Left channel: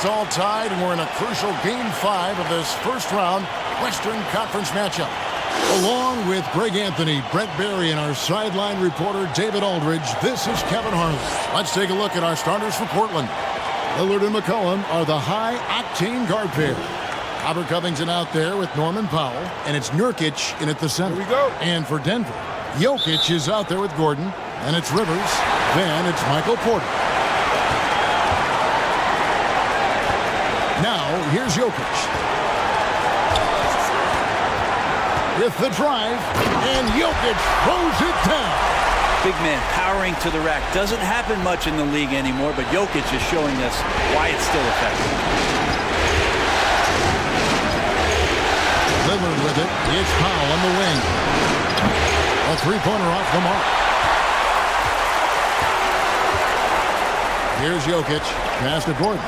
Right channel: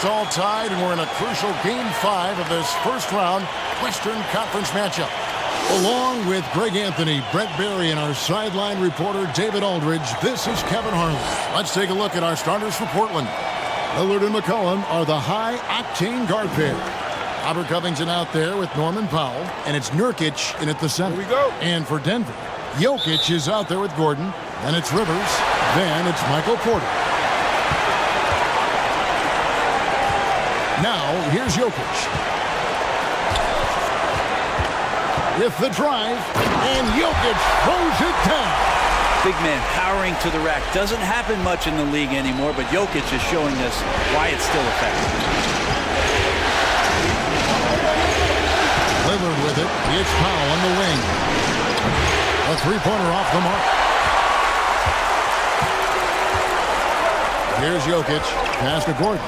It's all tied, and we're in a crucial Game 5 of this first-round Western Conference matchup. Along with Greg Anthony, Brett Barry, and our sideline reporter David Aldridge, this is Kevin Harlan. Let's take a look at our starters for Portland. Lillard and McCollum are the high-octane guard pair. Robert Covington out there with Norman Powell, and it's Nurkic in at the center. Here we go. And for Denver, Jokic is out there with Gordon, then it's Rivers, then it's Michael Porter. Now, here's Jokic. With the drive, and Jokic throws it down. Big man powering to the rack. Doesn't happen much in the league anymore, but Jokic is showing us why it's still effective. Lillard with it. It's Powell on the wing. A three-pointer off the mark. Here's Jokic. Pass to Gordon.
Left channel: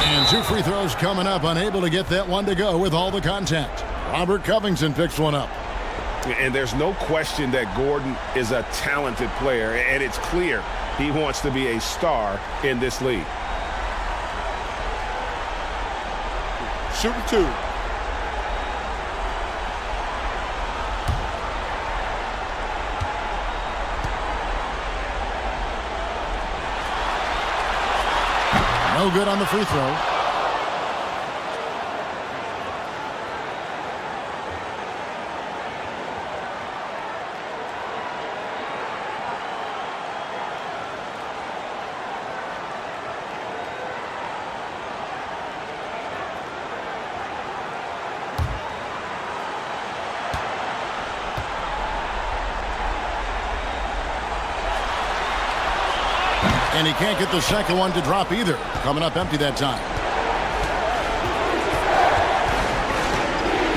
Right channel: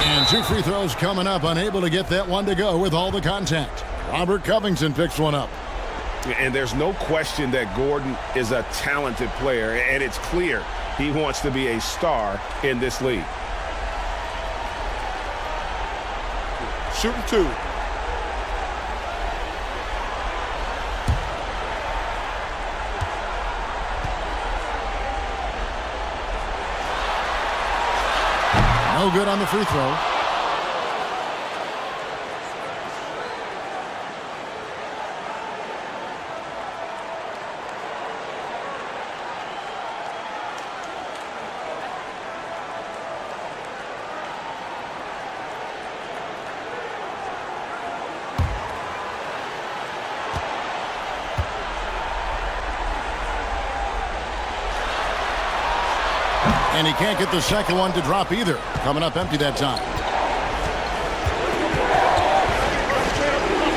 And two free throws coming up. Unable to get that one to go with all the contact. Robert Covington picks one up. And there's no question that Gordon is a talented player, and it's clear he wants to be a star in this league. Shooting two. No good on the free throw. And he can't get the second one to drop either. Coming up empty that time.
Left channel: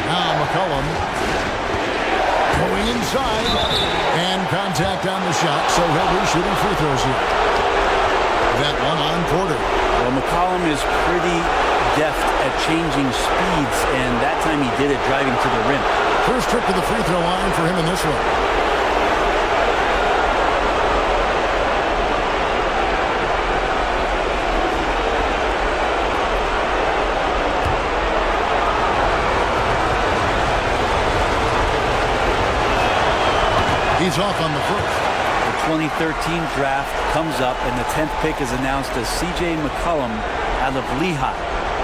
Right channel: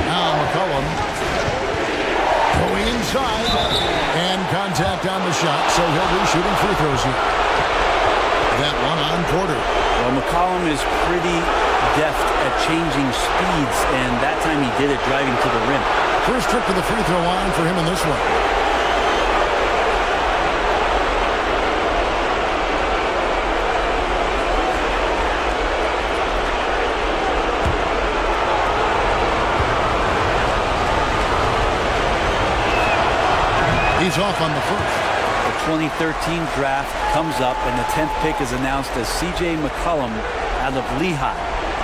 Now McCollum going inside. And contact on the shot, so he'll be shooting free throws here. That one on Porter. Well, McCollum is pretty deft at changing speeds, and that time he did it driving to the rim. First trip to the free throw line for him in this one. He's off on the first. The 2013 draft comes up, and the 10th pick is announced as C.J. McCollum out of Lehigh.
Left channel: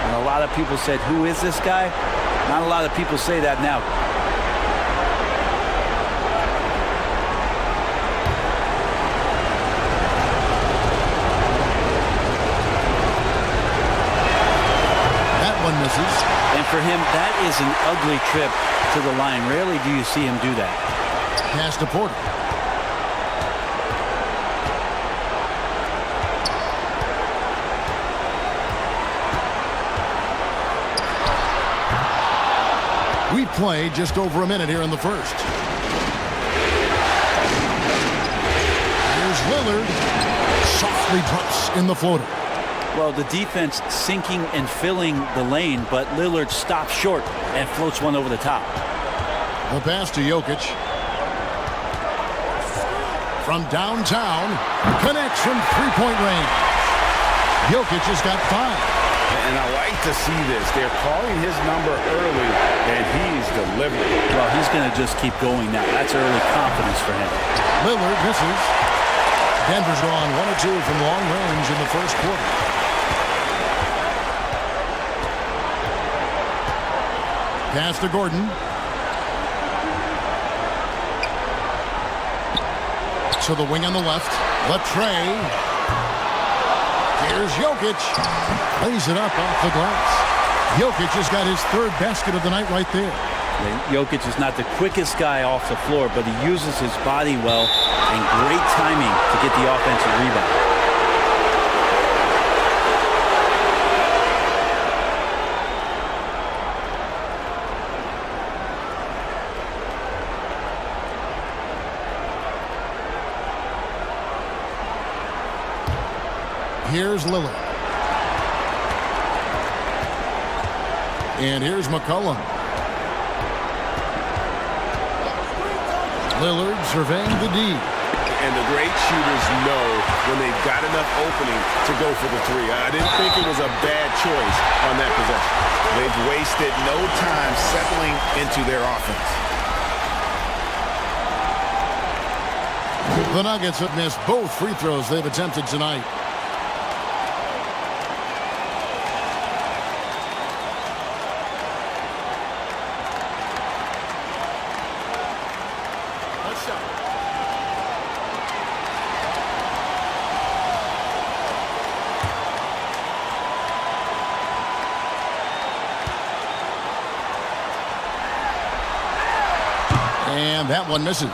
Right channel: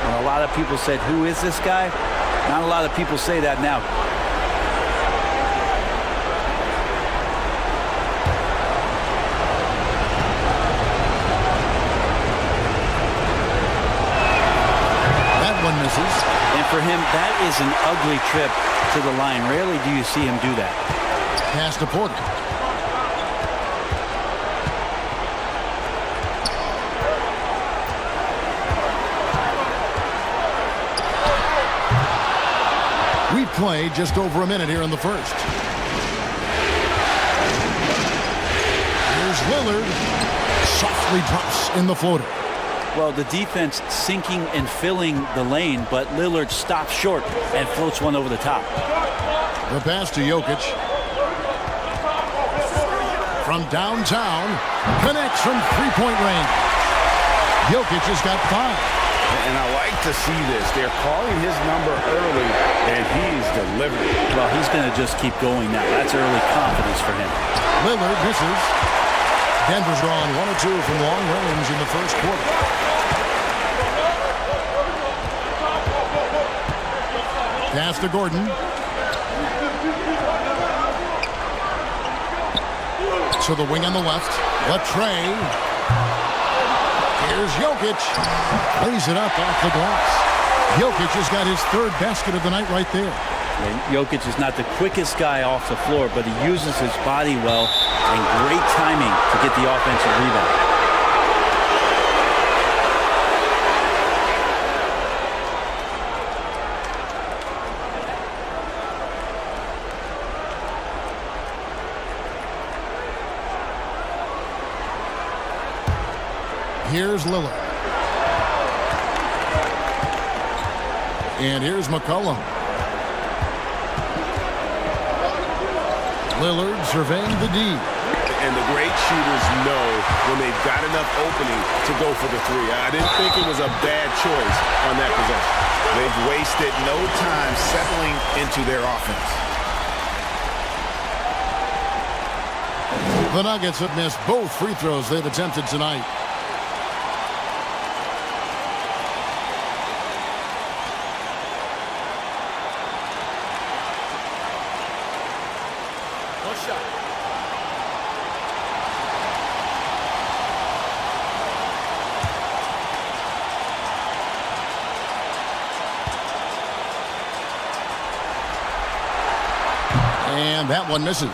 And a lot of people said, who is this guy? Not a lot of people say that now. That one misses. And for him, that is an ugly trip to the line. Rarely do you see him do that. Pass to Porter. We play just over a minute here in the first. Here's Lillard. Softly drops in the floater. Well, the defense sinking and filling the lane, but Lillard stops short and floats one over the top. The pass to Jokic. From downtown, connects from three-point range. Jokic has got 5. And I like to see this. They're calling his number early, and he's delivering. Well, he's going to just keep going now. That's early confidence for him. Lillard misses. Denver's gone 1 or 2 from long range in the first quarter. Pass to Gordon. To the wing on the left. Latre. Here's Jokic. Lays it up off the glass. Jokic has got his 3rd basket of the night right there. And Jokic is not the quickest guy off the floor, but he uses his body well and great timing to get the offensive rebound. Here's Lillard. And here's McCollum. Lillard surveying the D. and the great shooters know when they've got enough opening to go for the three. I didn't think it was a bad choice on that possession. They've wasted no time settling into their offense. The Nuggets have missed both free throws they've attempted tonight. One shot. And that one misses.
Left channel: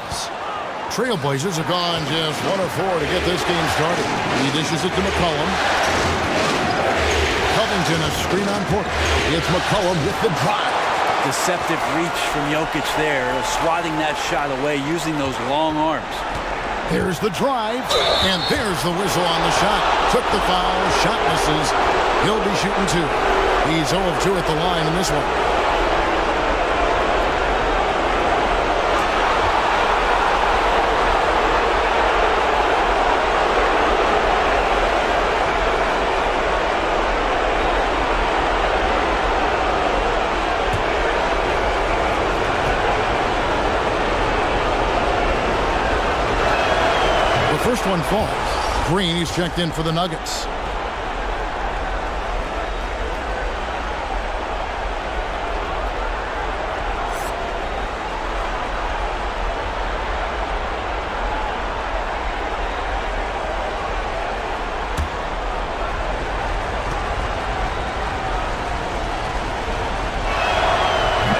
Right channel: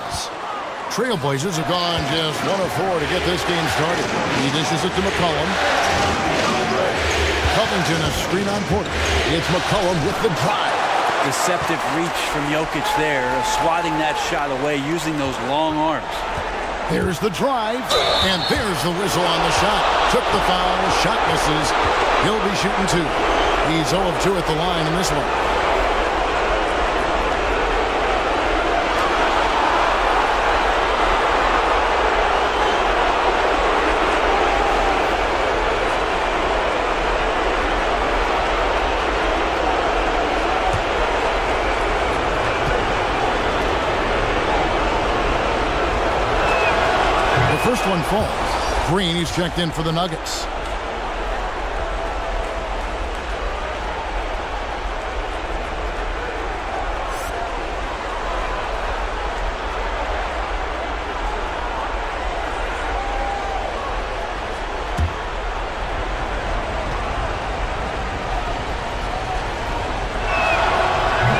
Trailblazers have gone just 1 of 4 to get this game started. He dishes it to McCollum. Covington a screen on Porter. It's McCollum with the drive. Deceptive reach from Jokic there, swatting that shot away using those long arms. There's the drive, and there's the whistle on the shot. Took the foul, shot misses. He'll be shooting 2. He's 0 of 2 at the line in this one. First one falls. Green, he's checked in for the Nuggets.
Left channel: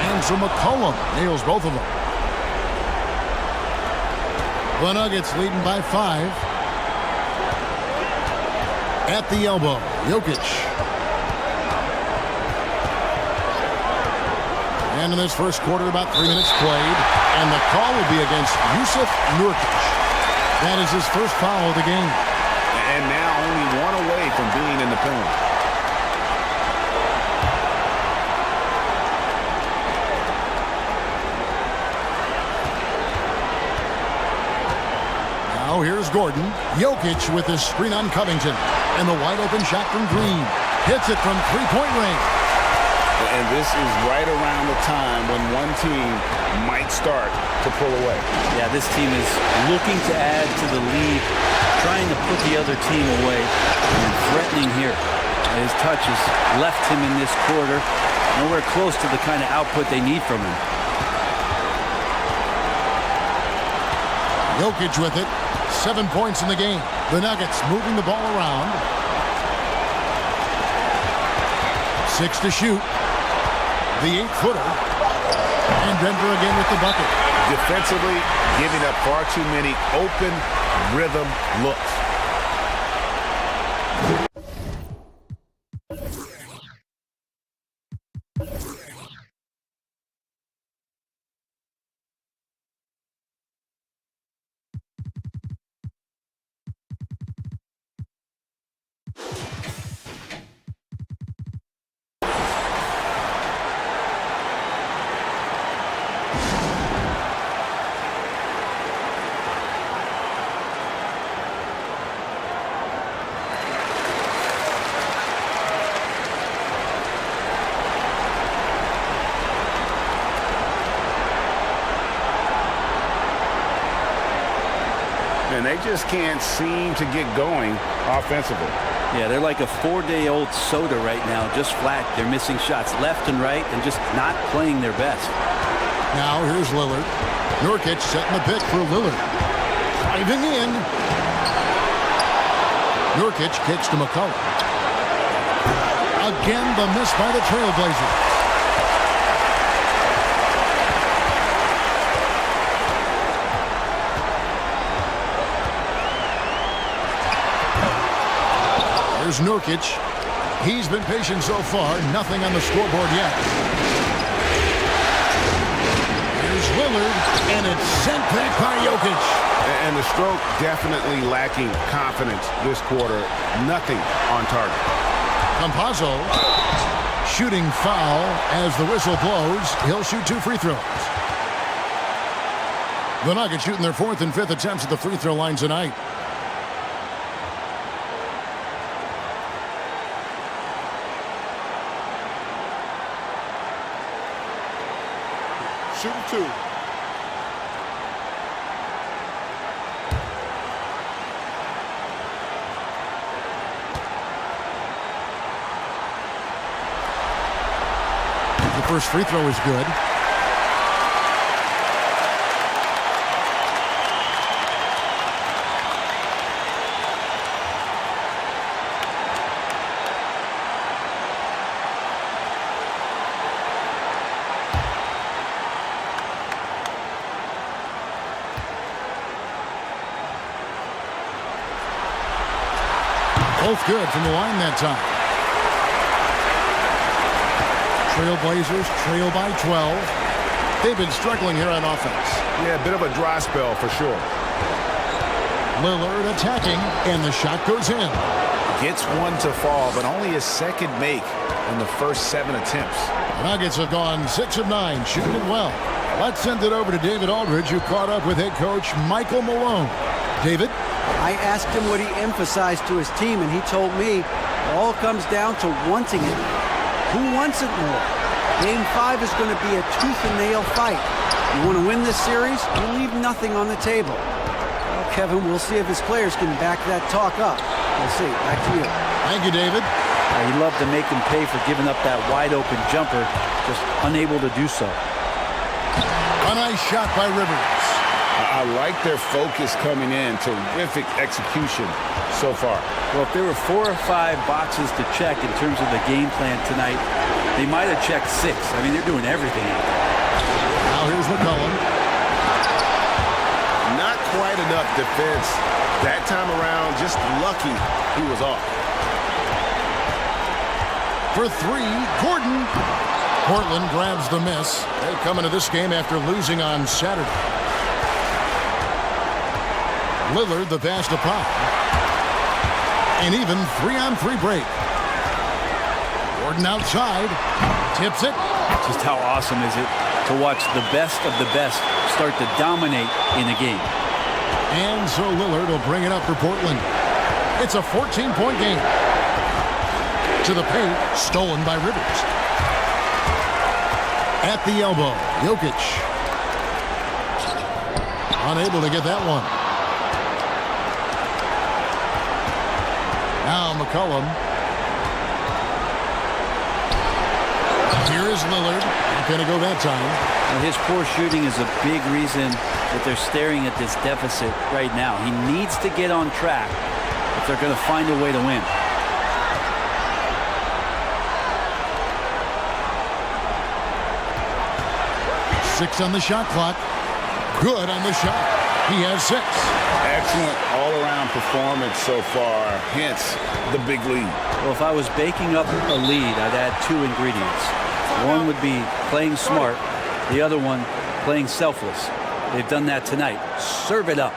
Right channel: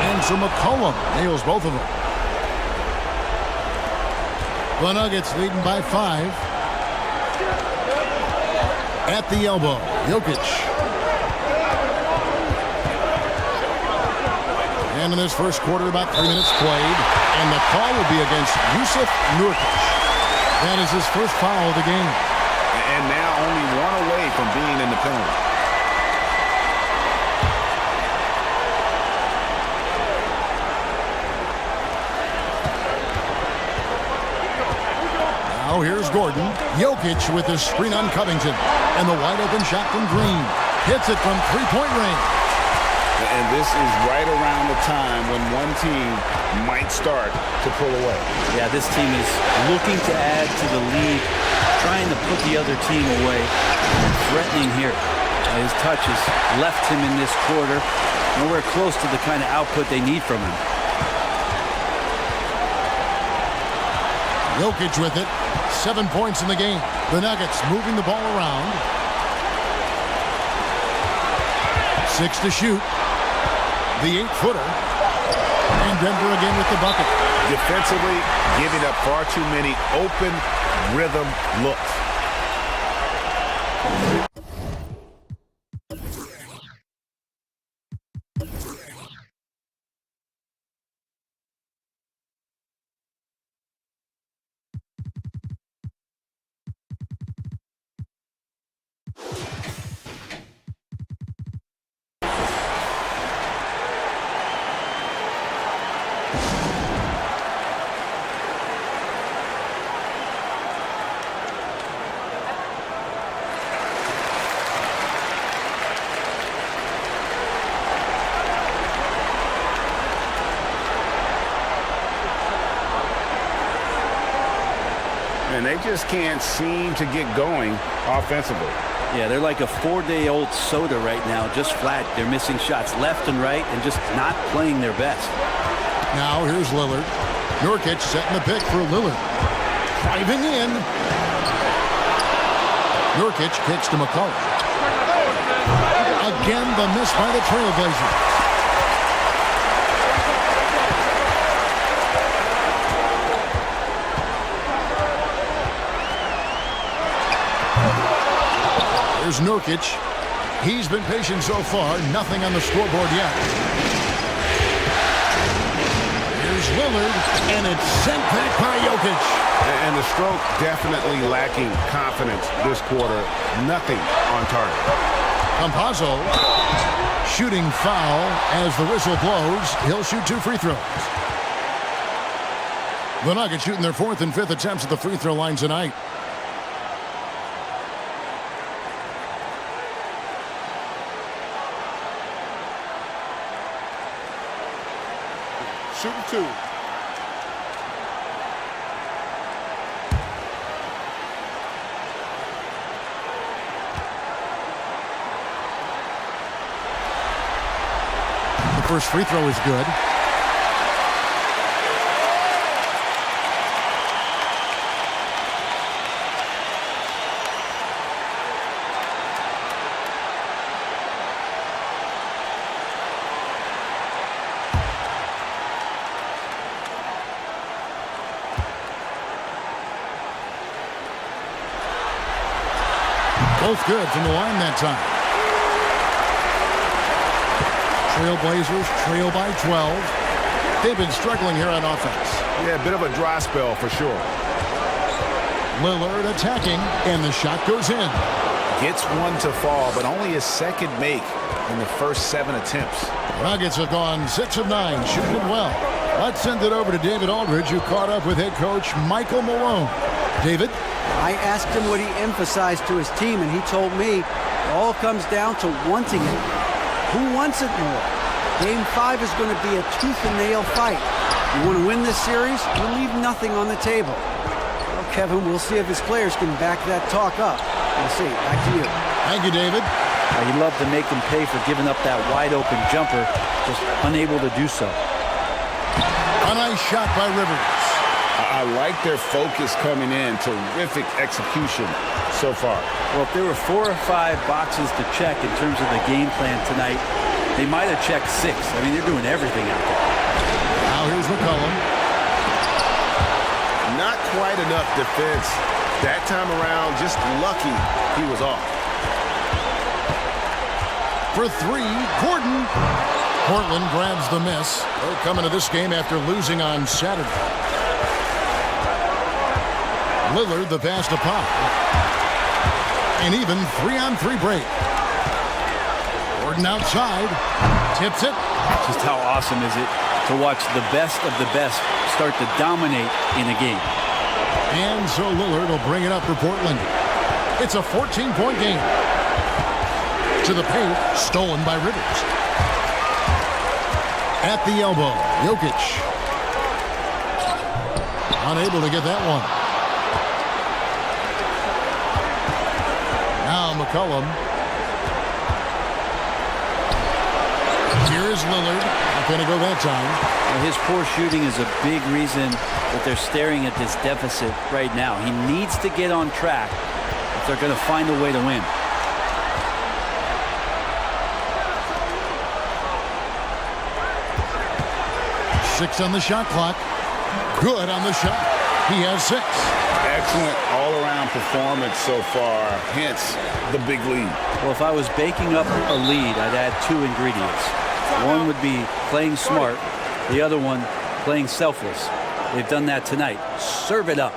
And so McCollum nails both of them. The Nuggets leading by 5. At the elbow, Jokic. And in this first quarter, about 3 minutes played. And the call will be against Jusuf Nurkic. That is his first foul of the game. And now only 1 away from being in the penalty. Now here's Gordon. Jokic with his screen on Covington. And the wide open shot from Green. Hits it from three-point range. And this is right around the time when one team might start to pull away. Yeah, this team is looking to add to the lead, trying to put the other team away, and threatening here. His touch has left him in this quarter. Nowhere close to the kind of output they need from him. Jokic with it. 7 points in the game. The Nuggets moving the ball around. 6 to shoot. The 8-footer. And Denver again with the bucket. Defensively, giving up far too many open rhythm looks. And they just can't seem to get going offensively. Yeah, they're like a 4-day-old soda right now, just flat. They're missing shots left and right and just not playing their best. Now here's Lillard. Nurkic setting the pick for Lillard. Driving in. Nurkic kicks to McCollum. Again, the miss by the Trailblazers. Here's Nurkic. He's been patient so far. Nothing on the scoreboard yet. Here's Lillard, and it's sent back by Jokic. And the stroke definitely lacking confidence this quarter. Nothing on target. Campazzo shooting foul as the whistle blows. He'll shoot 2 free throws. The Nuggets shooting their 4th and 5th attempts at the free throw line tonight. Shooting 2. The first free throw is good. Both good from the line that time. Trailblazers trail by 12. They've been struggling here on offense. Yeah, a bit of a dry spell for sure. Lillard attacking, and the shot goes in. Gets one to fall, but only his second make in the first 7 attempts. The Nuggets have gone 6 of 9, shooting it well. Let's send it over to David Aldridge, who caught up with head coach Michael Malone. David? I asked him what he emphasized to his team, and he told me it all comes down to wanting it. Who wants it more? Game 5 is going to be a tooth-and-nail fight. You want to win this series, you leave nothing on the table. Well, Kevin, we'll see if his players can back that talk up. We'll see. Back to you. Thank you, David. He loved to make him pay for giving up that wide-open jumper, just unable to do so. A nice shot by Rivers. I like their focus coming in. Terrific execution so far. Well, if there were 4 or 5 boxes to check in terms of the game plan tonight, they might have checked 6. I mean, they're doing everything out there. Now here's McCollum. Not quite enough defense. That time around, just lucky he was off. For 3, Gordon. Portland grabs the miss. They come into this game after losing on Saturday. Lillard the pass to Powell. An even 3-on-3 break. Gordon outside. Tips it. Just how awesome is it to watch the best of the best start to dominate in a game. And so Lillard will bring it up for Portland. It's a 14-point game. To the paint, stolen by Rivers. At the elbow, Jokic. Unable to get that one. Now McCollum. Here is Lillard. Not going to go that time. Well, his poor shooting is a big reason that they're staring at this deficit right now. He needs to get on track if they're going to find a way to win. Six on the shot clock. Good on the shot. He has 6. Excellent all-around performance so far, hence the big lead. Well, if I was baking up a lead, I'd add 2 ingredients. One would be playing smart. The other one, playing selfless. They've done that tonight. Serve it up.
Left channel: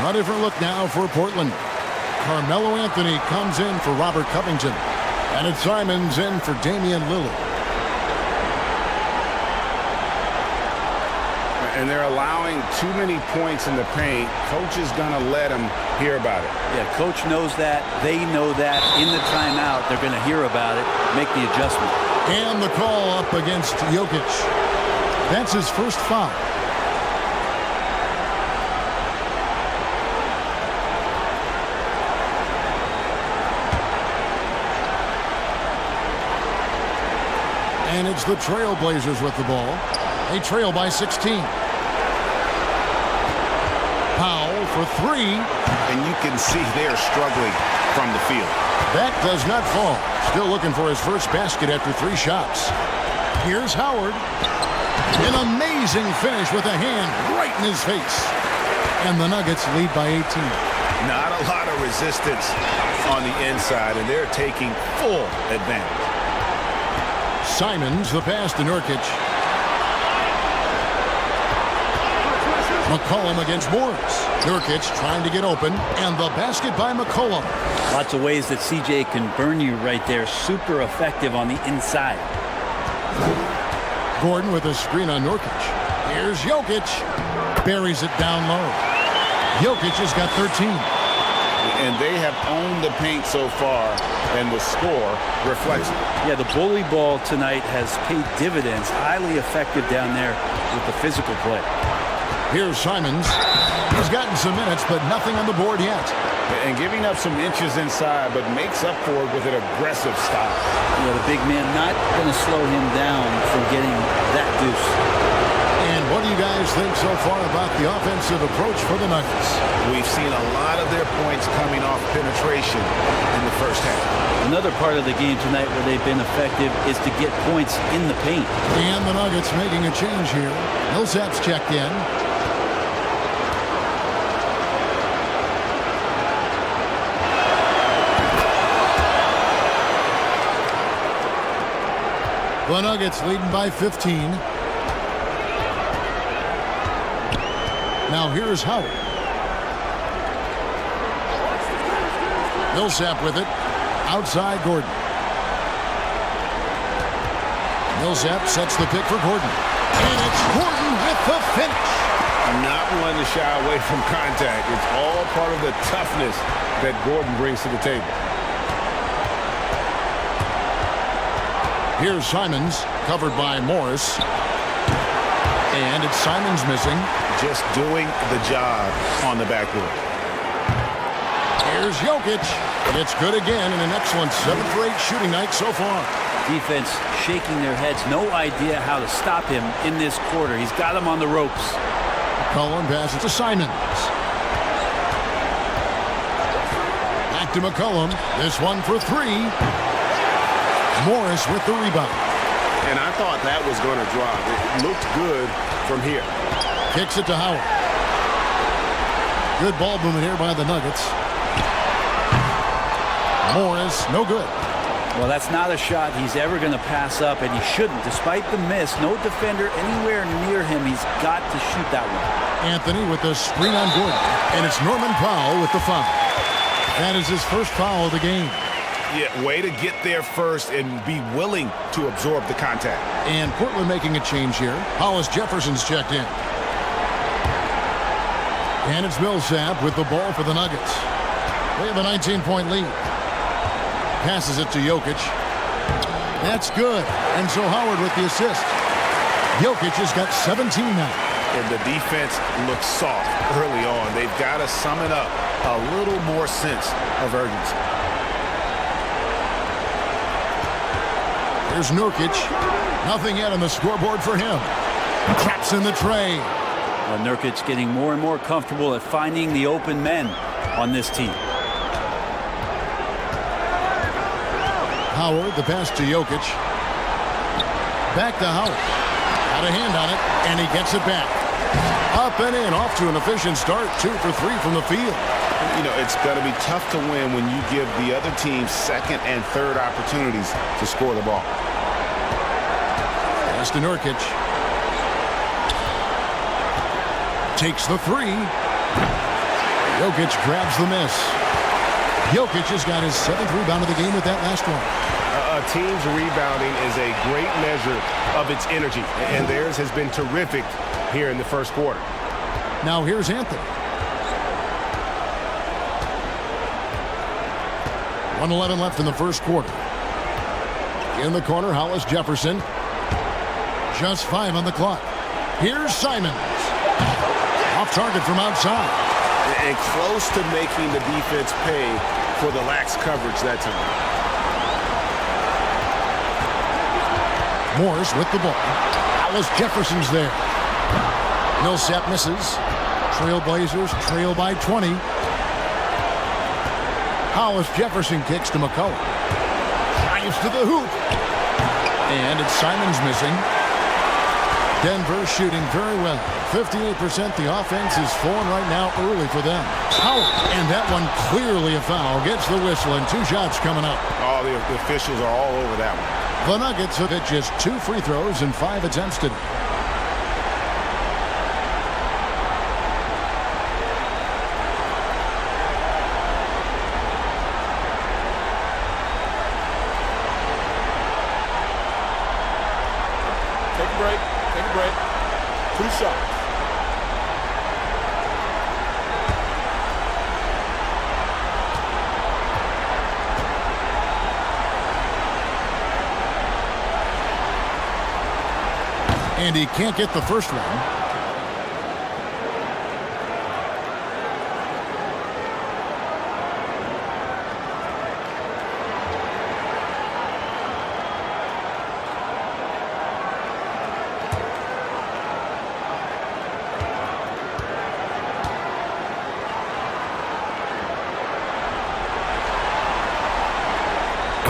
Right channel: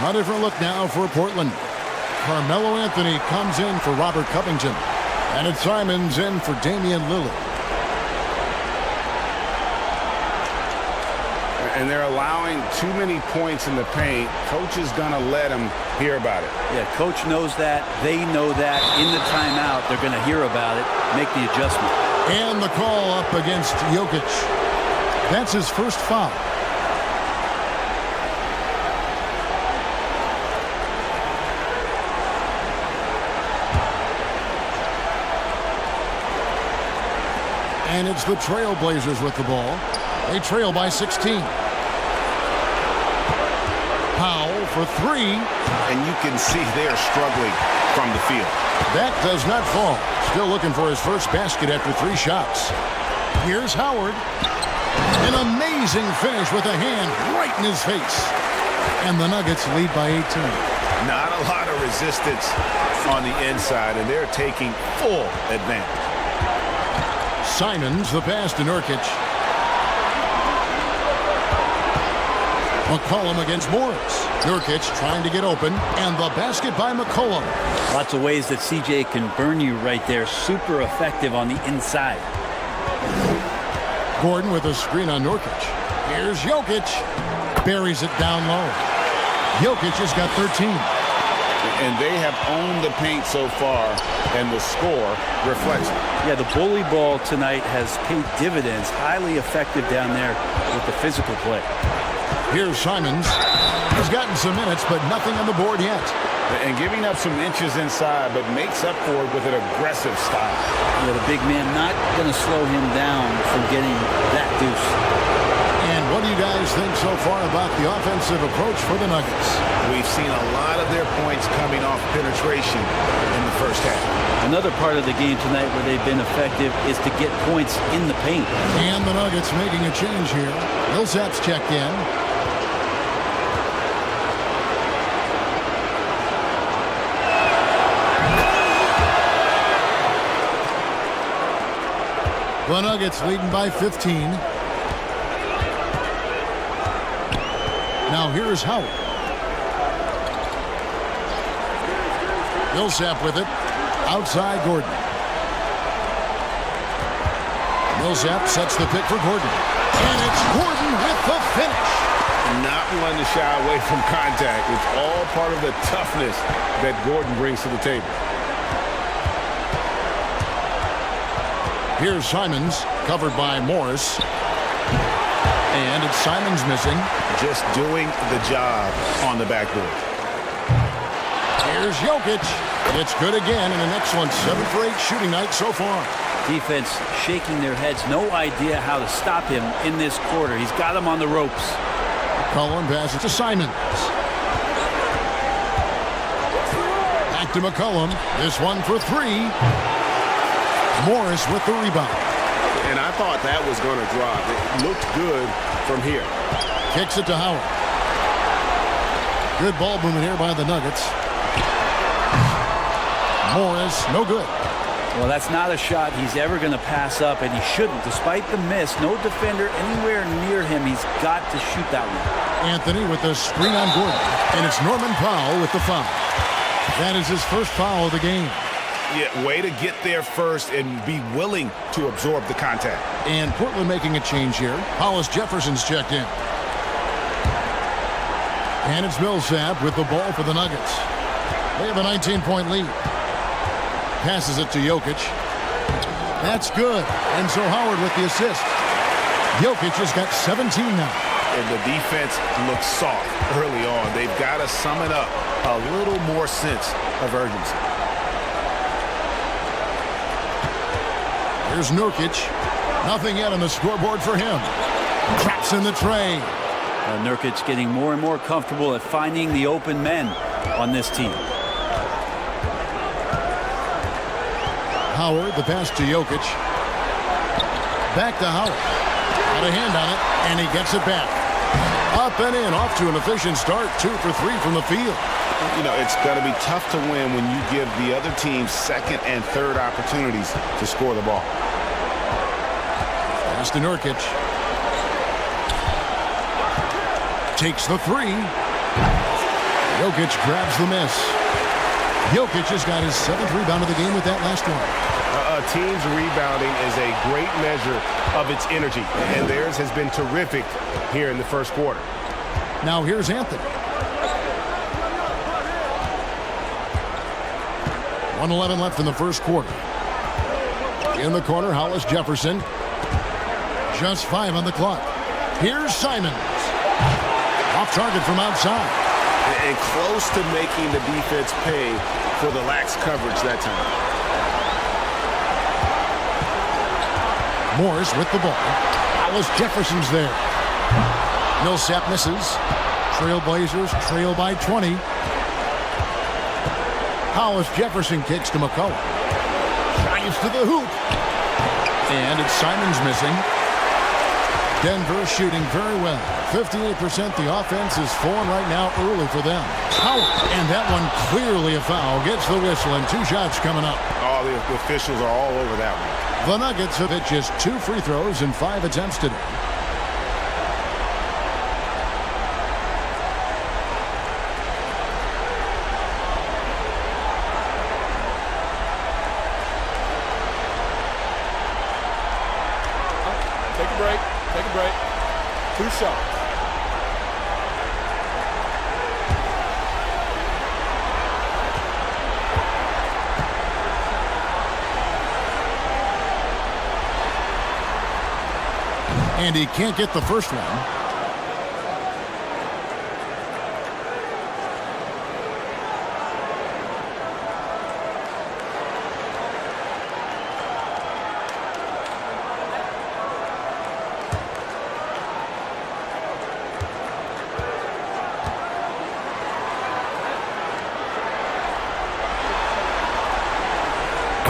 A different look now for Portland. Carmelo Anthony comes in for Robert Covington. And it's Simons in for Damian Lillard. And they're allowing too many points in the paint. Coach is going to let them hear about it. Yeah, coach knows that. They know that. In the timeout, they're going to hear about it, make the adjustment. And the call up against Jokic. That's his first foul. And it's the Trailblazers with the ball. They trail by 16. Powell for three. And you can see they're struggling from the field. That does not fall. Still looking for his first basket after 3 shots. Here's Howard. An amazing finish with a hand right in his face. And the Nuggets lead by 18. Not a lot of resistance on the inside, and they're taking full advantage. Simons, the pass to Nurkic. McCollum against Morris. Nurkic trying to get open, and the basket by McCollum. Lots of ways that CJ can burn you right there. Super effective on the inside. Gordon with a screen on Nurkic. Here's Jokic. Buries it down low. Jokic has got 13. And they have owned the paint so far, and the score reflects it. Yeah, the bully ball tonight has paid dividends. Highly effective down there with the physical play. Here's Simons. He's gotten some minutes, but nothing on the board yet. And giving up some inches inside, but makes up for it with an aggressive style. Yeah, the big man not going to slow him down from getting that deuce. And what do you guys think so far about the offensive approach for the Nuggets? We've seen a lot of their points coming off penetration in the first half. Another part of the game tonight where they've been effective is to get points in the paint. And the Nuggets making a change here. Millsap's checked in. The Nuggets leading by 15. Now here's Howard. Millsap with it. Outside Gordon. Millsap sets the pick for Gordon. And it's Gordon with the finish. Not one to shy away from contact. It's all part of the toughness that Gordon brings to the table. Here's Simons, covered by Morris. And it's Simons missing. Just doing the job on the backboard. Here's Jokic. It's good again, and an excellent 7 for 8 shooting night so far. Defense shaking their heads. No idea how to stop him in this quarter. He's got him on the ropes. McCollum passes to Simons. Back to McCollum. This one for 3. Morris with the rebound. And I thought that was going to drop. It looked good from here. Kicks it to Howard. Good ball movement here by the Nuggets. Morris, no good. Well, that's not a shot he's ever going to pass up, and he shouldn't. Despite the miss, no defender anywhere near him. He's got to shoot that one. Anthony with the screen on Gordon. And it's Norman Powell with the foul. That is his first foul of the game. Yeah, way to get there first and be willing to absorb the contact. And Portland making a change here. Hollis Jefferson's checked in. And it's Millsap with the ball for the Nuggets. They have a 19-point lead. Passes it to Jokic. That's good. And so Howard with the assist. Jokic has got 17 now. And the defense looks soft early on. They've got to sum it up. A little more sense of urgency. Here's Nurkic. Nothing yet on the scoreboard for him. Traps in the tray. Nurkic getting more and more comfortable at finding the open men on this team. Howard, the pass to Jokic. Back to Howard. Got a hand on it, and he gets it back. Up and in, off to an efficient start. 2 for 3 from the field. You know, it's going to be tough to win when you give the other team second and third opportunities to score the ball. Pass to Nurkic. Takes the 3. Jokic grabs the miss. Jokic has got his 7th rebound of the game with that last one. A team's rebounding is a great measure of its energy, and theirs has been terrific here in the first quarter. Now here's Anthony. 1:11 left in the first quarter. In the corner, Hollis Jefferson. Just 5 on the clock. Here's Simons. Off target from outside. And close to making the defense pay for the lax coverage that time. Morris with the ball. Hollis Jefferson's there. Millsap misses. Trailblazers trail by 20. Hollis Jefferson kicks to McCullough. Drives to the hoop. And it's Simons missing. Denver shooting very well. 58%. The offense is flowing right now early for them. Howard, and that one clearly a foul. Gets the whistle, and 2 shots coming up. Oh, the officials are all over that one. The Nuggets have hit just 2 free throws in 5 attempts today. Take a break. Take a break. 2 shots. And he can't get the first one.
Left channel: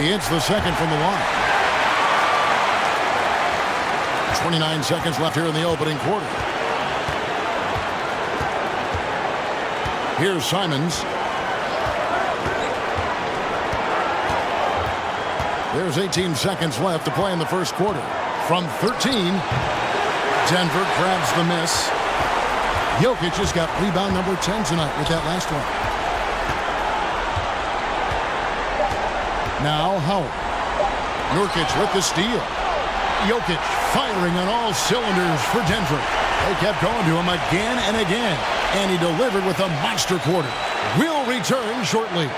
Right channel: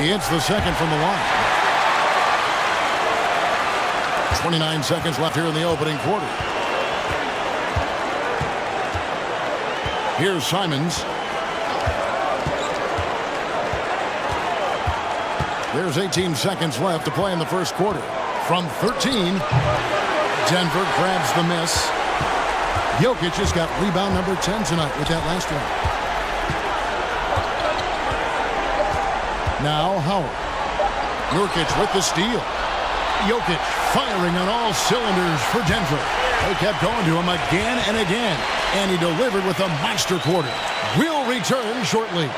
He hits the second from the line. 29 seconds left here in the opening quarter. Here's Simons. There's 18 seconds left to play in the first quarter. From 13, Denver grabs the miss. Jokic has got rebound number 10 tonight with that last one. Now Howard. Nurkic with the steal. Jokic firing on all cylinders for Denver. They kept going to him again and again, and he delivered with a monster quarter. We'll return shortly.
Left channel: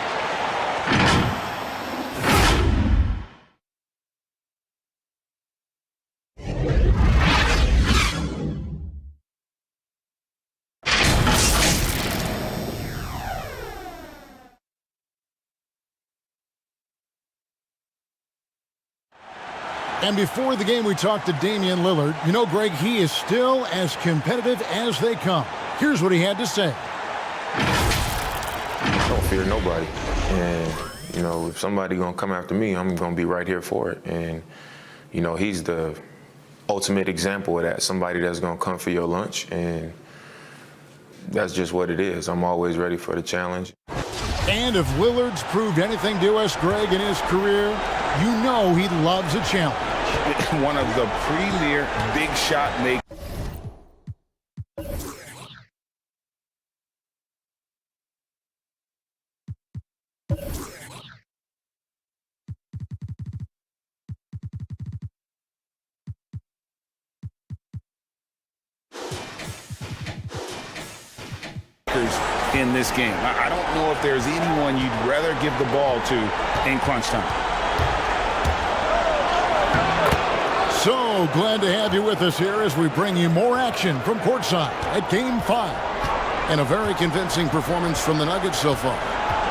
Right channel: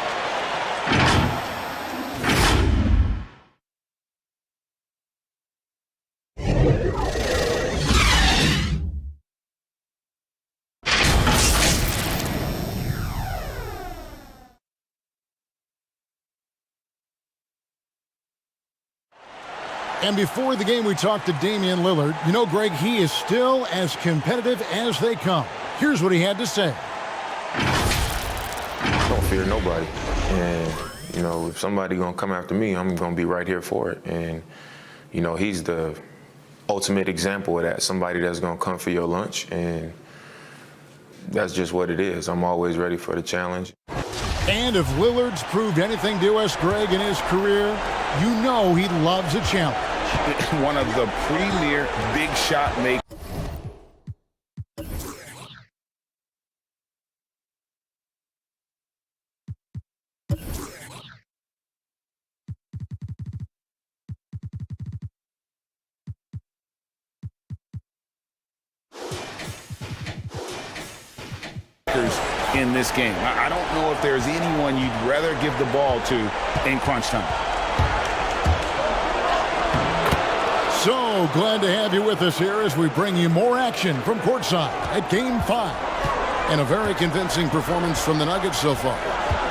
And before the game, we talked to Damian Lillard. You know, Greg, he is still as competitive as they come. Here's what he had to say. I don't fear nobody. And, you know, if somebody going to come after me, I'm going to be right here for it. And, you know, he's the ultimate example of that, somebody that's going to come for your lunch. And that's just what it is. I'm always ready for the challenge. And if Lillard's proved anything to us, Greg, in his career, you know he loves a challenge. One of the premier big shot makers. In this game. I don't know if there's anyone you'd rather give the ball to in crunch time. So glad to have you with us here as we bring you more action from courtside at Game 5. And a very convincing performance from the Nuggets so far.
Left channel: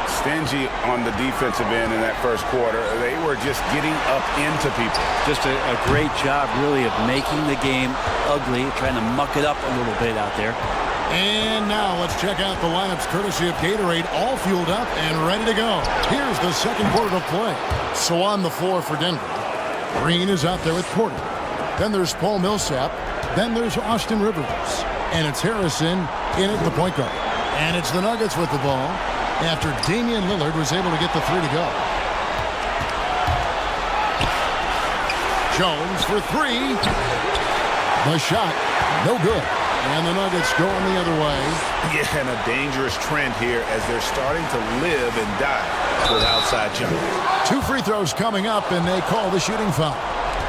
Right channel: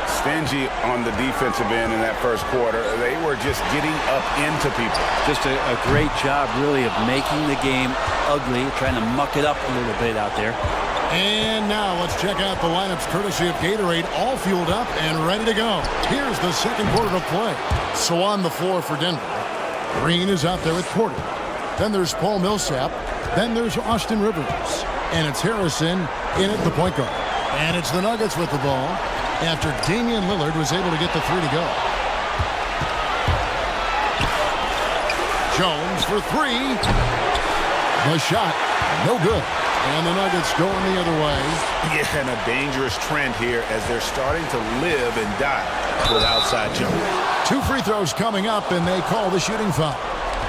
Stingy on the defensive end in that first quarter. They were just getting up into people. Just a great job, really, of making the game ugly, trying to muck it up a little bit out there. And now let's check out the lineups courtesy of Gatorade, all fueled up and ready to go. Here's the second quarter of play. So on the floor for Denver, Green is out there with Porter. Then there's Paul Millsap. Then there's Austin Rivers. And it's Harrison in at the point guard. And it's the Nuggets with the ball after Damian Lillard was able to get the 3 to go. Jones for 3. The shot, no good. And the Nuggets going the other way. Yeah, and a dangerous trend here as they're starting to live and die with outside jumpers. 2 free throws coming up, and they call the shooting foul.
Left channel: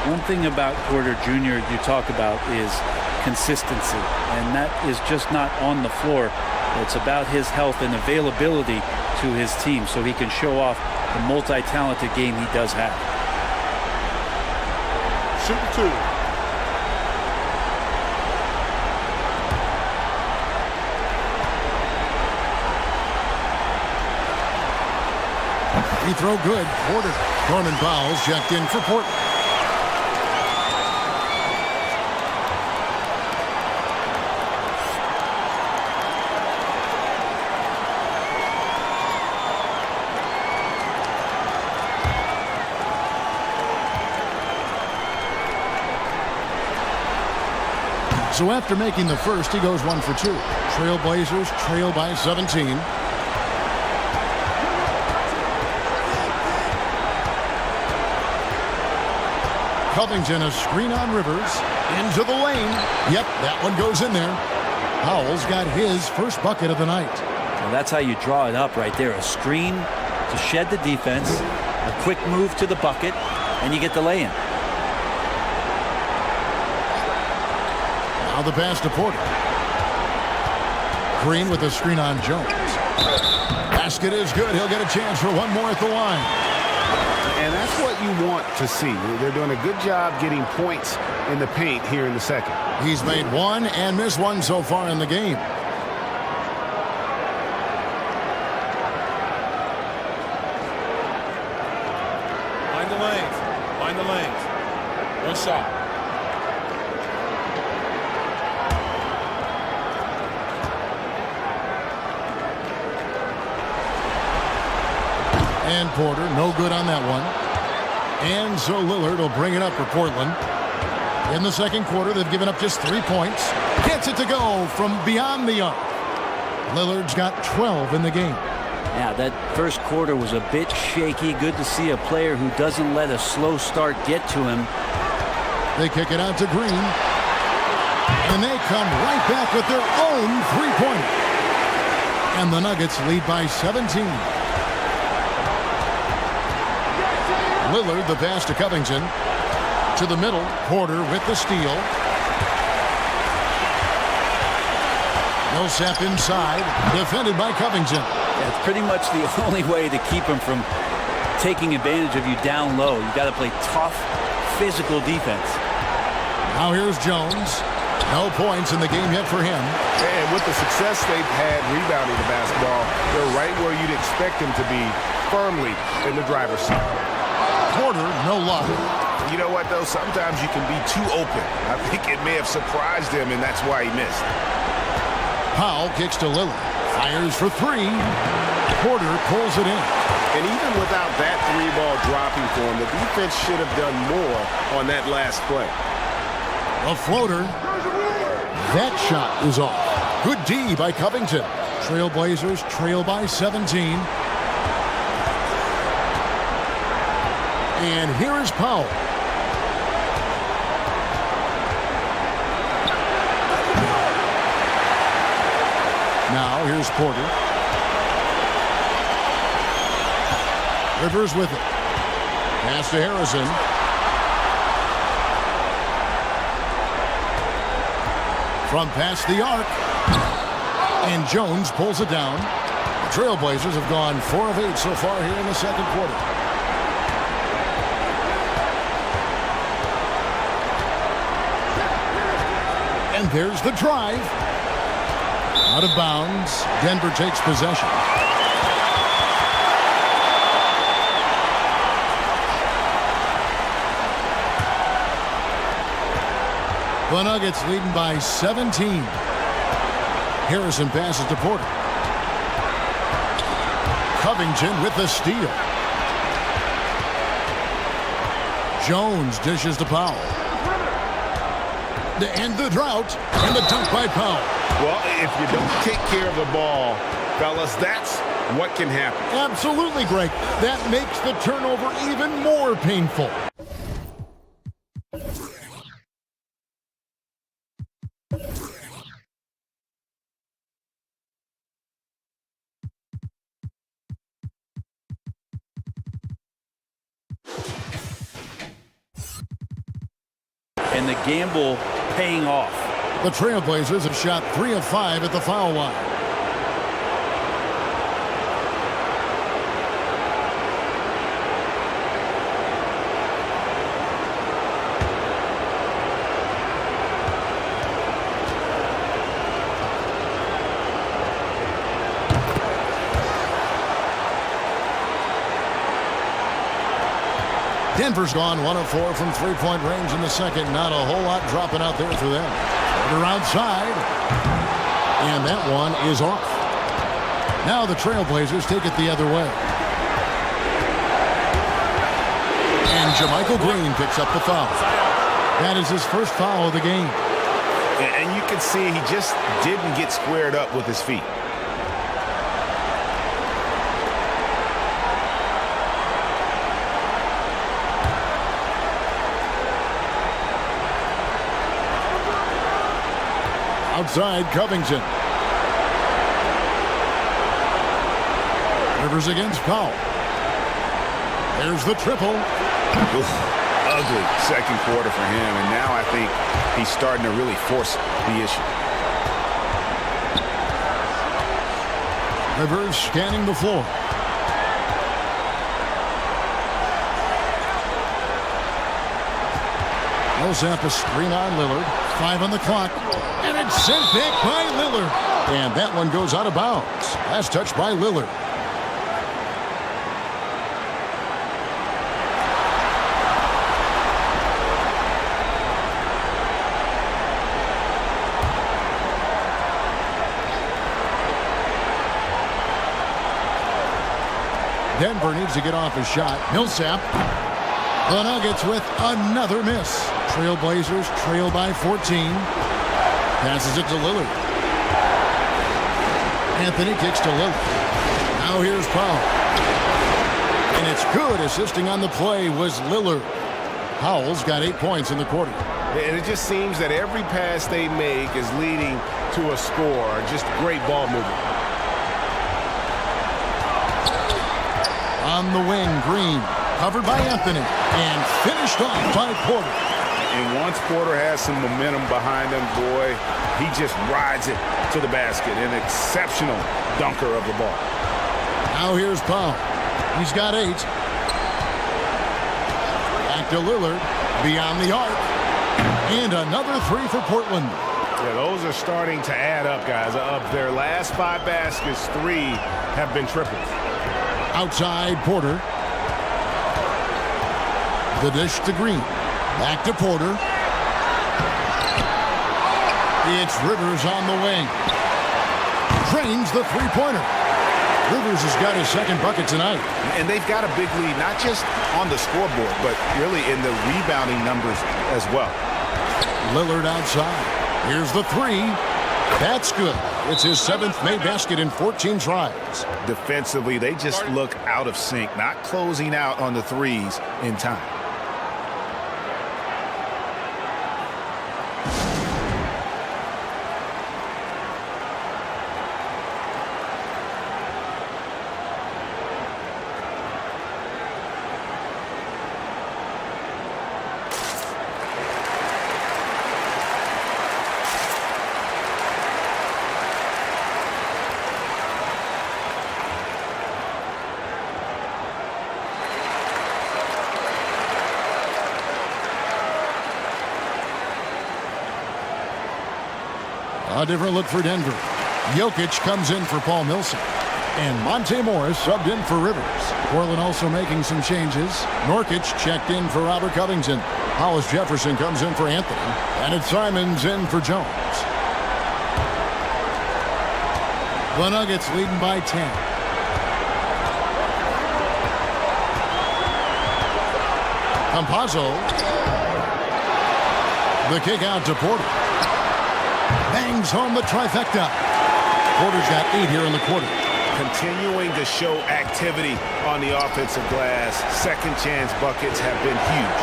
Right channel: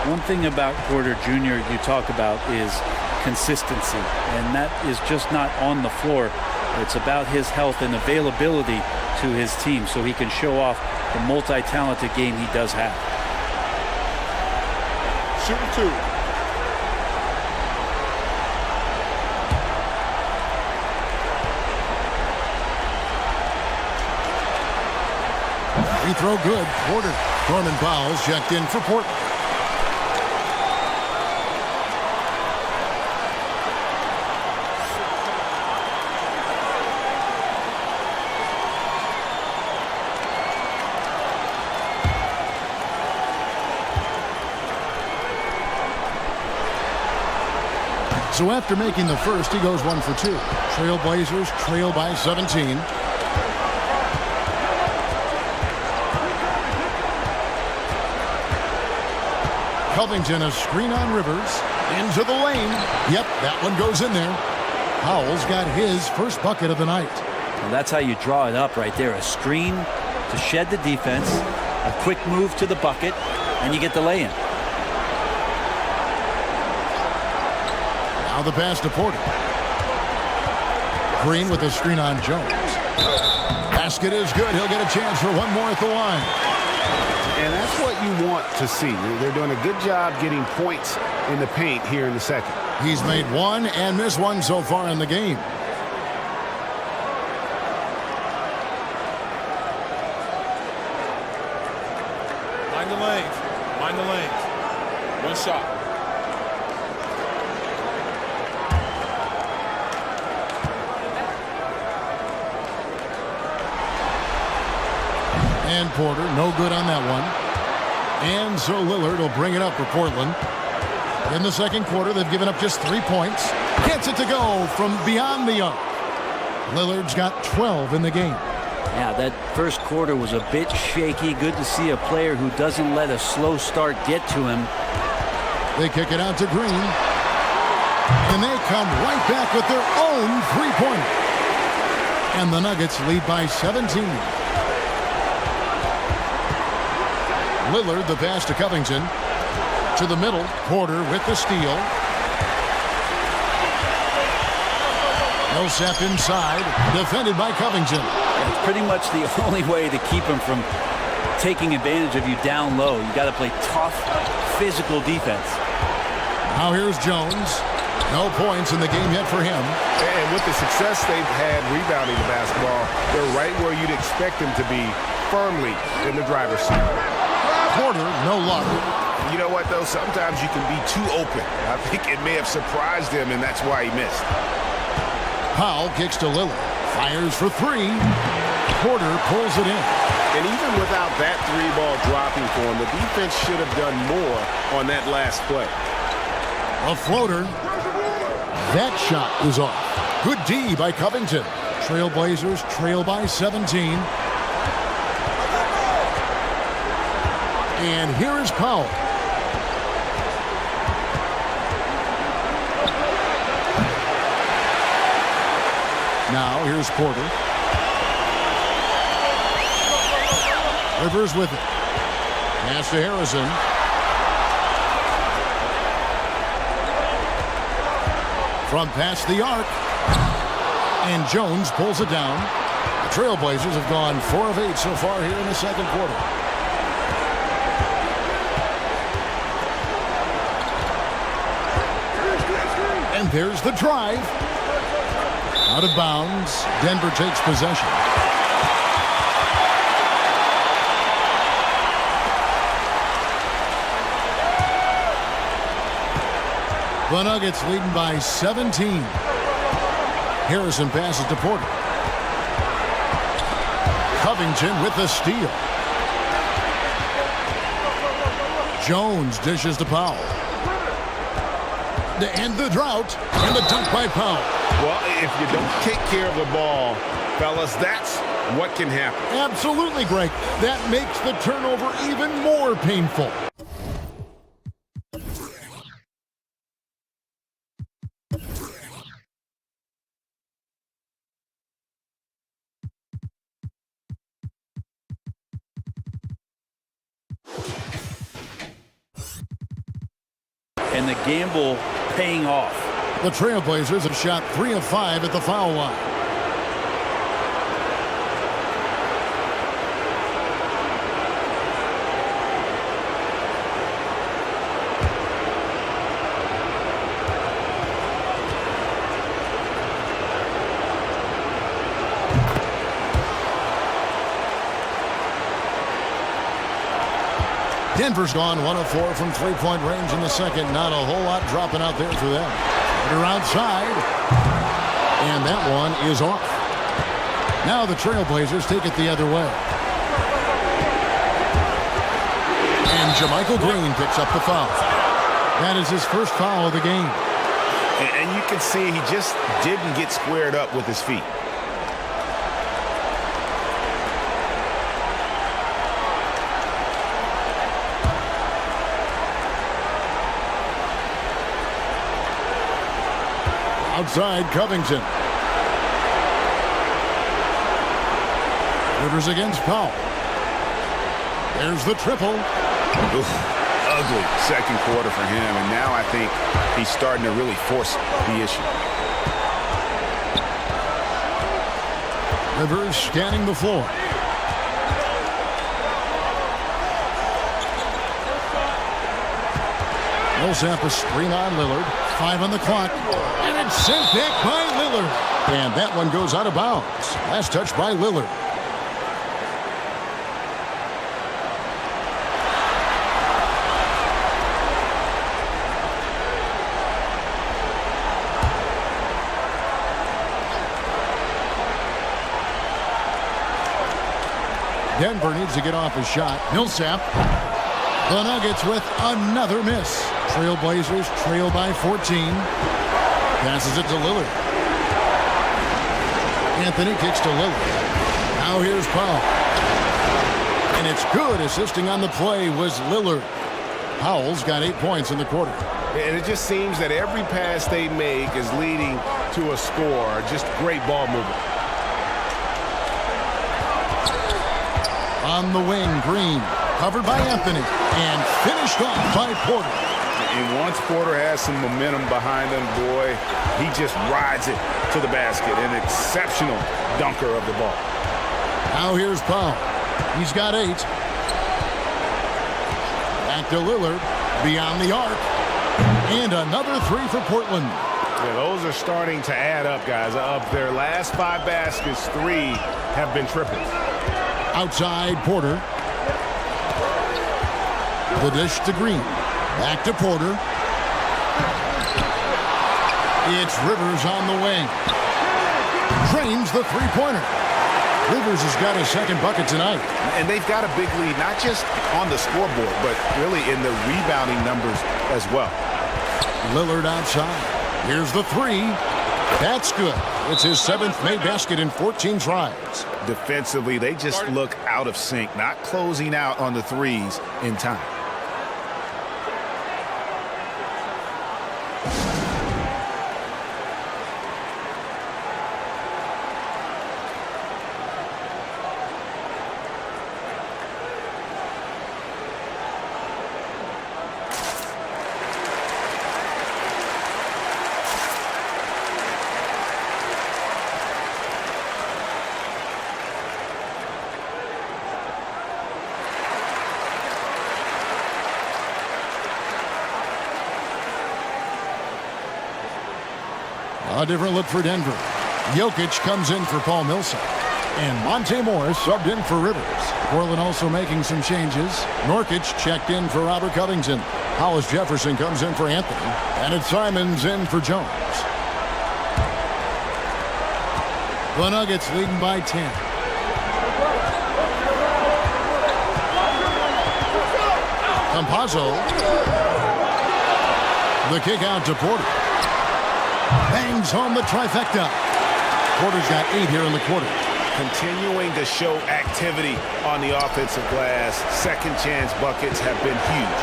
One thing about Porter Jr. you talk about is consistency, and that is just not on the floor. It's about his health and availability to his team so he can show off the multi-talented game he does have. Shooting 2. Free throw good. Porter. Norman Powell's checked in for Portland. So after making the first, he goes 1 for 2. Trailblazers trail by 17. Covington, a screen on Rivers. Into the lane. Yep, that one goes in there. Powell's got his first bucket of the night. Well, that's how you draw it up right there. A screen to shed the defense, a quick move to the bucket, and you get the lay-in. Now the pass to Porter. Green with a screen on Jones. Basket is good. He'll get a chance for one more at the line. And that's what you want to see. They're doing a good job getting points in the paint here in the second. He's made one and missed one so far in the game. Mind the lanes. Mind the lanes. One shot. And Porter, no good on that one. And so Lillard will bring it up for Portland. In the second quarter, they've given up just 3 points. Gets it to go from beyond the arc. Lillard's got 12 in the game. Yeah, that first quarter was a bit shaky. Good to see a player who doesn't let a slow start get to him. They kick it out to Green. And they come right back with their own three-pointer. And the Nuggets lead by 17. Lillard, the pass to Covington. To the middle, Porter with the steal. Millsap inside, defended by Covington. Yeah, it's pretty much the only way to keep him from taking advantage of you down low. You got to play tough, physical defense. Now here's Jones. No points in the game yet for him. And with the success they've had rebounding the basketball, they're right where you'd expect them to be, firmly in the driver's seat. Porter, no luck. You know what, though? Sometimes you can be too open. I think it may have surprised him, and that's why he missed. Powell kicks to Lillard. Fires for three. Porter pulls it in. And even without that three ball dropping for him, the defense should have done more on that last play. A floater. That shot is off. Good D by Covington. Trailblazers trail by 17. And here is Powell. Now here's Porter. Rivers with it. Pass to Harrison. From past the arc. And Jones pulls it down. The Trailblazers have gone 4 of 8 so far here in the second quarter. And there's the drive. Out of bounds. Denver takes possession. The Nuggets leading by 17. Harrison passes to Porter. Covington with the steal. Jones dishes to Powell. To end the drought, and the dunk by Powell. Well, if you don't take care of the ball, fellas, that's what can happen. Absolutely, Greg. That makes the turnover even more painful. And the gamble paying off. The Trailblazers have shot 3 of 5 at the foul line. Denver's gone 1 of 4 from three-point range in the second. Not a whole lot dropping out there for them. Porter outside. And that one is off. Now the Trailblazers take it the other way. And JaMychal Green picks up the foul. That is his first foul of the game. And you can see he just didn't get squared up with his feet. Outside, Covington. Rivers against Powell. There's the triple. Oof, ugly second quarter for him, and now I think he's starting to really force the issue. Rivers scanning the floor. Millsap a screen on Lillard. 5 on the clock. And it's sent back by Lillard. And that one goes out of bounds. Last touch by Lillard. Denver needs to get off his shot. Millsap. The Nuggets with another miss. Trailblazers trail by 14. Passes it to Lillard. Anthony kicks to Lillard. Now here's Powell. And it's good. Assisting on the play was Lillard. Powell's got 8 points in the quarter. And it just seems that every pass they make is leading to a score. Just great ball movement. On the wing, Green. Covered by Anthony. And finished off by Porter. And once Porter has some momentum behind him, boy, he just rides it to the basket. An exceptional dunker of the ball. Now here's Powell. He's got 8. Back to Lillard. Beyond the arc. And another 3 for Portland. Yeah, those are starting to add up, guys. Of their last 5 baskets, 3 have been triples. Outside, Porter. The dish to Green. Back to Porter. It's Rivers on the wing. Drains the three-pointer. Rivers has got his second bucket tonight. And they've got a big lead, not just on the scoreboard, but really in the rebounding numbers as well. Lillard outside. Here's the 3. That's good. It's his 7th made basket in 14 tries. Defensively, they just look out of sync, not closing out on the threes in time. A different look for Denver. Jokic comes in for Paul Millsap. And Monte Morris subbed in for Rivers. Portland also making some changes. Nurkic checked in for Robert Covington. Hollis Jefferson comes in for Anthony. And it's Simons in for Jones. The Nuggets leading by 10. Campazzo. The kick out to Porter. Bangs home the trifecta. Porter's got 8 here in the quarter. Continuing to show activity on the offensive glass. Second chance buckets have been huge.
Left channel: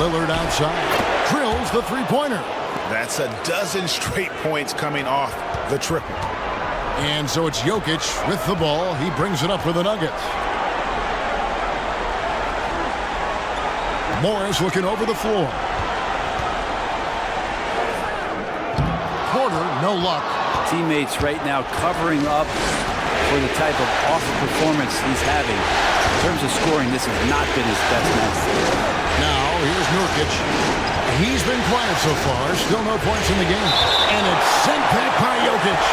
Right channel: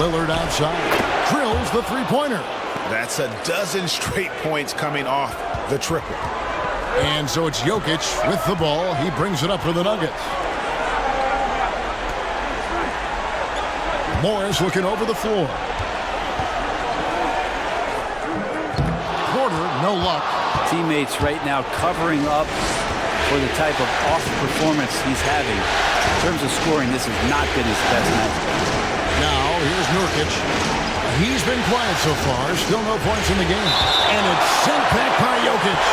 Lillard outside. Drills the three-pointer. That's a dozen straight points coming off the triple. And so it's Jokic with the ball. He brings it up for the Nuggets. Morris looking over the floor. Porter, no luck. Teammates right now covering up for the type of off performance he's having. In terms of scoring, this has not been his best night. Now, here's Nurkic. He's been quiet so far. Still no points in the game. And it's sent back by Jokic.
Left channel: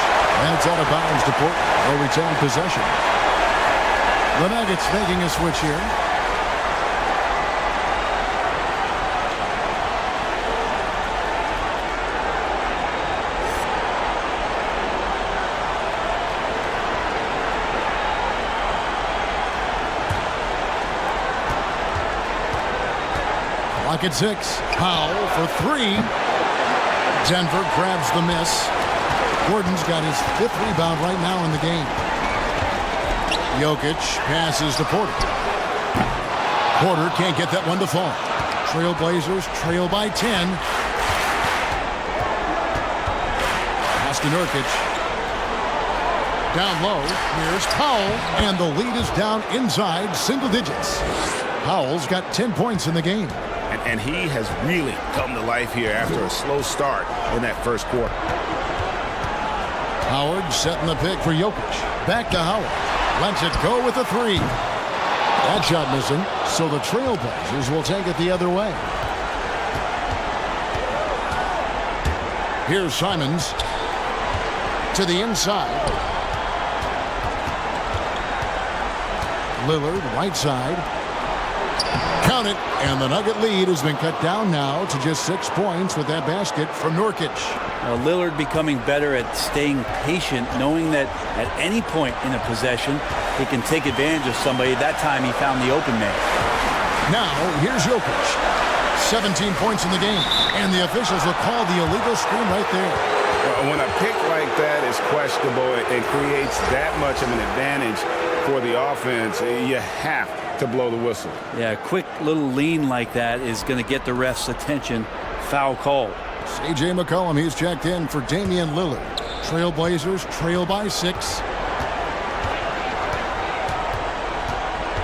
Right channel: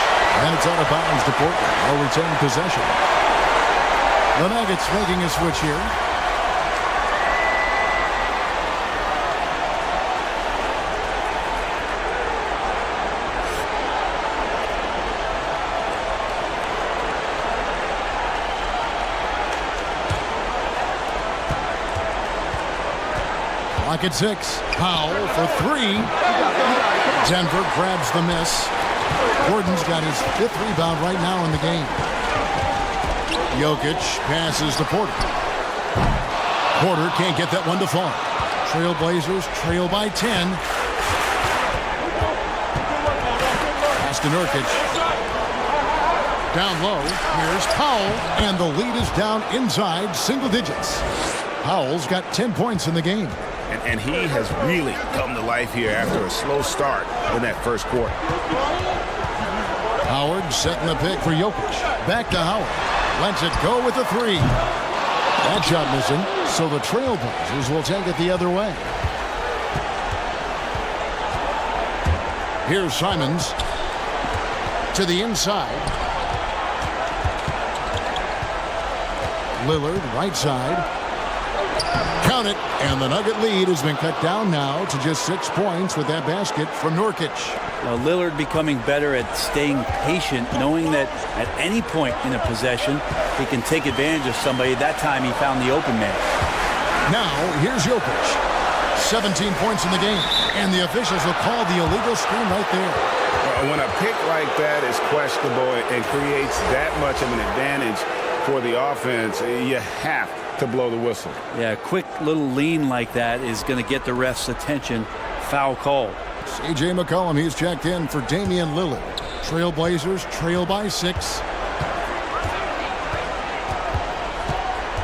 And it's out of bounds to Portland. They'll retain possession. The Nuggets making a switch here. Clock at 6. Powell for 3. Denver grabs the miss. Gordon's got his 5th rebound right now in the game. Jokic passes to Porter. Porter can't get that one to fall. Trailblazers trail by 10. Pass to Nurkic. Down low. Here's Powell. And the lead is down inside single digits. Powell's got 10 points in the game. And he has really come to life here after a slow start in that first quarter. Howard setting the pick for Jokic. Back to Howard. Lets it go with a 3. That shot missing, so the Trailblazers will take it the other way. Here's Simons to the inside. Lillard, right side. Count it, and the Nugget lead has been cut down now to just 6 points with that basket from Nurkic. Now Lillard becoming better at staying patient, knowing that at any point in a possession, he can take advantage of somebody. That time he found the open man. Now, here's Jokic. 17 points in the game, and the officials will call the illegal screen right there. When a pick like that is questionable and creates that much of an advantage for the offense, you have to blow the whistle. Yeah, a quick little lean like that is going to get the ref's attention. Foul call. C.J. McCollum, he's checked in for Damian Lillard. Trailblazers trail by 6.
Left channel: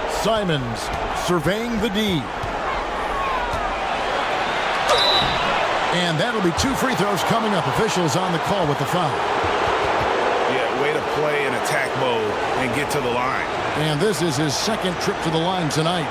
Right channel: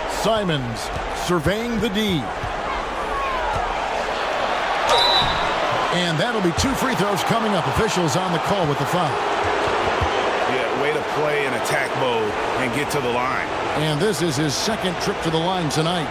Simons surveying the D. And that'll be 2 free throws coming up. Officials on the call with the foul. Yeah, way to play in attack mode and get to the line. And this is his 2nd trip to the line tonight.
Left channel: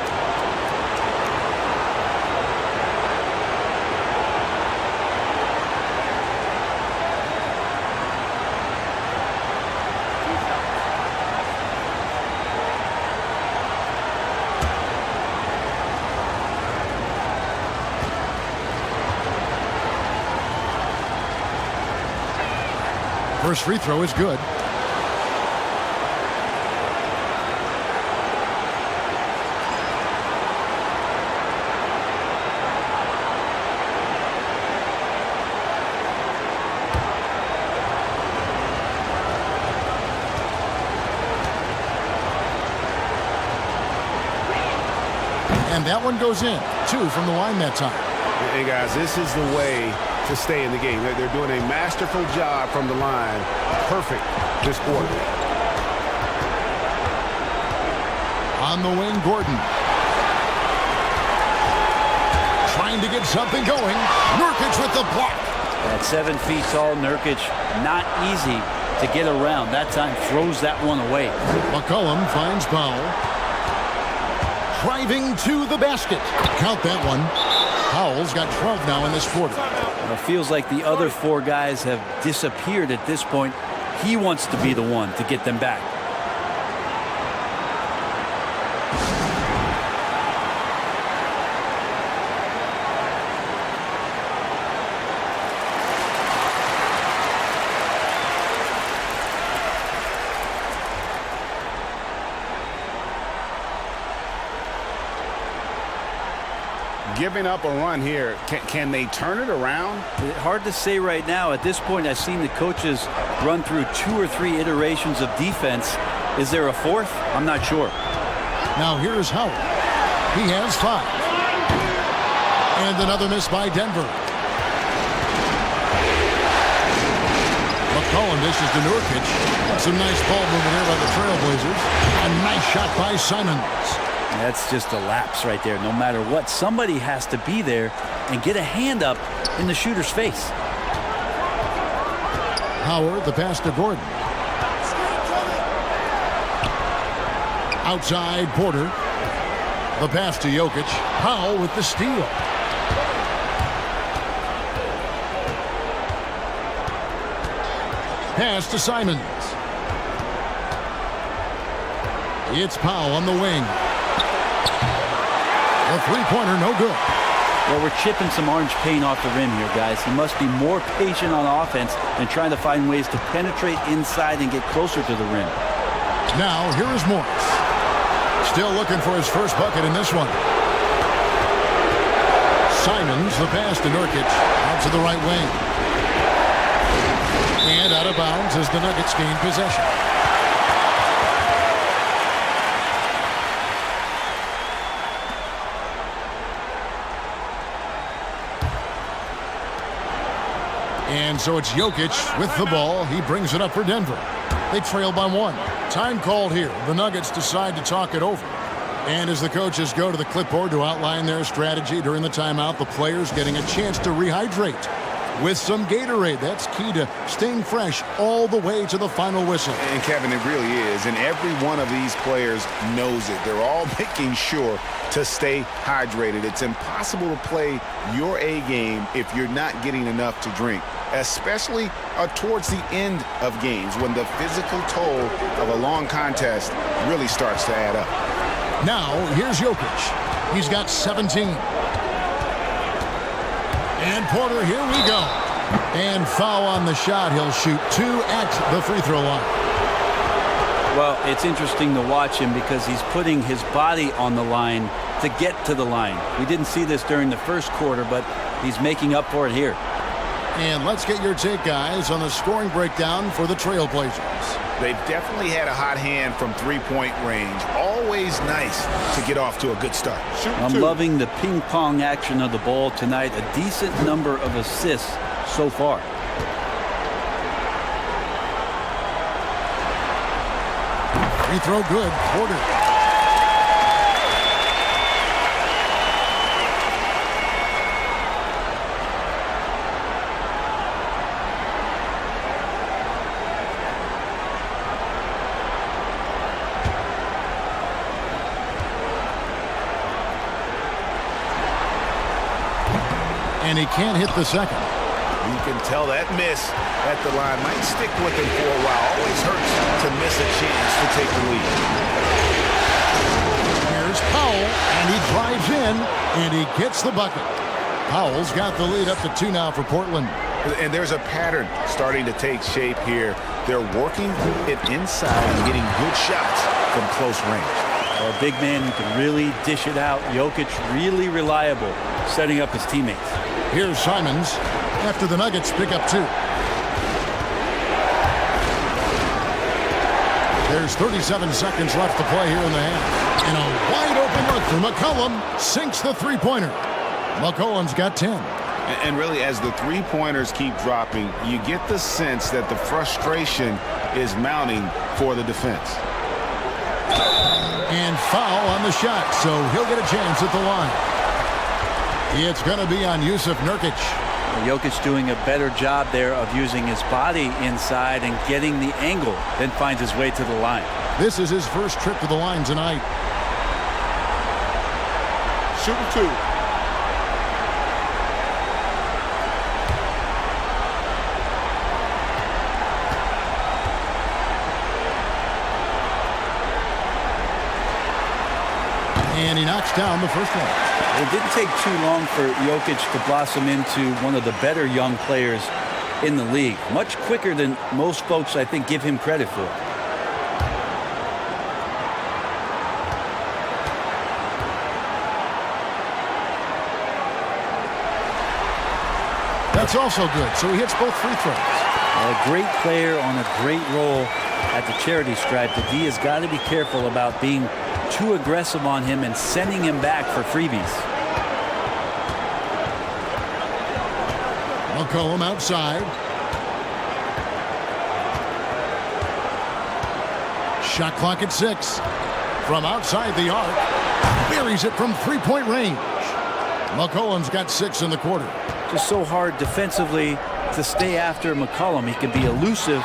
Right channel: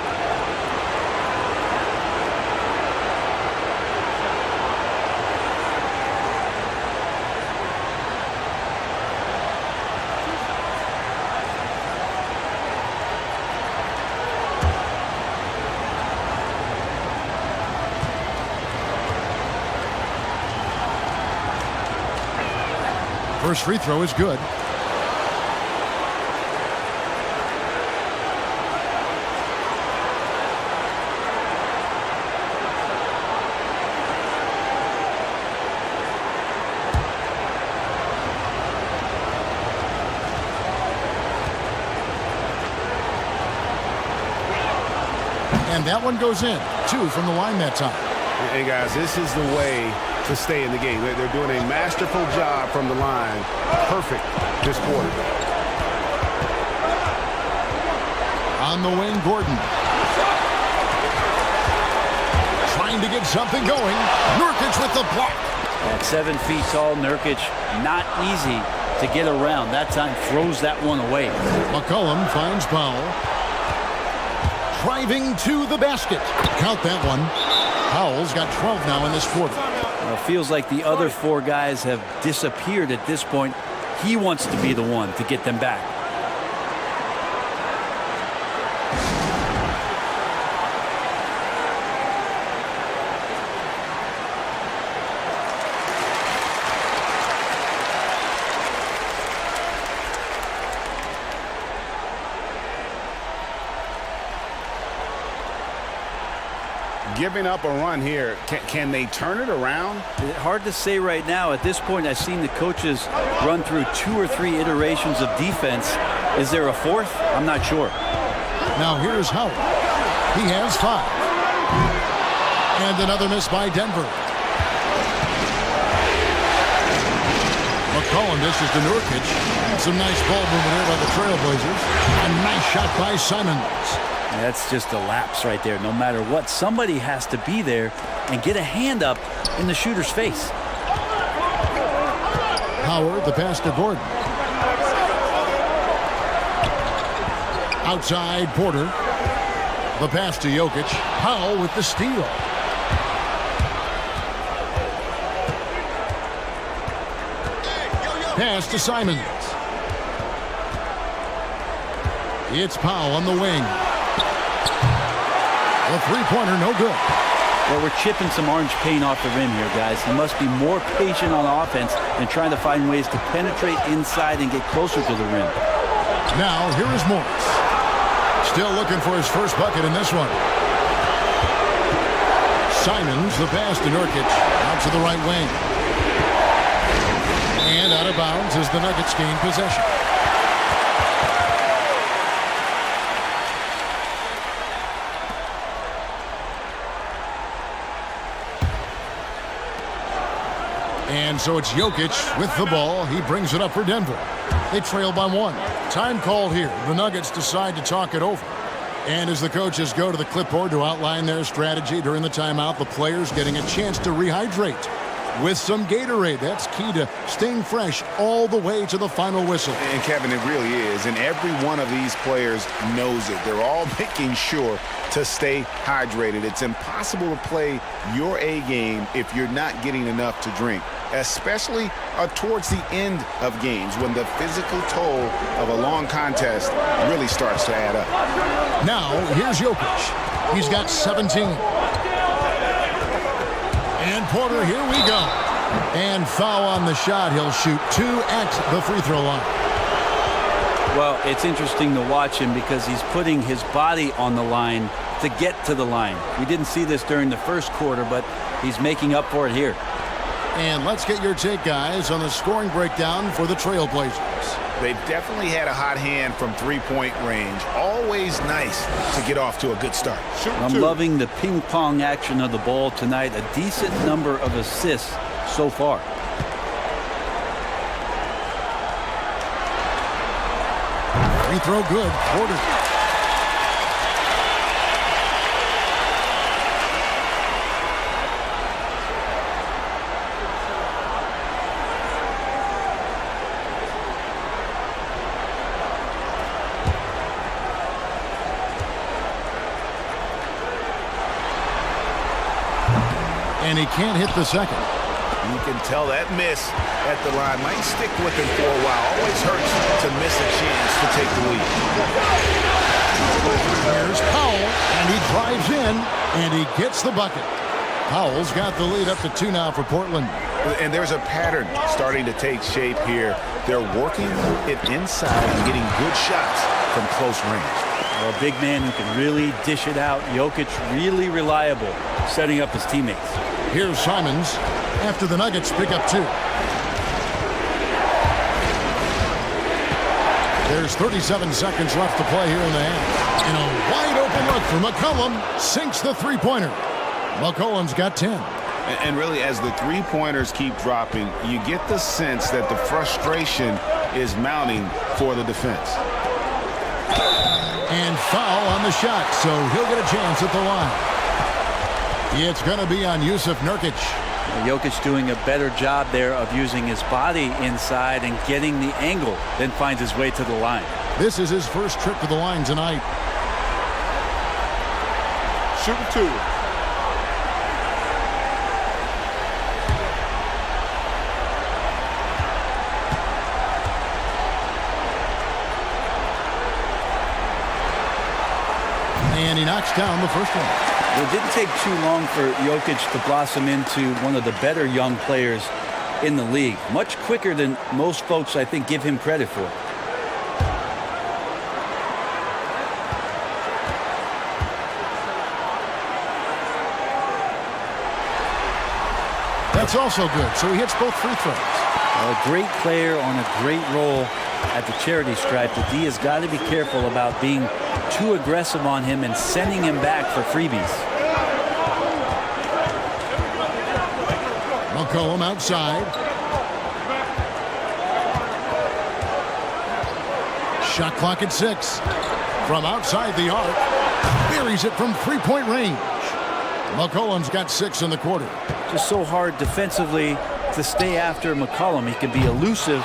First free throw is good. And that one goes in. 2 from the line that time. Hey, guys, this is the way to stay in the game. They're doing a masterful job from the line. Perfect this quarter. On the wing, Gordon. Trying to get something going. Nurkic with the block. At 7 feet tall, Nurkic, not easy to get around. That time throws that one away. McCollum finds Powell. Driving to the basket. Count that one. Powell's got 12 now in this quarter. It feels like the other 4 guys have disappeared at this point. He wants to be the one to get them back. Giving up a run here, can they turn it around? Hard to say right now. At this point, I've seen the coaches run through 2 or 3 iterations of defense. Is there a 4th? I'm not sure. Now here's Howard. He has 5. And another miss by Denver. McCollum dishes to Nurkic. Some nice ball movement there by the Trailblazers. A nice shot by Simons. That's just a lapse right there. No matter what, somebody has to be there and get a hand up in the shooter's face. Howard, the pass to Gordon. Outside, Porter. The pass to Jokic. Powell with the steal. Pass to Simons. It's Powell on the wing. The three-pointer, no good. Well, we're chipping some orange paint off the rim here, guys. He must be more patient on offense and trying to find ways to penetrate inside and get closer to the rim. Now, here is Morris. Still looking for his first bucket in this one. Simons, the pass to Nurkic. Out to the right wing. And out of bounds as the Nuggets gain possession. And so it's Jokic with the ball. He brings it up for Denver. They trail by one. Time called here. The Nuggets decide to talk it over. And as the coaches go to the clipboard to outline their strategy during the timeout, the players getting a chance to rehydrate with some Gatorade. That's key to staying fresh all the way to the final whistle. And Kevin, it really is. And every one of these players knows it. They're all making sure to stay hydrated. It's impossible to play your A game if you're not getting enough to drink, especially towards the end of games when the physical toll of a long contest really starts to add up. Now, here's Jokic. He's got 17. And Porter, here we go. And foul on the shot. He'll shoot 2 at the free throw line. Well, it's interesting to watch him because he's putting his body on the line to get to the line. We didn't see this during the first quarter, but he's making up for it here. And let's get your take, guys, on the scoring breakdown for the Trailblazers. They've definitely had a hot hand from three-point range. Always nice to get off to a good start. I'm loving the ping-pong action of the ball tonight. A decent number of assists so far. Free throw good. Porter. And he can't hit the second. You can tell that miss at the line might stick with him for a while. Always hurts to miss a chance to take the lead. Here's Powell, and he drives in, and he gets the bucket. Powell's got the lead up to 2 now for Portland. And there's a pattern starting to take shape here. They're working it inside and getting good shots from close range. A big man who can really dish it out. Jokic really reliable, setting up his teammates. Here's Simons after the Nuggets pick up 2. There's 37 seconds left to play here in the half. And a wide open look for McCollum sinks the three-pointer. McCollum's got 10. And really, as the three-pointers keep dropping, you get the sense that the frustration is mounting for the defense. And foul on the shot, so he'll get a chance at the line. It's going to be on Yusuf Nurkic. Jokic doing a better job there of using his body inside and getting the angle, then finds his way to the line. This is his first trip to the line tonight. Shooting 2. And he knocks down the first one. It didn't take too long for Jokic to blossom into one of the better young players in the league. Much quicker than most folks, I think, give him credit for. That's also good, so he hits both free throws. A great player on a great role at the charity stripe. The D has got to be careful about being too aggressive on him and sending him back for freebies. McCollum outside. Shot clock at 6. From outside the arc, buries it from three-point range. McCollum's got 6 in the quarter. Just so hard defensively to stay after McCollum. He can be elusive.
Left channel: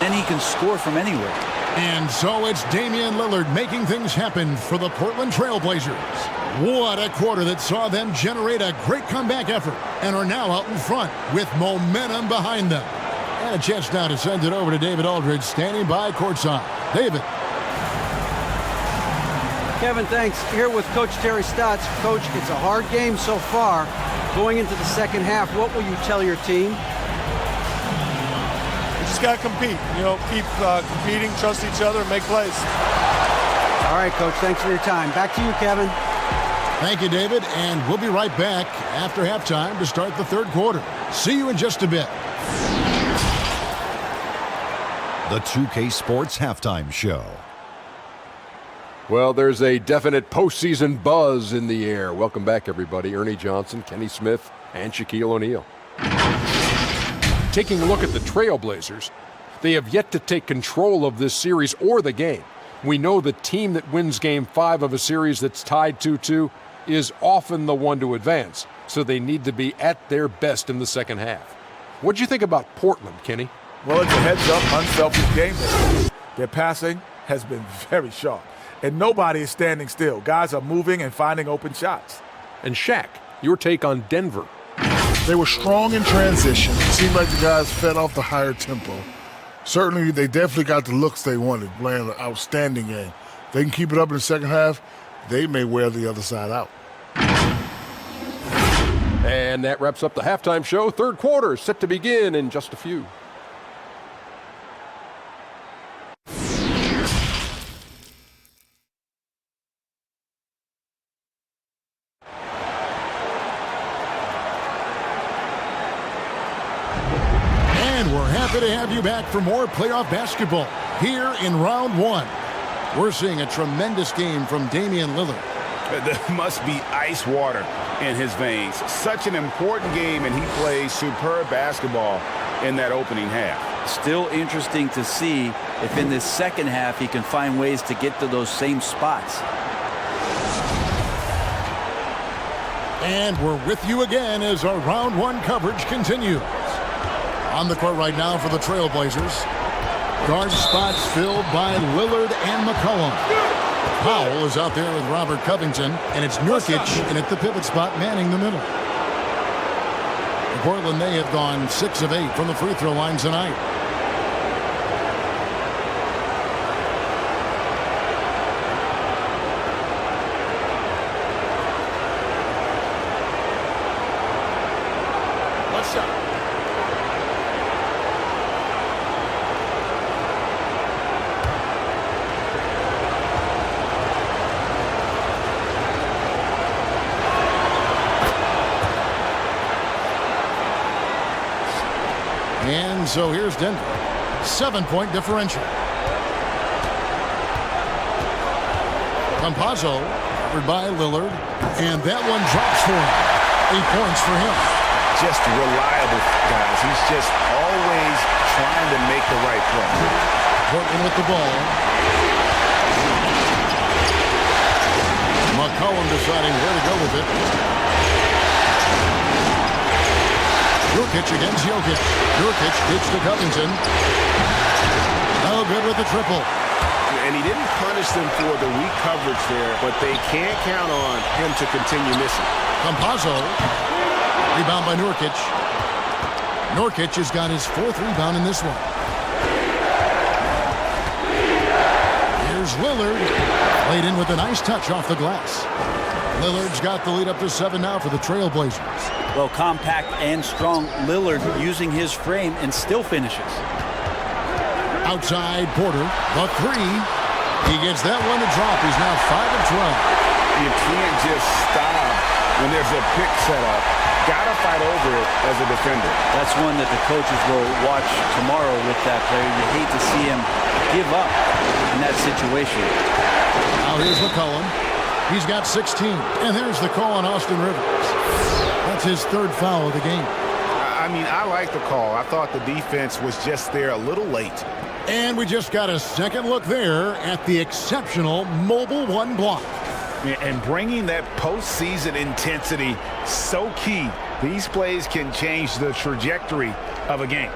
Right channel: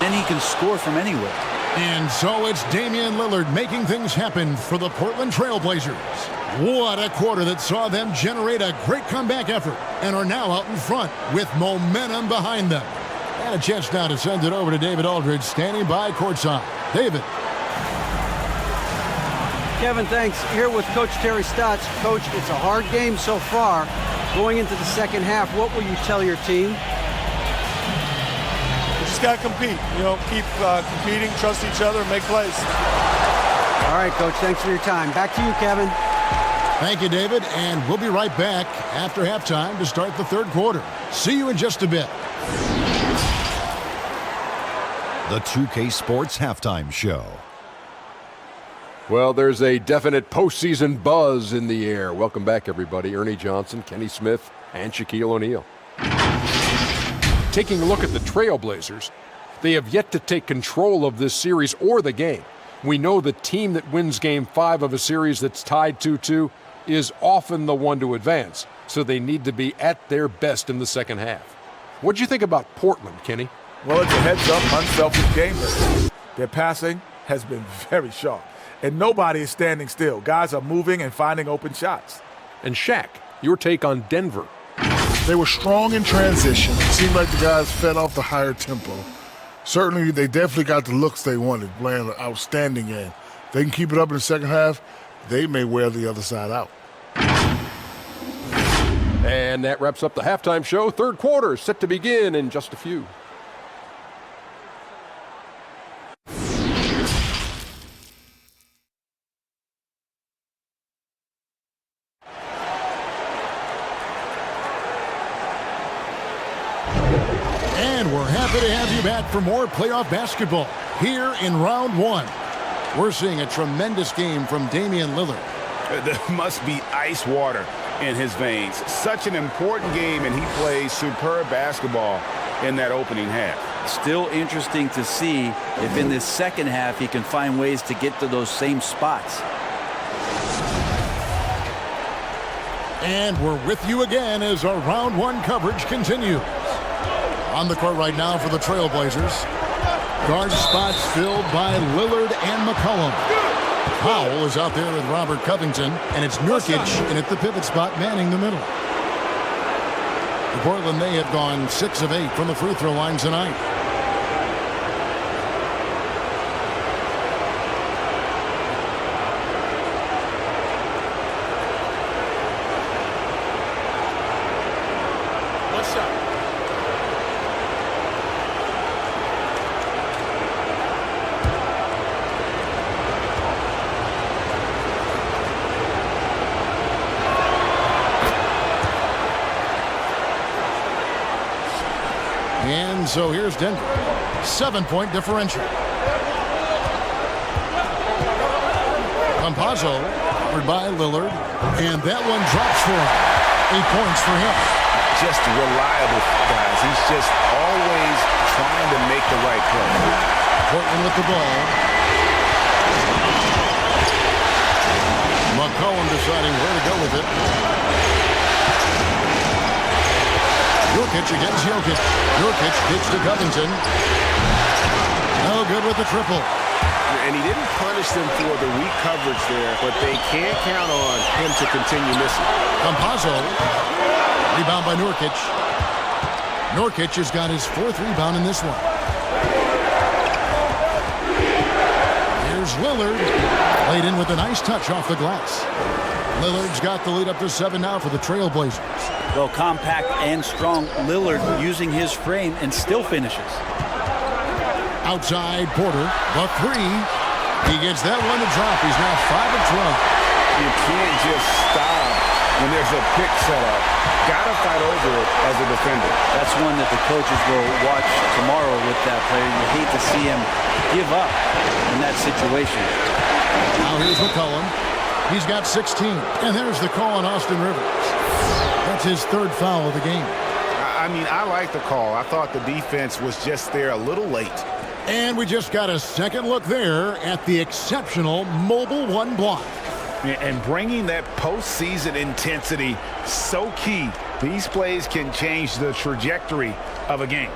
And he can score from anywhere. And so it's Damian Lillard making things happen for the Portland Trail Blazers. What a quarter that saw them generate a great comeback effort and are now out in front with momentum behind them. And a chance now to send it over to David Aldridge, standing by courtside. David. Kevin, thanks. Here with Coach Terry Stotts. Coach, it's a hard game so far. Going into the second half, what will you tell your team? We just got to compete, keep competing, trust each other, and make plays. All right, Coach, thanks for your time. Back to you, Kevin. Thank you, David, and we'll be right back after halftime to start the third quarter. See you in just a bit. The 2K Sports Halftime Show. Well, there's a definite postseason buzz in the air. Welcome back, everybody. Ernie Johnson, Kenny Smith, and Shaquille O'Neal. Taking a look at the Trailblazers, they have yet to take control of this series or the game. We know the team that wins Game 5 of a series that's tied 2-2 is often the one to advance, so they need to be at their best in the second half. What'd you think about Portland, Kenny? Well, it's a heads-up, unselfish game. Their passing has been very sharp, and nobody is standing still. Guys are moving and finding open shots. And Shaq, your take on Denver. They were strong in transition. It seemed like the guys fed off the higher tempo. Certainly, they definitely got the looks they wanted, playing an outstanding game. They can keep it up in the second half, they may wear the other side out. And that wraps up the halftime show. Third quarter set to begin in just a few. And we're happy to have you back for more playoff basketball here in round one. We're seeing a tremendous game from Damian Lillard. There must be ice water in his veins. Such an important game, and he plays superb basketball in that opening half. Still interesting to see if in this second half he can find ways to get to those same spots. And we're with you again as our round one coverage continues. On the court right now for the Trailblazers. Guard spots filled by Lillard and McCollum. Powell is out there with Robert Covington, and it's Nurkic in at the pivot spot manning the middle. For Portland, they have gone 6 of 8 from the free throw line tonight. One shot. And so here's Denver. 7-point differential. Campazzo covered by Lillard. And that one drops for him. 8 points for him. Just reliable, guys. He's just always trying to make the right play. Portland with the ball. McCollum deciding where to go with it. Nurkic against Jokic. Nurkic kicks to Covington. No good with the triple. And he didn't punish them for the weak coverage there, but they can't count on him to continue missing. Campazzo. Rebound by Nurkic. Nurkic has got his 4th rebound in this one. Here's Lillard. Played in with a nice touch off the glass. Lillard's got the lead up to 7 now for the Trailblazers. Well, compact and strong, Lillard using his frame and still finishes. Outside Porter, the 3. He gets that one to drop. He's now 5 of 12. You can't just stop when there's a pick set up. Got to fight over it as a defender. That's one that the coaches will watch tomorrow with that player. You hate to see him give up in that situation. Now here's McCollum. He's got 16. And there's the call on Austin Rivers. That's his 3rd foul of the game. I mean, I like the call. I thought the defense was just there a little late. And we just got a second look there at the exceptional Mobile 1 block. And bringing that postseason intensity, so key. These plays can change the trajectory of a game.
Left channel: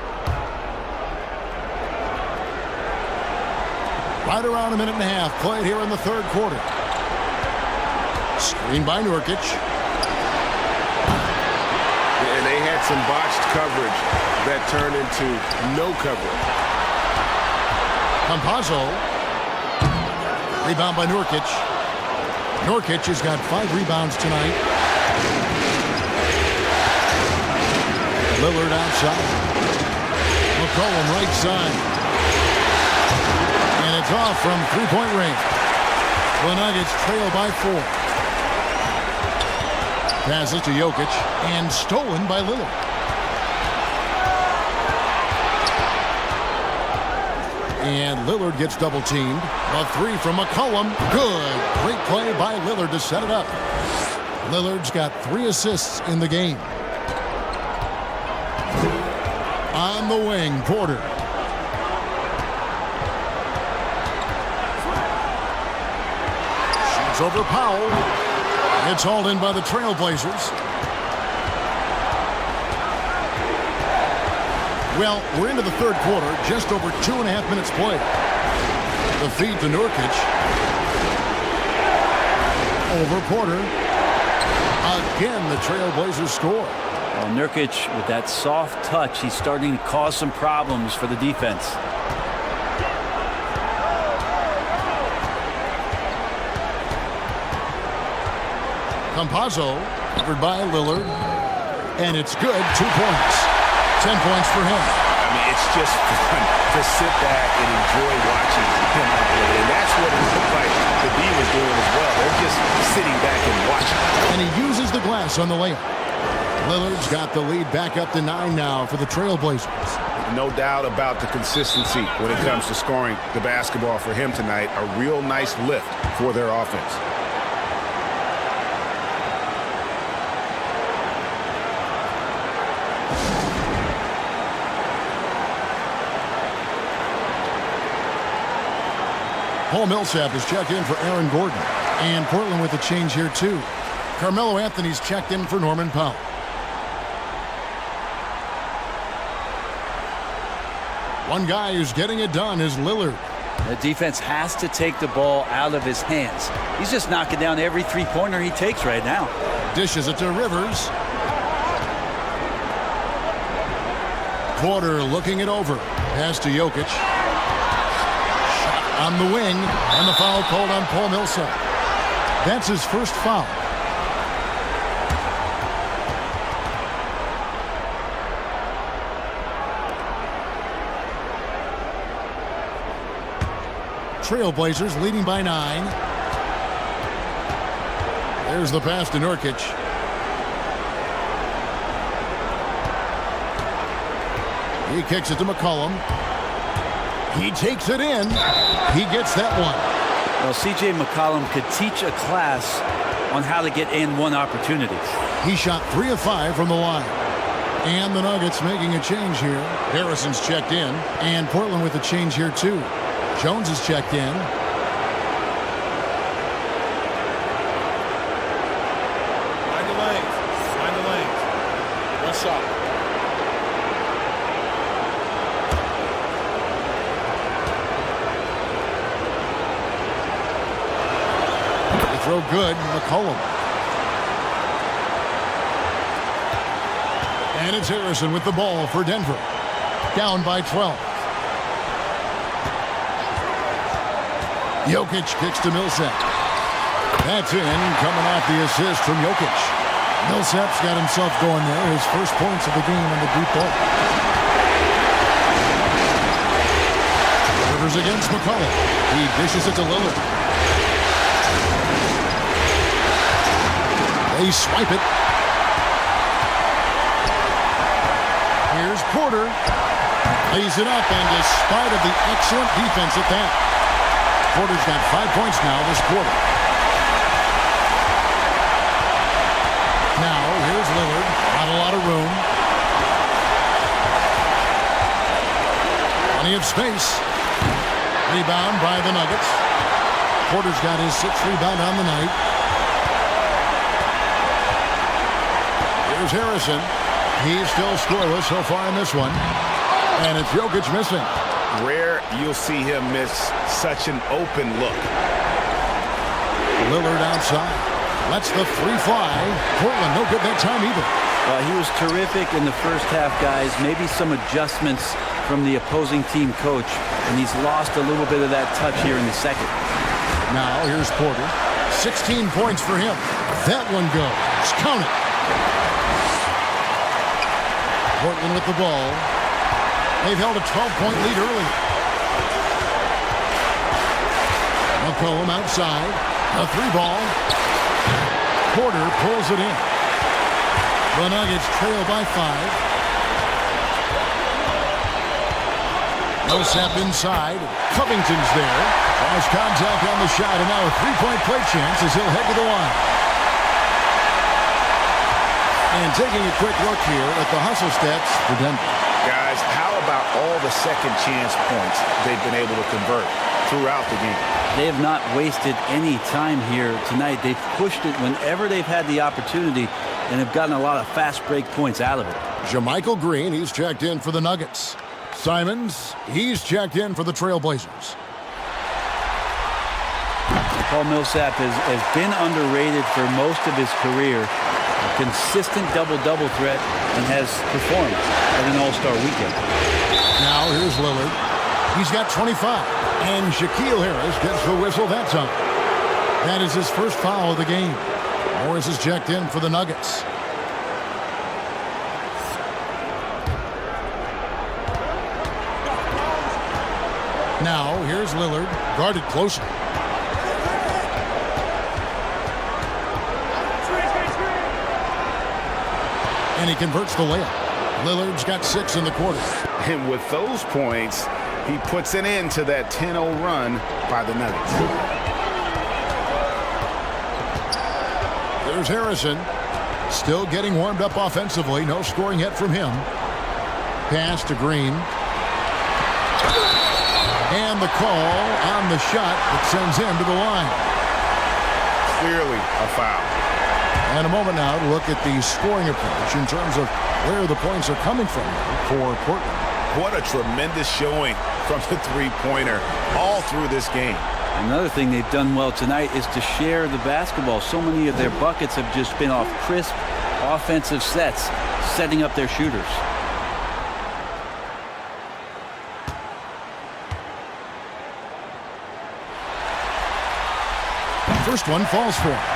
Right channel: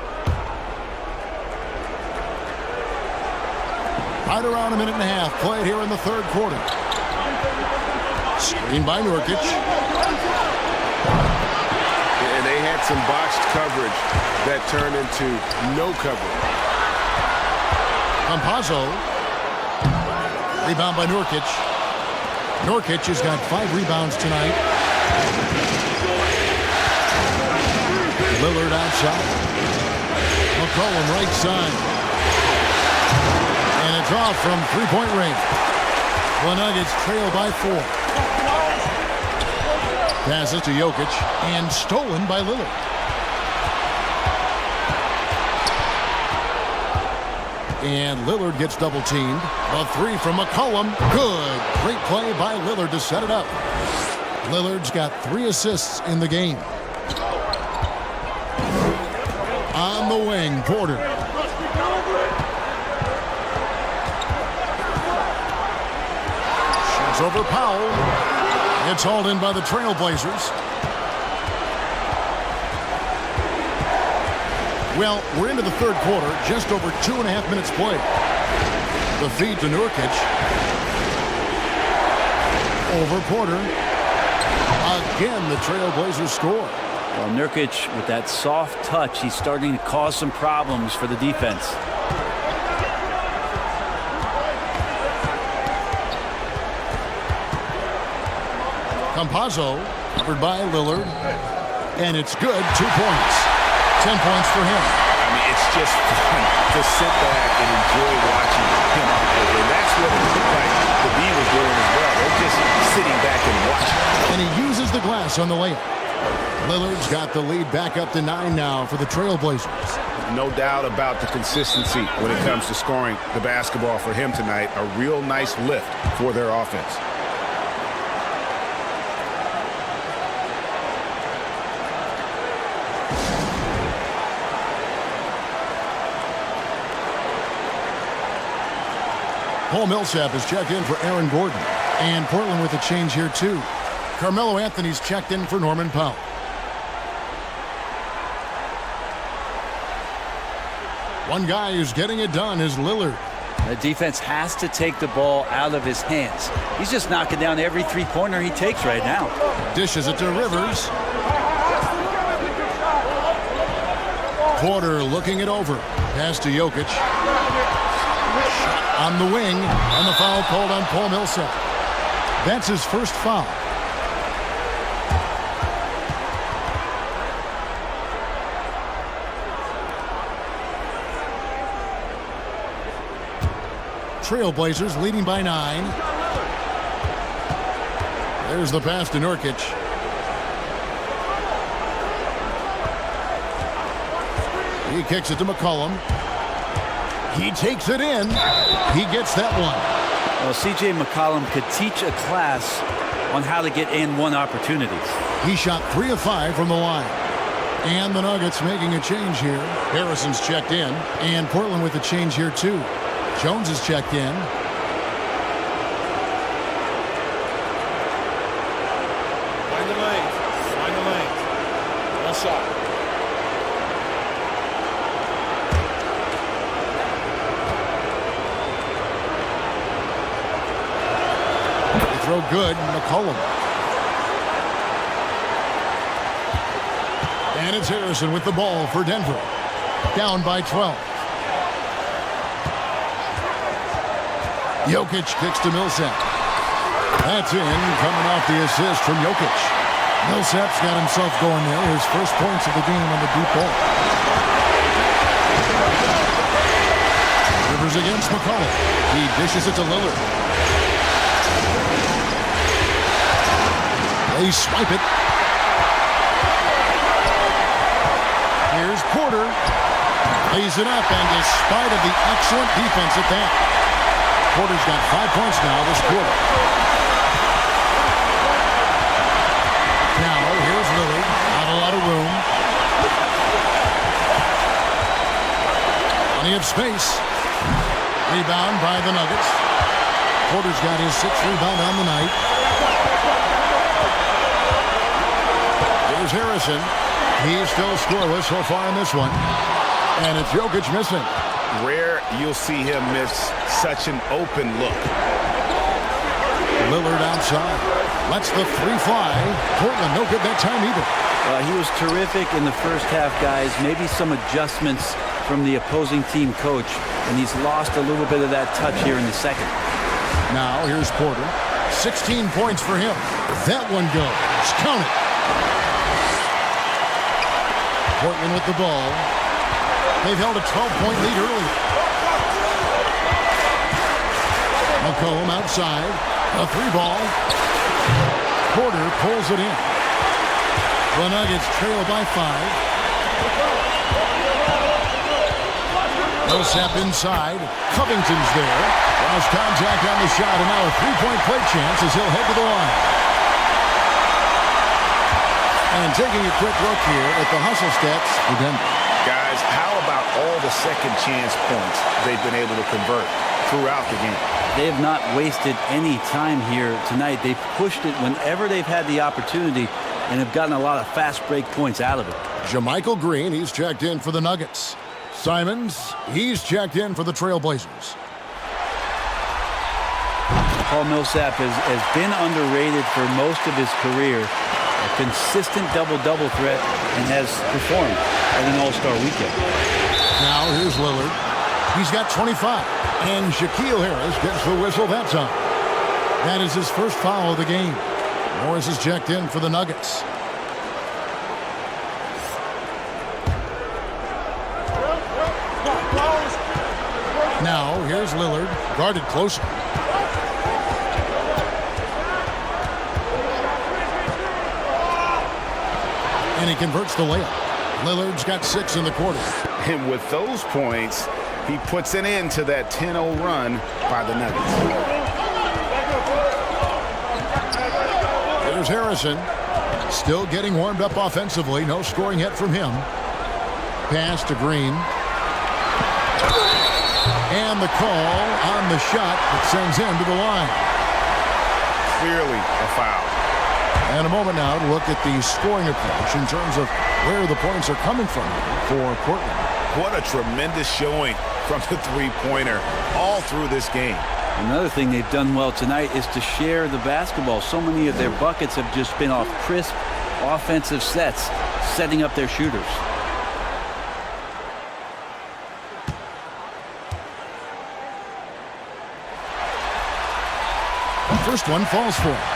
Right around a minute and a half played here in the 3rd quarter. Screen by Nurkic. And they had some botched coverage that turned into no coverage. Campazzo. Rebound by Nurkic. Nurkic has got 5 rebounds tonight. Lillard outside. McCollum right side. And it's off from 3-point range. The Nuggets trail by 4. Passes to Jokic and stolen by Lillard. And Lillard gets double teamed. The 3 from McCollum. Good. Great play by Lillard to set it up. Lillard's got 3 assists in the game. On the wing, Porter. Shoots over Powell. It's hauled in by the Trailblazers. Well, we're into the 3rd quarter, just over 2.5 minutes played. The feed to Nurkic. Over Porter. Again, the Trailblazers score. Well, Nurkic, with that soft touch, he's starting to cause some problems for the defense. Campazzo, covered by Lillard. And it's good, 2 points. 10 points for him. I mean, it's just fun to sit back and enjoy watching him operate. And that's what it looked like the D was doing as well. They're just sitting back and watching. And he uses the glass on the layup. Lillard's got the lead back up to 9 now for the Trailblazers. No doubt about the consistency when it comes to scoring the basketball for him tonight. A real nice lift for their offense. Paul Millsap is checked in for Aaron Gordon. And Portland with a change here, too. Carmelo Anthony's checked in for Norman Powell. One guy who's getting it done is Lillard. The defense has to take the ball out of his hands. He's just knocking down every 3-pointer he takes right now. Dishes it to Rivers. Porter looking it over. Pass to Jokic. On the wing, and the foul called on Paul Millsap. That's his 1st foul. Trailblazers leading by 9. There's the pass to Nurkic. He kicks it to McCollum. He takes it in. He gets that one. Well, C.J. McCollum could teach a class on how to get in one opportunities. He shot 3 of 5 from the line. And the Nuggets making a change here. Harrison's checked in. And Portland with a change here, too. Jones is checked in. Find the lanes. Find the lanes. One shot. Throw good, McCollum. And it's Harrison with the ball for Denver. Down by 12. Jokic kicks to Millsap. That's in, coming off the assist from Jokic. Millsap's got himself going there. His first points of the game on the deep ball. Rivers against McCollum. He dishes it to Lillard. They swipe it. Here's Porter. Lays it up, and despite of the excellent defense at that, Porter's got 5 points now this quarter. Now, here's Lillard. Not a lot of room. Plenty of space. Rebound by the Nuggets. Porter's got his 6th rebound on the night. Here's Harrison. He's still scoreless so far in this one. And it's Jokic missing. Rare you'll see him miss such an open look. Lillard outside. Lets the three fly. Portland no good that time either. He was terrific in the first half, guys. Maybe some adjustments from the opposing team coach, and he's lost a little bit of that touch here in the second. Now here's Porter. 16 points for him. That one goes. Count it. Portland with the ball. They've held a 12-point lead earlier. McCollum outside. A 3-ball. Porter pulls it in. The Nuggets trail by 5. Millsap inside. Covington's there. Lost contact on the shot, and now a 3-point play chance as he'll head to the line. And taking a quick look here at the hustle stats for Denver. Guys, how about all the second chance points they've been able to convert throughout the game? They have not wasted any time here tonight. They've pushed it whenever they've had the opportunity and have gotten a lot of fast break points out of it. JaMychal Green, he's checked in for the Nuggets. Simons, he's checked in for the Trailblazers. Paul Millsap has been underrated for most of his career. A consistent double-double threat and has performed at an All-Star weekend. Now here's Lillard. He's got 25. And Shaquille Harris gets the whistle that time. That is his first foul of the game. Morris is checked in for the Nuggets. Now here's Lillard, guarded closer. And he converts the layup. Lillard's got 6 in the quarter. And with those points, he puts an end to that 10-0 run by the Nuggets. There's Harrison. Still getting warmed up offensively. No scoring yet from him. Pass to Green. And the call on the shot that sends him to the line. Clearly a foul. And a moment now to look at the scoring approach in terms of where the points are coming from here for Portland. What a tremendous showing from the three-pointer all through this game. Another thing they've done well tonight is to share the basketball. So many of their buckets have just been off crisp offensive sets, setting up their shooters. First one falls for him.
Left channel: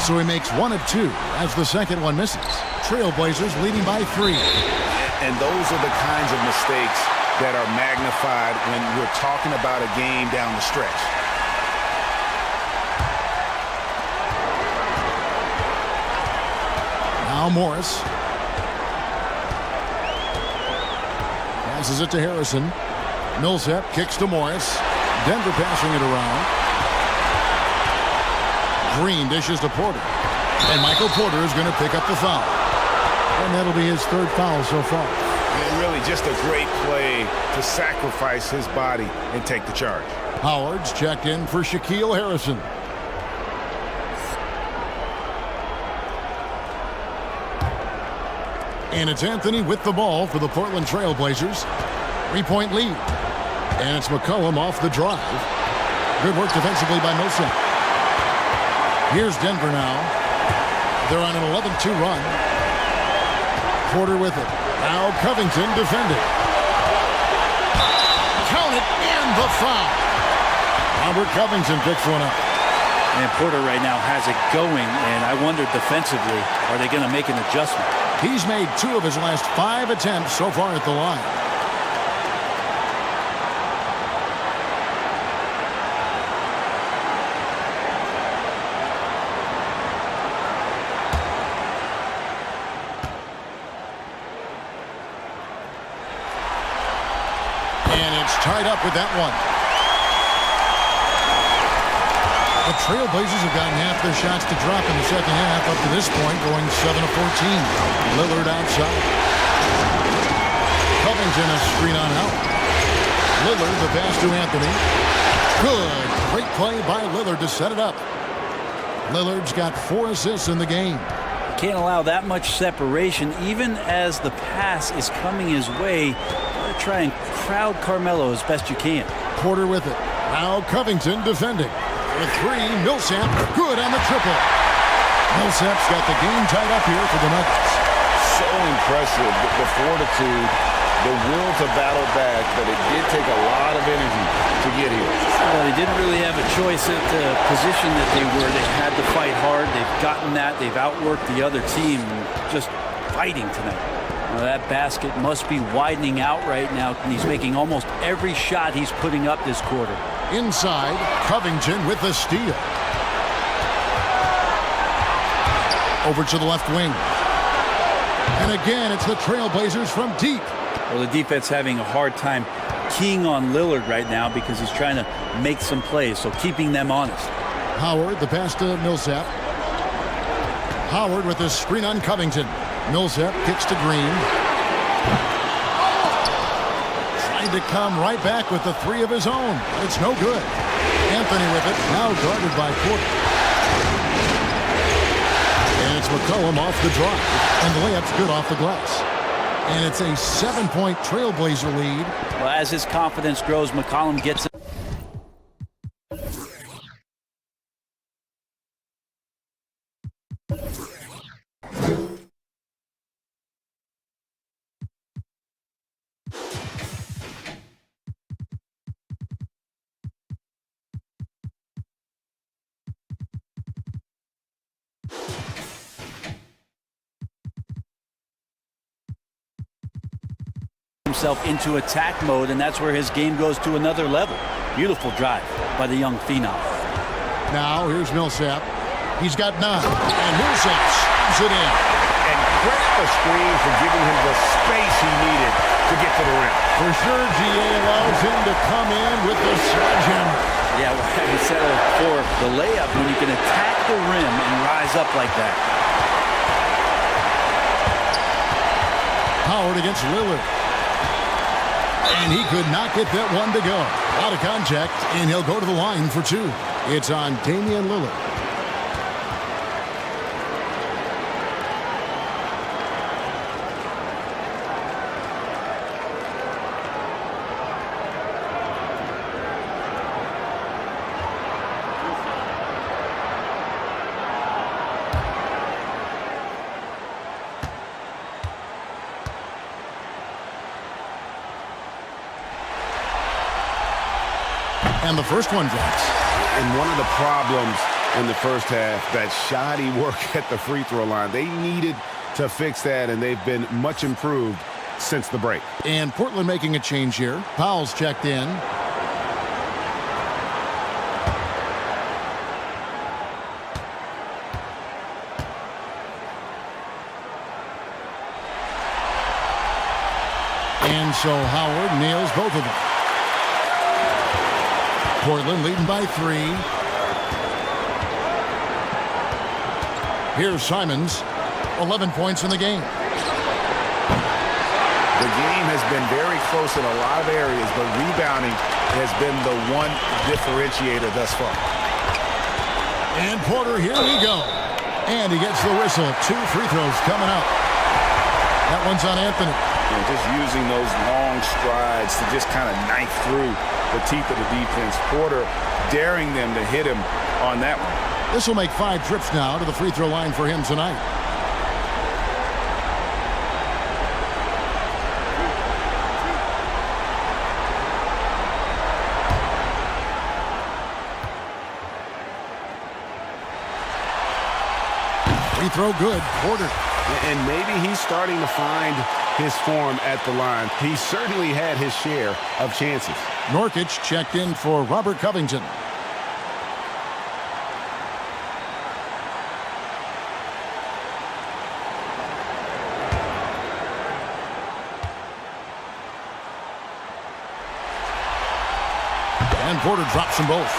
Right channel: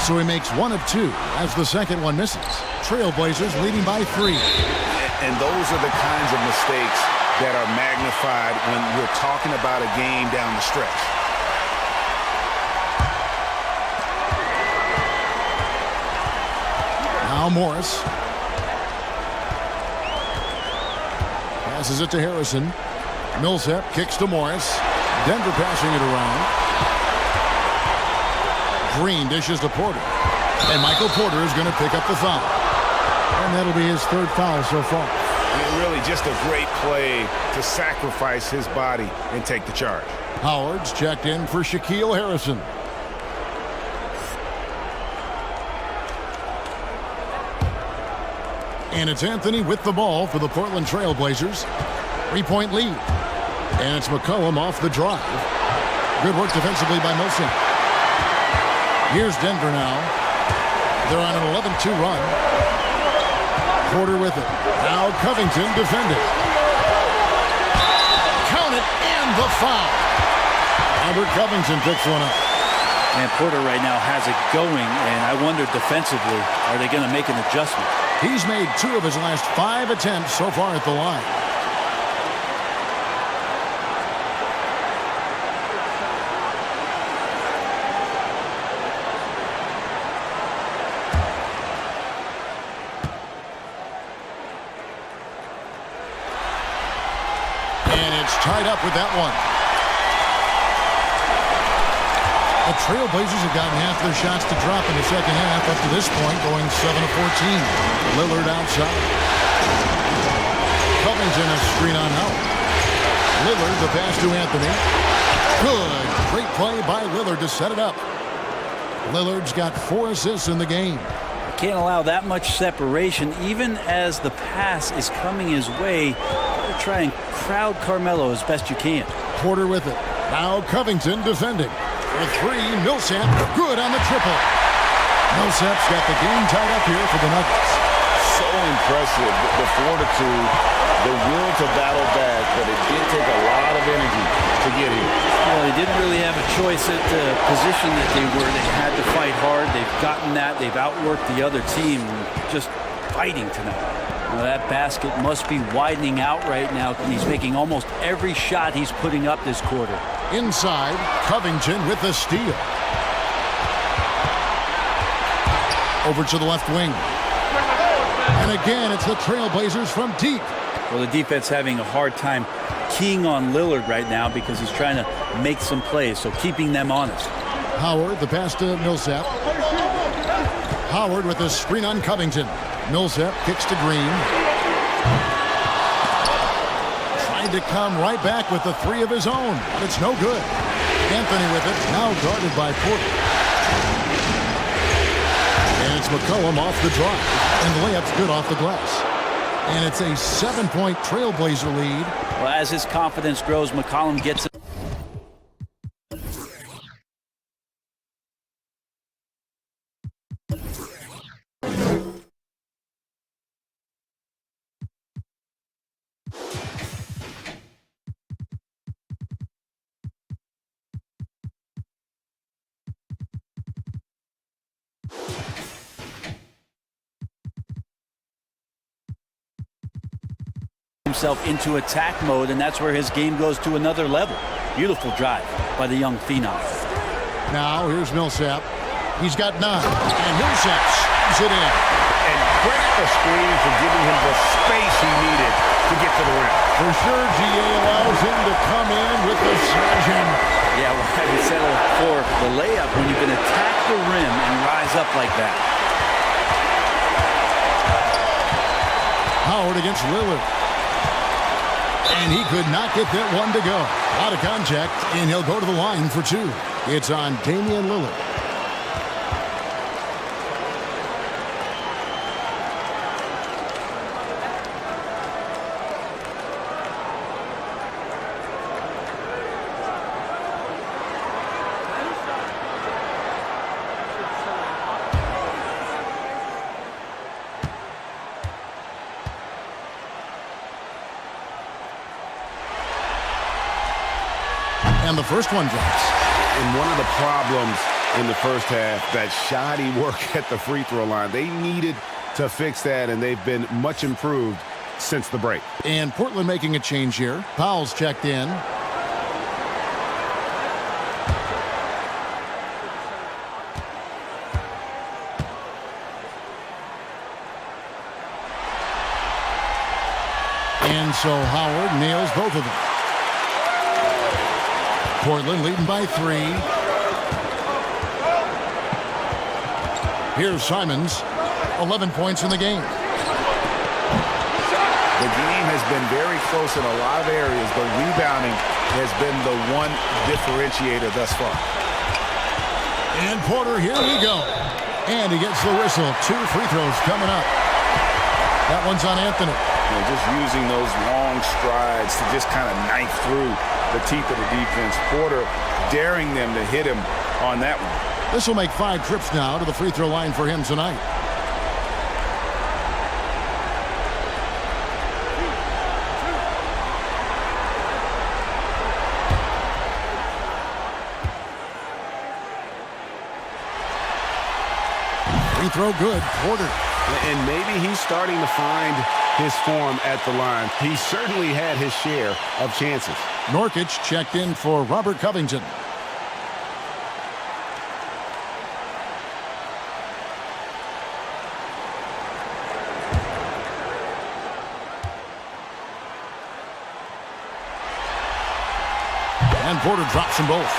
So he makes 1 of 2 as the second one misses. Trailblazers leading by 3. And those are the kinds of mistakes that are magnified when we're talking about a game down the stretch. Now Morris. Passes it to Harrison. Millsap kicks to Morris. Denver passing it around. Green dishes to Porter. And Michael Porter is going to pick up the foul. And that'll be his 3rd foul so far. And really just a great play to sacrifice his body and take the charge. Howard's checked in for Shaquille Harrison. And it's Anthony with the ball for the Portland Trailblazers. 3-point lead. And it's McCollum off the drive. Good work defensively by Millsap. Here's Denver now. They're on an 11-2 run. Porter with it. Now Covington defending. Count it, and the foul. Robert Covington picks one up. And Porter right now has it going, and I wonder defensively, are they going to make an adjustment? He's made 2 of his last 5 attempts so far at the line. And it's tied up with that one. The Trailblazers have gotten half their shots to drop in the second half up to this point, going 7 of 14. Lillard outside. Covington a screen on out. Lillard the pass to Anthony. Good. Great play by Lillard to set it up. Lillard's got 4 assists in the game. Can't allow that much separation, even as the pass is coming his way. Got to try and crowd Carmelo as best you can. Porter with it. Now Covington defending. For 3, Millsap good on the triple. Millsap's got the game tied up here for the Nuggets. So impressive, the fortitude, the will to battle back, but it did take a lot of energy to get here. Well, they didn't really have a choice at the position that they were. They had to fight hard. They've gotten that. They've outworked the other team, just fighting tonight. Now, that basket must be widening out right now, and he's making almost every shot he's putting up this quarter. Inside, Covington with the steal. Over to the left wing. And again, it's the Trailblazers from deep. Well, the defense having a hard time keying on Lillard right now because he's trying to make some plays, so keeping them honest. Howard, the pass to Millsap. Howard with the screen on Covington. Millsap kicks to Green. Trying to come right back with the 3 of his own, but it's no good. Anthony with it, now guarded by Porter. And it's McCollum off the drive, and the layup's good off the glass. And it's a 7-point Trailblazer lead. Well, as his confidence grows, McCollum gets it. Himself into attack mode, and that's where his game goes to another level. Beautiful drive by the young phenom. Now here's Millsap. He's got 9, and Millsap slams it in. And credit the screen for giving him the space he needed to get to the rim. For sure, GA allows him to come in with the sledgehammer. Yeah, why have you settled for the layup when you can attack the rim and rise up like that? Howard against Lillard. And he could not get that one to go. A lot of contact, and he'll go to the line for 2. It's on Damian Lillard. And the first one drops. And one of the problems in the first half, that shoddy work at the free throw line. They needed to fix that, and they've been much improved since the break. And Portland making a change here. Powell's checked in. And so Howard nails both of them. Portland leading by 3. Here's Simons, 11 points in the game. The game has been very close in a lot of areas, but rebounding has been the one differentiator thus far. And Porter, here we go. And he gets the whistle. 2 free throws coming up. That one's on Anthony. just using those long strides to just kind of knife through the teeth of the defense. Porter daring them to hit him on that one. This will make 5 trips now to the free throw line for him tonight. Free throw good. Porter. And maybe he's starting to find his form at the line. He certainly had his share of chances. Nurkic checked in for Robert Covington. And Porter drops them both.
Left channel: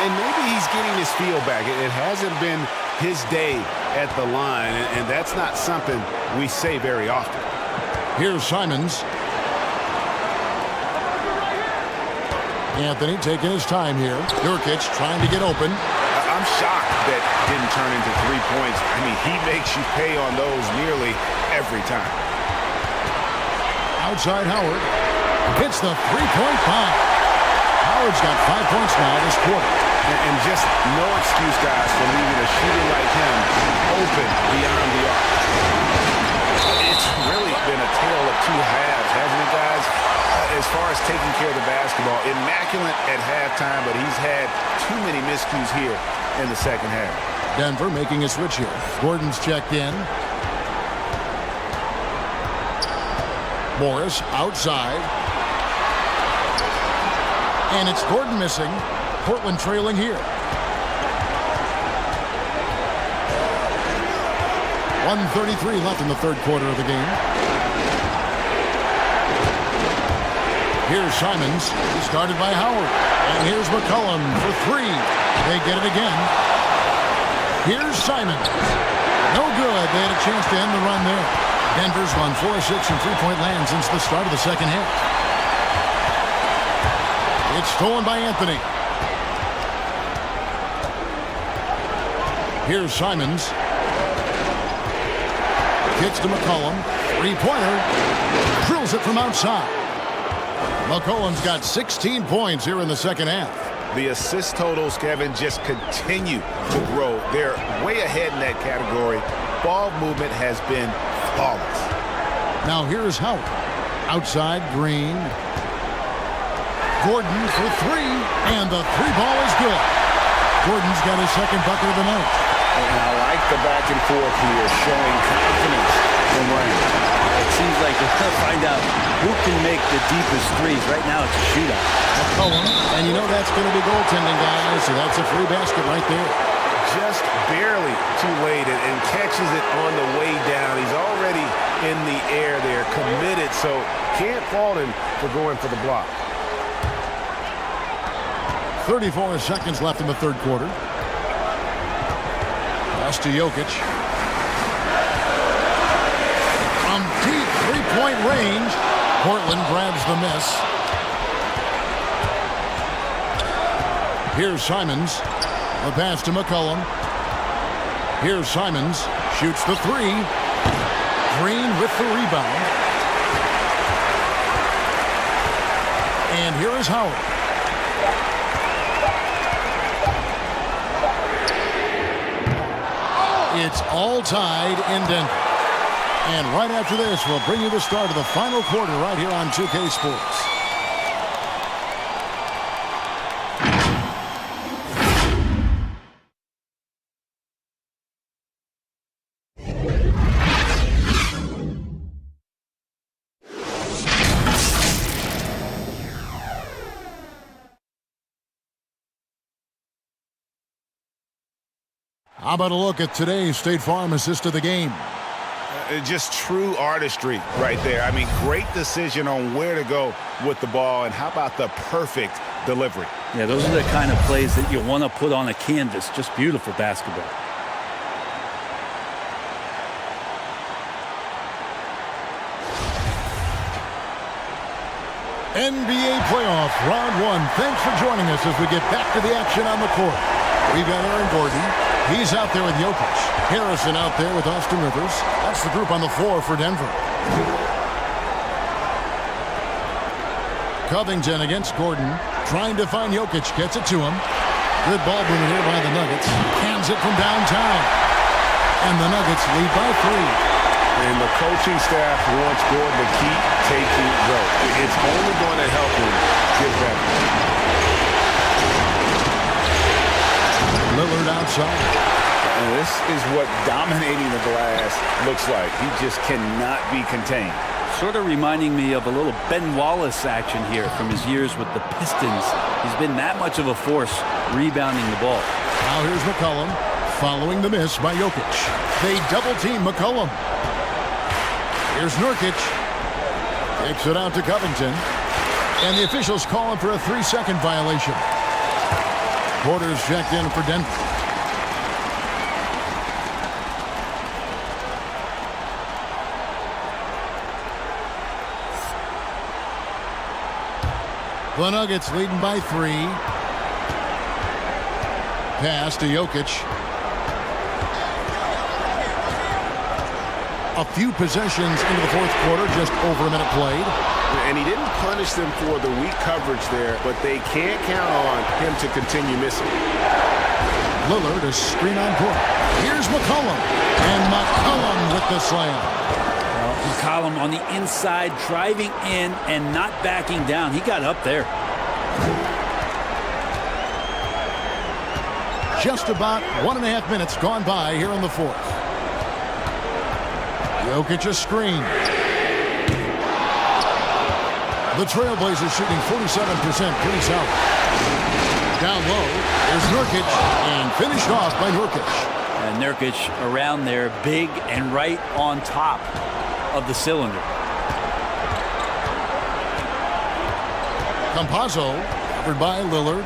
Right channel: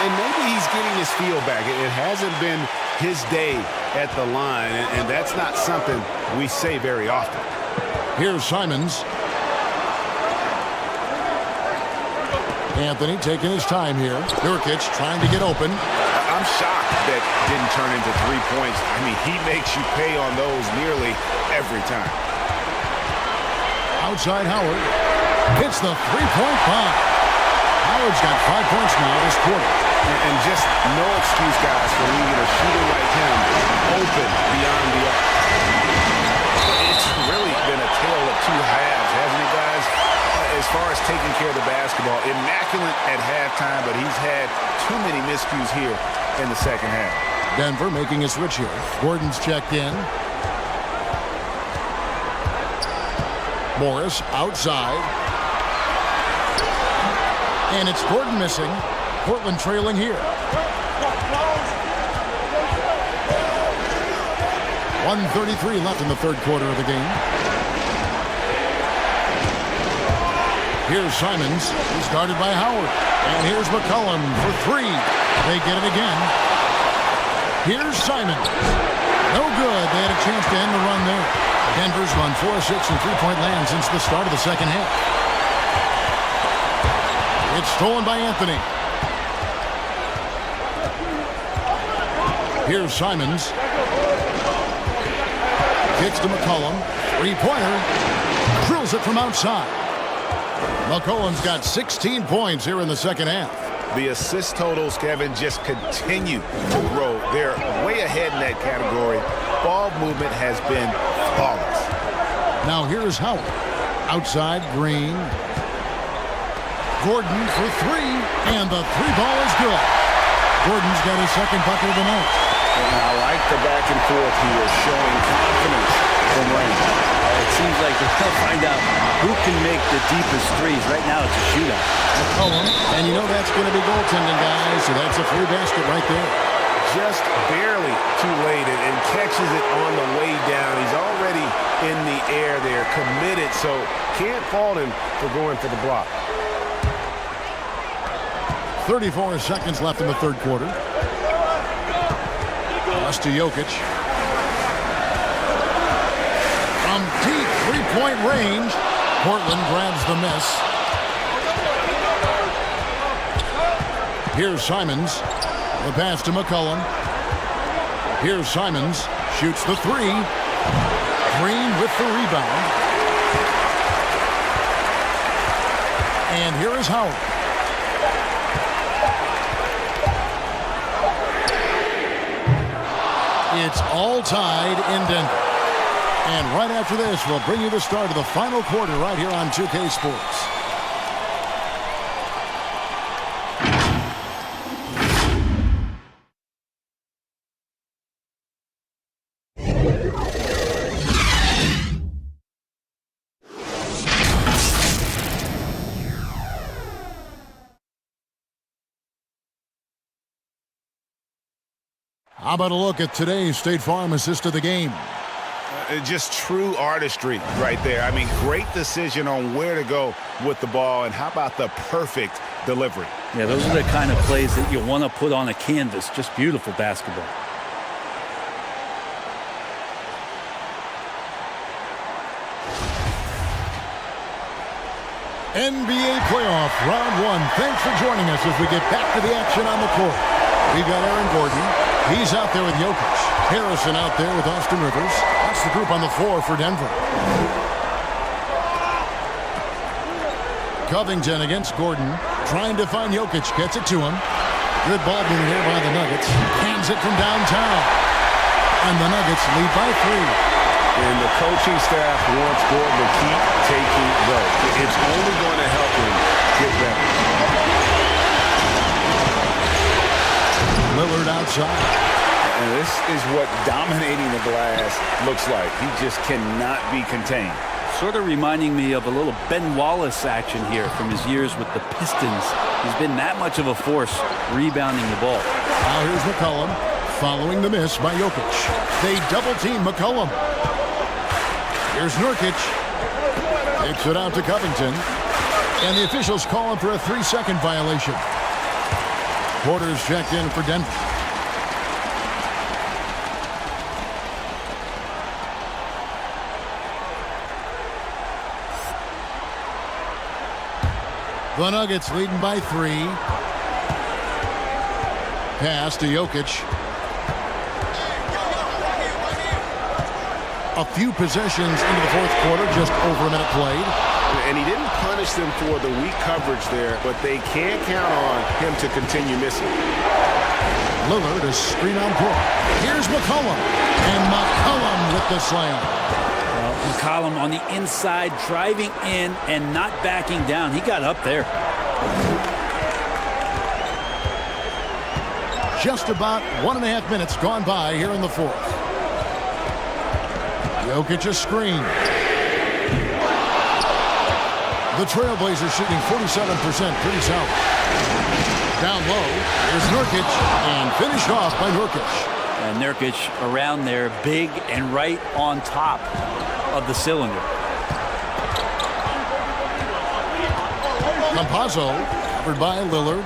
And maybe he's getting his feel back. It hasn't been his day at the line, and that's not something we say very often. Here's Simons. Anthony taking his time here. Nurkic trying to get open. I'm shocked that didn't turn into 3 points. I mean, he makes you pay on those nearly every time. Outside Howard. Hits the three-point bomb. Howard's got 5 points now this quarter. And just no excuse, guys, for leaving a shooter like him open beyond the arc. It's really been a tale of two halves, hasn't it, guys? As far as taking care of the basketball, immaculate at halftime, but he's had too many miscues here in the second half. Denver making a switch here. Gordon's checked in. Morris outside. And it's Gordon missing. Portland trailing here. 1:33 left in the third quarter of the game. Here's Simons. He's guarded by Howard. And here's McCollum for 3. They get it again. Here's Simons. No good. They had a chance to end the run there. Denver's run 4-6 in three-point land since the start of the second half. It's stolen by Anthony. Here's Simons. Kicks to McCollum. Three-pointer. Drills it from outside. McCollum's got 16 points here in the second half. The assist totals, Kevin, just continue to grow. They're way ahead in that category. Ball movement has been flawless. Now here's Howard. Outside, Green. Gordon for 3, and the 3 ball is good. Gordon's got his second bucket of the night. And I like the back and forth here, showing confidence from Rain. It seems like they're going to find out who can make the deepest threes. Right now it's a shootout. McCollum, and you know that's going to be goaltending, guys, so that's a free basket right there. Just barely too late and catches it on the way down. He's already in the air there, committed, so can't fault him for going for the block. 34 seconds left in the third quarter. Pass to Jokic. From deep three-point range, Portland grabs the miss. Here's Simons. The pass to McCollum. Here's Simons. Shoots the 3. Green with the rebound. And here is Howard. It's all tied in Denver. And right after this, we'll bring you the start of the final quarter right here on 2K Sports. How about a look at today's State Farm assist of the game? Just true artistry right there. I mean, great decision on where to go with the ball, and how about the perfect delivery? Yeah, those are the kind of plays that you want to put on a canvas. Just beautiful basketball. NBA playoff round 1. Thanks for joining us as we get back to the action on the court. We've got Aaron Gordon. He's out there with Jokic. Harrison out there with Austin Rivers. That's the group on the floor for Denver. Covington against Gordon. Trying to find Jokic. Gets it to him. Good ball movement here by the Nuggets. Hands it from downtown. And the Nuggets lead by 3. And the coaching staff wants Gordon to keep taking those. It's only going to help him get better. Lillard outside. And this is what dominating the glass looks like. He just cannot be contained. Sort of reminding me of a little Ben Wallace action here from his years with the Pistons. He's been that much of a force rebounding the ball. Now here's McCollum following the miss by Jokic. They double-team McCollum. Here's Nurkic. Takes it out to Covington. And the officials call him for a 3-second violation. Porter's checked in for Denver. The Nuggets leading by 3. Pass to Jokic. A few possessions into the fourth quarter, just over a minute played. And he didn't punish them for the weak coverage there, but they can't count on him to continue missing. Lillard, a screen on Porter. Here's McCollum. And McCollum with the slam. Well, McCollum on the inside, driving in and not backing down. He got up there. Just about 1.5 minutes gone by here in the fourth. Jokic a screen. The Trailblazers shooting 47%, pretty solid. Down low, here's Nurkic, and finished off by Nurkic. And Nurkic around there, big and right on top of the cylinder. Campazzo, covered by Lillard.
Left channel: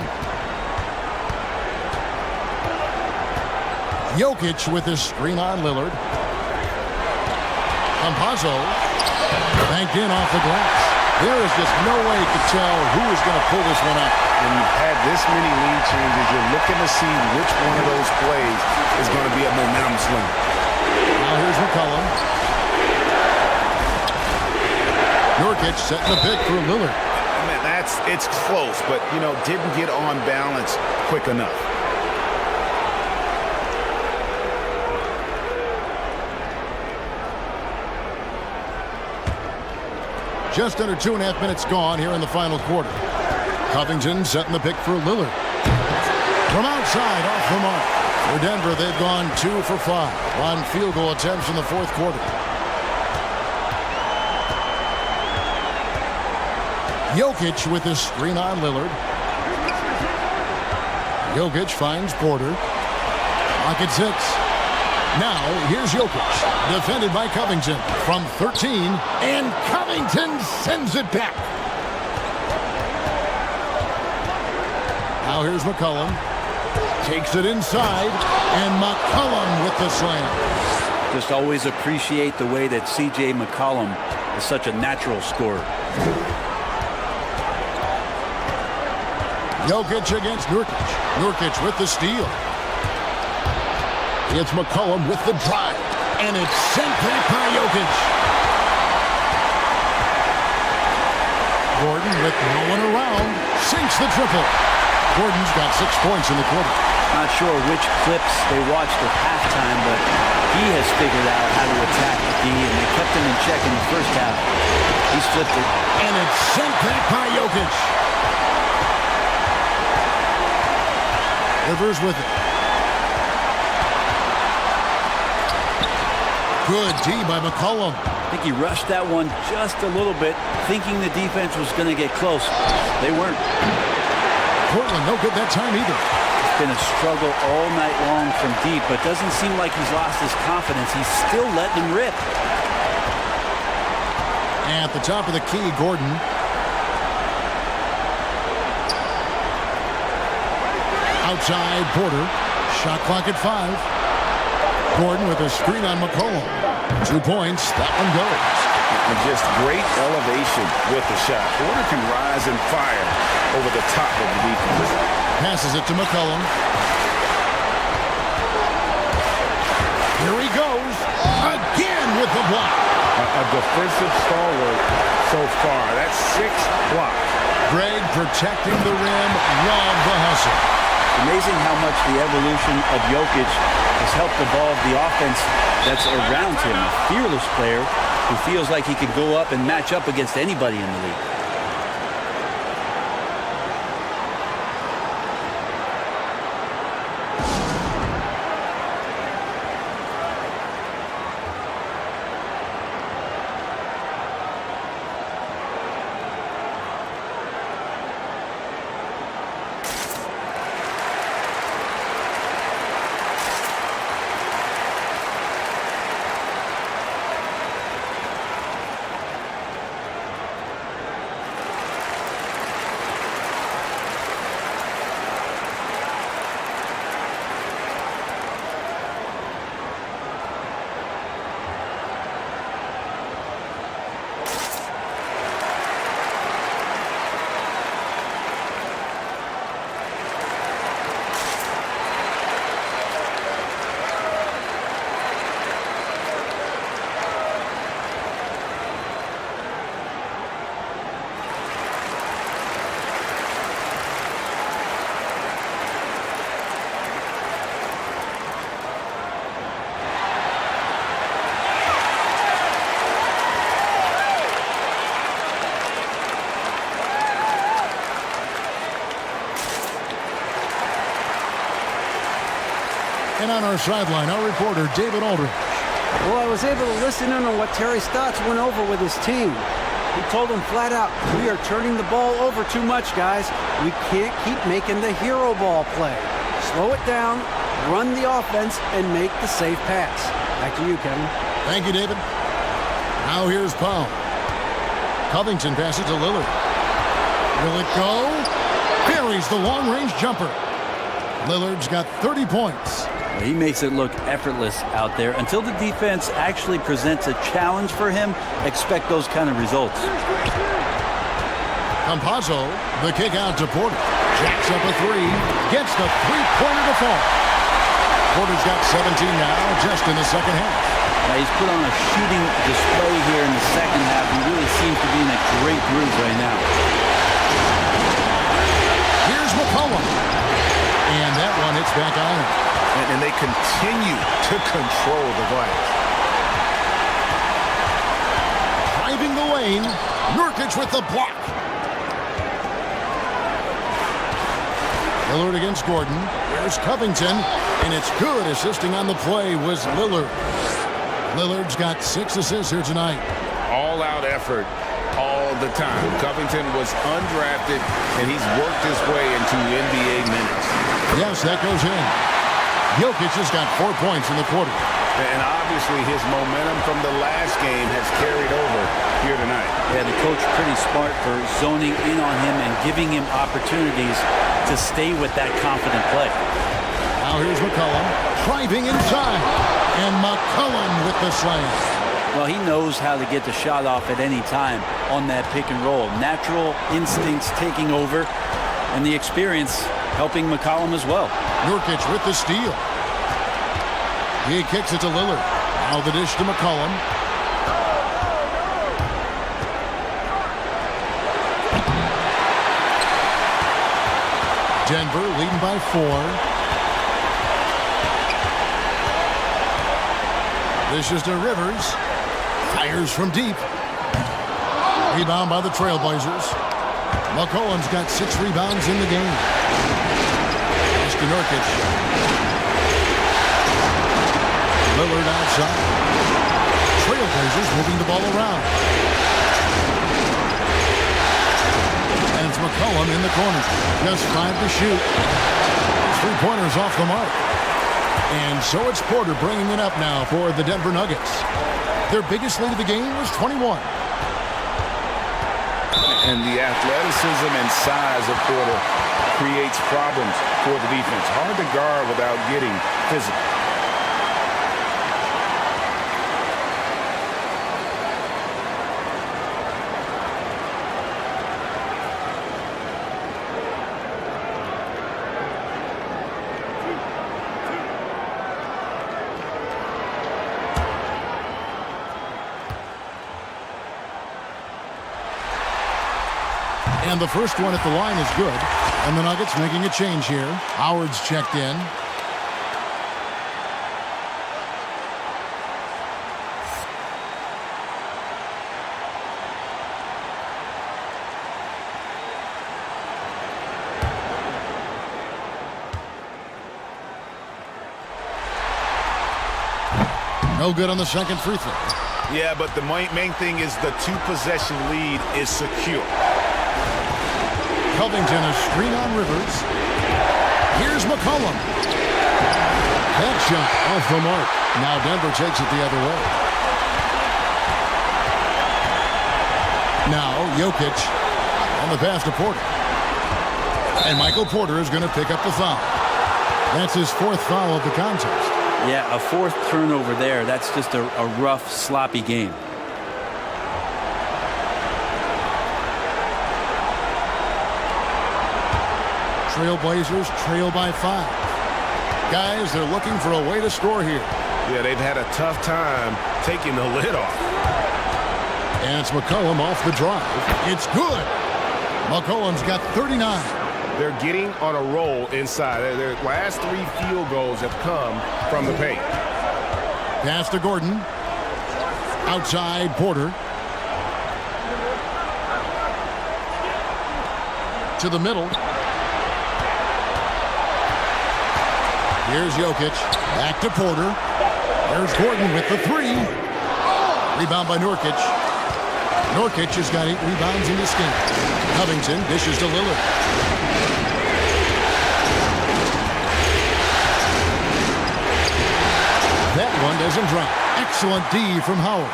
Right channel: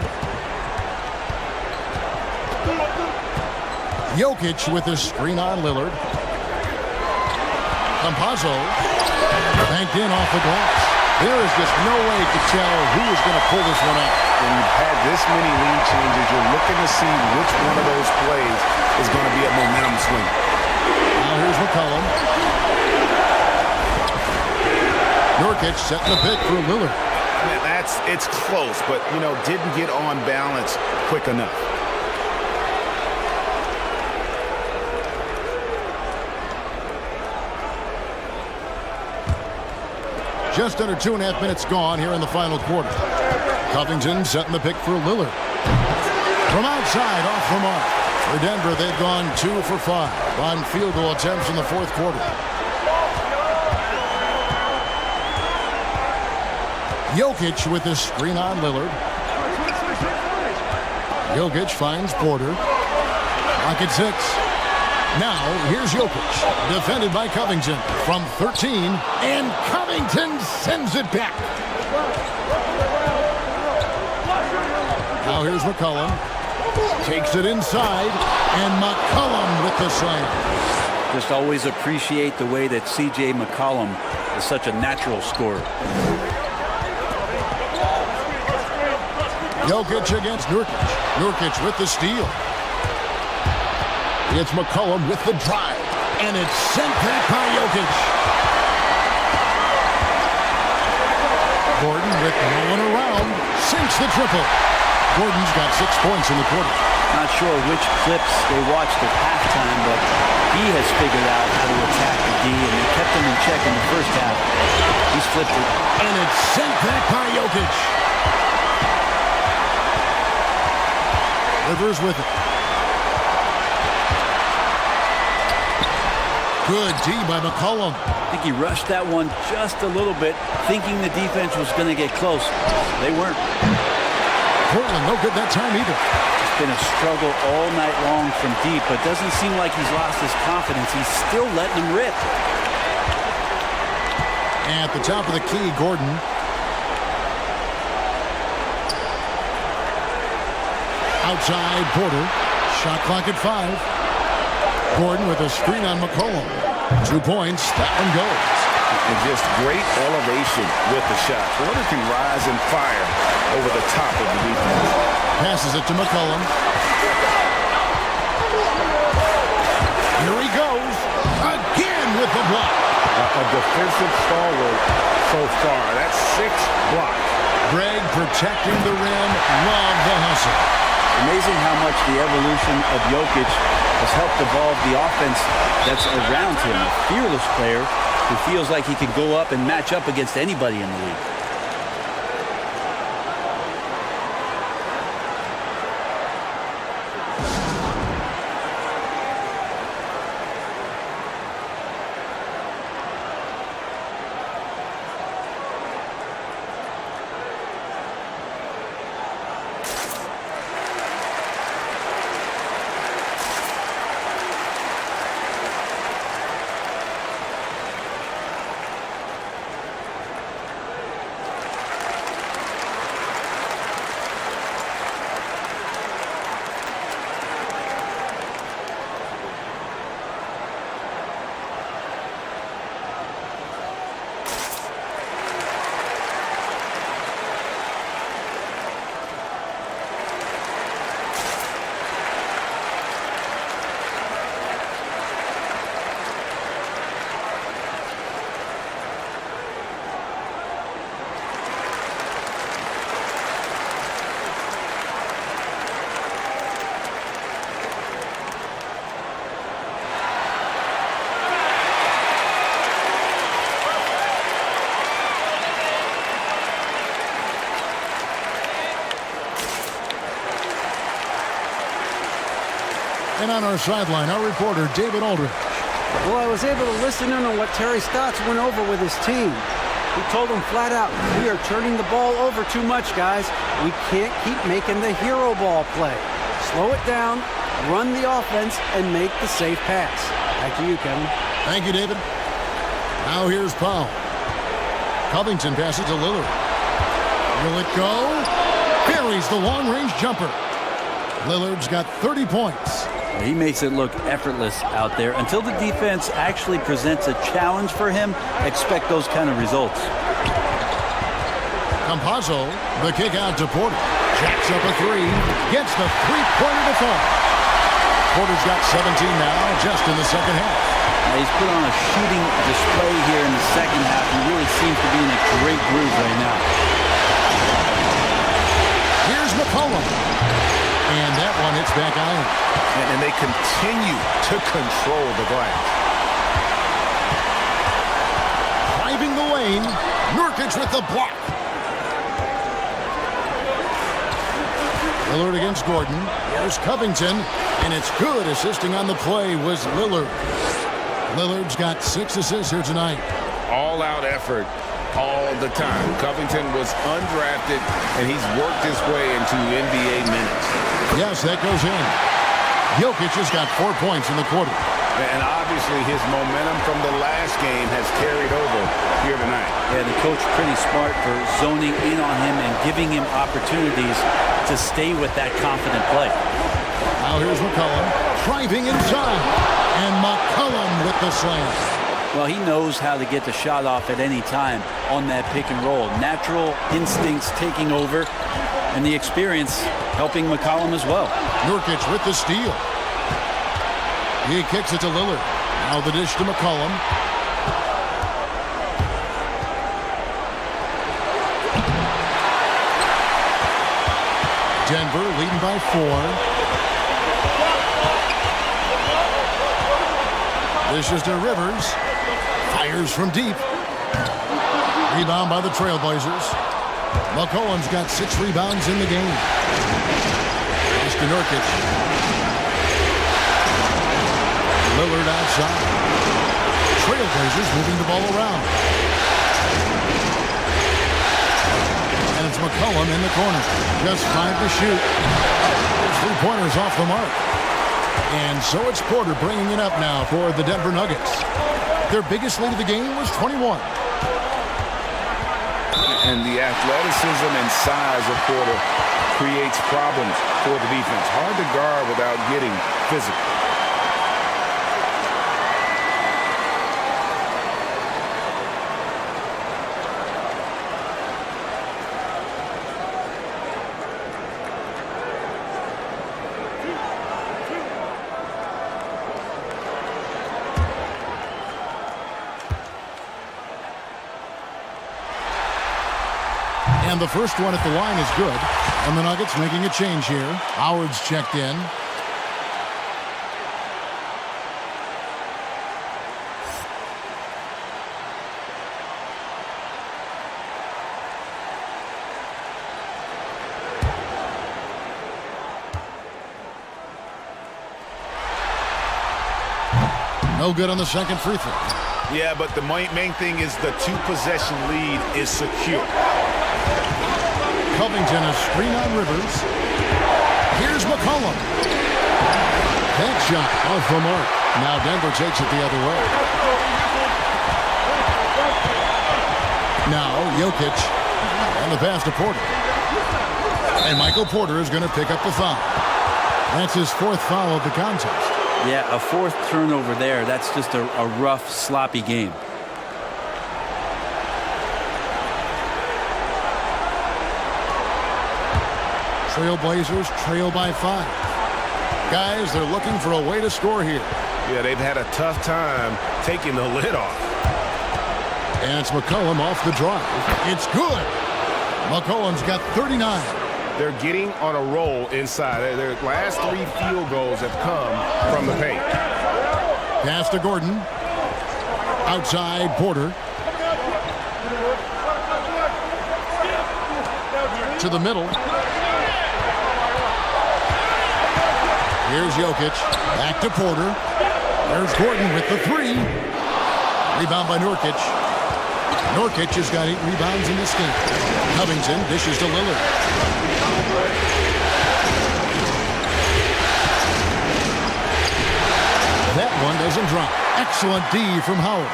Jokic with his screen on Lillard. Campazzo banked in off the glass. There is just no way to tell who is going to pull this one out. When you've had this many lead changes, you're looking to see which one of those plays is going to be a momentum swing. Now here's McCollum. Nurkic setting the pick for Lillard. Man, it's close, but, didn't get on balance quick enough. Just under 2.5 minutes gone here in the final quarter. Covington setting the pick for Lillard. From outside, off the mark. For Denver, they've gone 2 for 5 on field goal attempts in the fourth quarter. Jokic with his screen on Lillard. Jokic finds Porter. Clock at 6. Now, here's Jokic, defended by Covington from 13, and Covington sends it back. Now here's McCollum. Takes it inside, and McCollum with the slam. Just always appreciate the way that C.J. McCollum is such a natural scorer. Jokic against Nurkic. Nurkic with the steal. It's McCollum with the drive, and it's sent back by Jokic. Gordon with no one around, sinks the triple. Gordon's got 6 points in the quarter. Not sure which clips they watched at halftime, but he has figured out how to attack the D, and they kept him in check in the first half. He's flipped it. And it's sent back by Jokic. Rivers with it. Good D by McCollum. I think he rushed that one just a little bit, thinking the defense was going to get close. They weren't. Portland no good that time either. It's been a struggle all night long from deep, but doesn't seem like he's lost his confidence. He's still letting them rip. At the top of the key, Gordon. Outside, Porter. Shot clock at 5. Gordon with a screen on McCollum. 2 points. That one goes. And just great elevation with the shot. Porter can rise and fire over the top of the defense. Passes it to McCollum. Here he goes. Again with the block. A defensive stalwart so far. That's 6 blocks. Greg protecting the rim. Love the hustle. Amazing how much the evolution of Jokic has helped evolve the offense that's around him. A fearless player who feels like he can go up and match up against anybody in the league. And on our sideline, our reporter, David Aldridge. Well, I was able to listen in on what Terry Stotts went over with his team. He told them flat out, we are turning the ball over too much, guys. We can't keep making the hero ball play. Slow it down, run the offense, and make the safe pass. Back to you, Kevin. Thank you, David. Now here's Powell. Covington passes to Lillard. Will it go? Buries the long-range jumper. Lillard's got 30 points. He makes it look effortless out there. Until the defense actually presents a challenge for him, expect those kind of results. Campazzo, the kick out to Porter. Jacks up a three. Gets the three-pointer to fall. Porter's got 17 now, just in the second half. Now he's put on a shooting display here in the second half. He really seems to be in a great groove right now. Here's McCollum. And that one hits back iron. And they continue to control the glass. Driving the lane. Nurkic with the block. Lillard against Gordon. Here's Covington. And it's good. Assisting on the play was Lillard. Lillard's got 6 assists here tonight. All-out effort all the time. Covington was undrafted, and he's worked his way into NBA minutes. Yes, that goes in. Jokic has got 4 points in the quarter. And obviously his momentum from the last game has carried over here tonight. Yeah, the coach pretty smart for zoning in on him and giving him opportunities to stay with that confident play. Now here's McCollum driving inside. And McCollum with the slam. Well, he knows how to get the shot off at any time on that pick and roll. Natural instincts taking over, and the experience helping McCollum as well. Nurkic with the steal. He kicks it to Lillard. Now the dish to McCollum. Denver leading by 4. This is to Rivers. Fires from deep. Rebound by the Trailblazers. McCollum's got 6 rebounds in the game. Pass to Nurkic. Lillard outside. Trailblazers moving the ball around. And it's McCollum in the corner. Just 5 to shoot. His 3-pointers off the mark. And so it's Porter bringing it up now for the Denver Nuggets. Their biggest lead of the game was 21. And the athleticism and size of Porter creates problems for the defense. Hard to guard without getting physical. And the first one at the line is good. And the Nuggets making a change here. Howard's checked in. No good on the second free throw. Yeah, but the main thing is the two-possession lead is secure. Covington, a screen on Rivers. Here's McCollum. That shot off the mark. Now Denver takes it the other way. Now Jokic and the pass to Porter. And Michael Porter is going to pick up the foul. That's his fourth foul of the contest. Yeah, a fourth turnover there. That's just a rough, sloppy game. Trailblazers trail by 5. Guys, they're looking for a way to score here. Yeah, they've had a tough time taking the lid off. And it's McCollum off the drive. It's good. McCollum's got 39. They're getting on a roll inside. Their last 3 field goals have come from the paint. Pass to Gordon. Outside Porter. To the middle. Here's Jokic. Back to Porter. There's Gordon with the 3. Rebound by Nurkic. Nurkic has got 8 rebounds in this game. Covington dishes to Lillard. That one doesn't drop. Excellent D from Howard.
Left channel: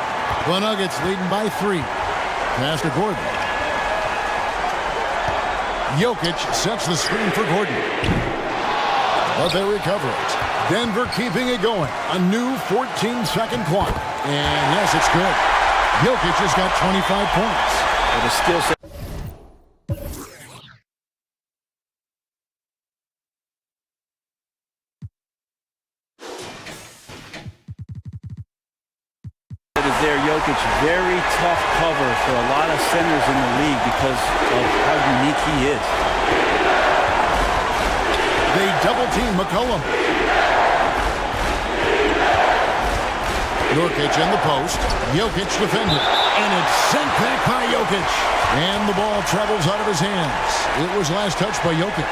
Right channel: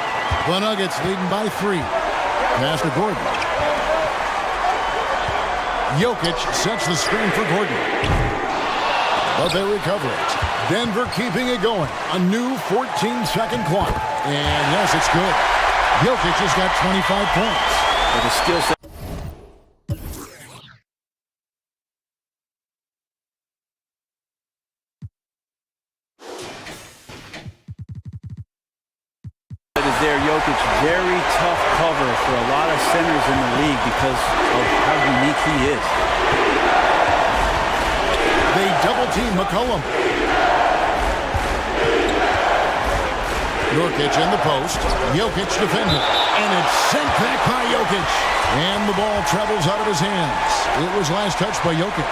The Nuggets leading by 3. Pass to Gordon. Jokic sets the screen for Gordon. But they recover it. Denver keeping it going. A new 14-second clock. And yes, it's good. Jokic has got 25 points. With a skill set. There, Jokic, very tough cover for a lot of centers in the league because of how unique he is. They double-team McCollum. Nurkic in the post. Jokic defended. And it's sent back by Jokic. And the ball travels out of his hands. It was last touched by Jokic.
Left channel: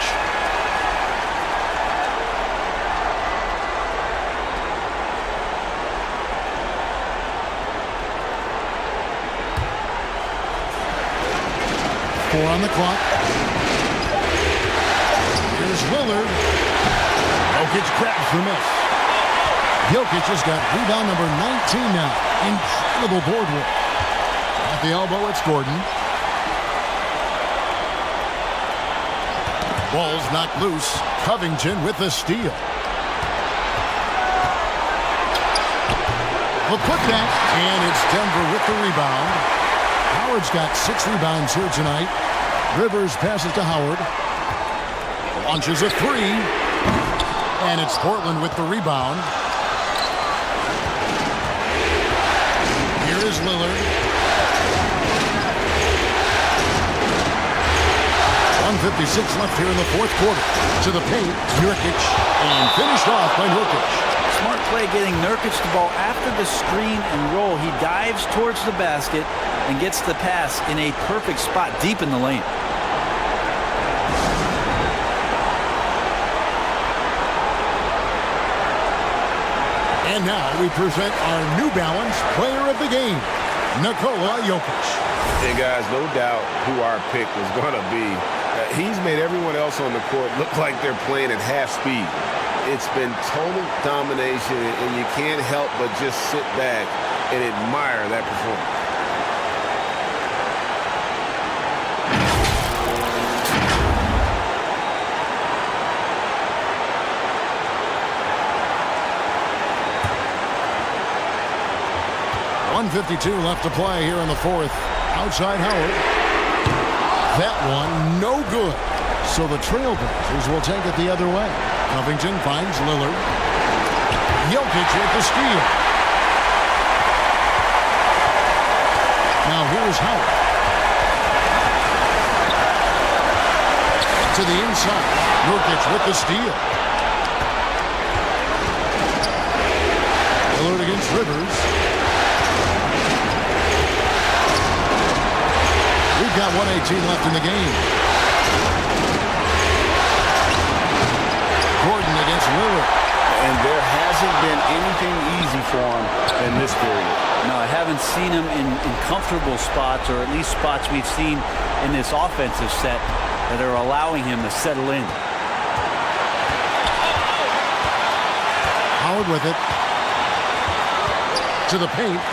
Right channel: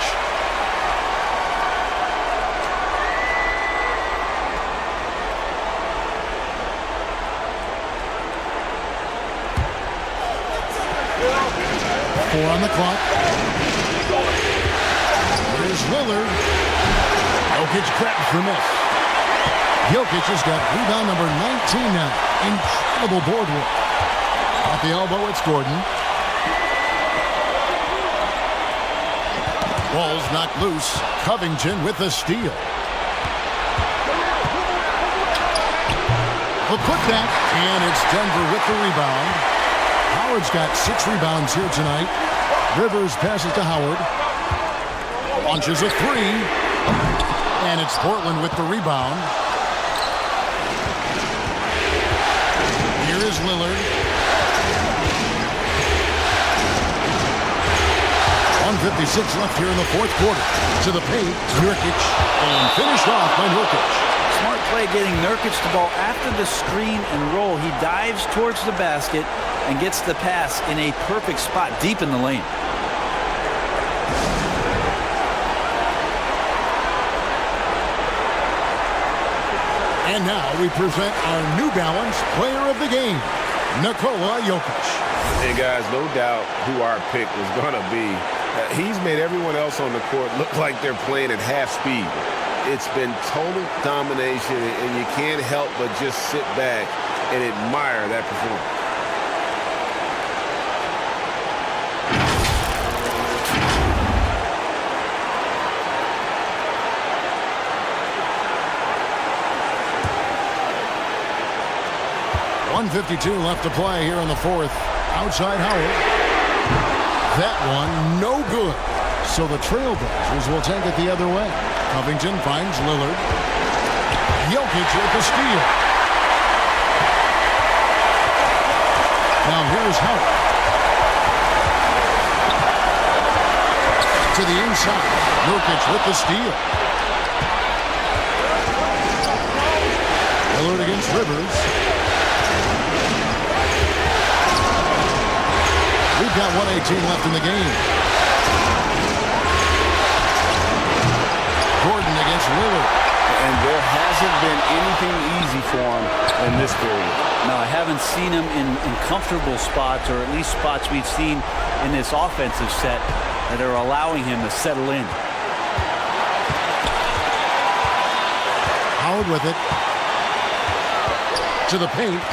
Four on the clock. Here's Lillard. Jokic grabs the miss. Jokic has got rebound number 19 now. Incredible board work. At the elbow, it's Gordon. Ball's knocked loose. Covington with the steal. The putback, and it's Denver with the rebound. Howard's got 6 rebounds here tonight. Rivers passes to Howard. Launches a 3. And it's Portland with the rebound. Here is Lillard. 1:56 left here in the fourth quarter. To the paint, Nurkic. And finished off by Nurkic. Smart play getting Nurkic the ball after the screen and roll. He dives towards the basket and gets the pass in a perfect spot deep in the lane. And now we present our New Balance Player of the Game, Nikola Jokic. And guys, no doubt who our pick was going to be. He's made everyone else on the court look like they're playing at half speed. It's been total domination, and you can't help but just sit back and admire that performance. .152 left to play here in the fourth. Outside Howard. That one no good. So the Trailblazers will take it the other way. Covington finds Lillard. Jokic with the steal. Now here's Howard. To the inside. Nurkic with the steal. Lillard against Rivers. We've got 1:18 left in the game. Gordon against Lillard. And there hasn't been anything easy for him in this period. No, I haven't seen him in comfortable spots, or at least spots we've seen in this offensive set that are allowing him to settle in. Howard with it. To the paint.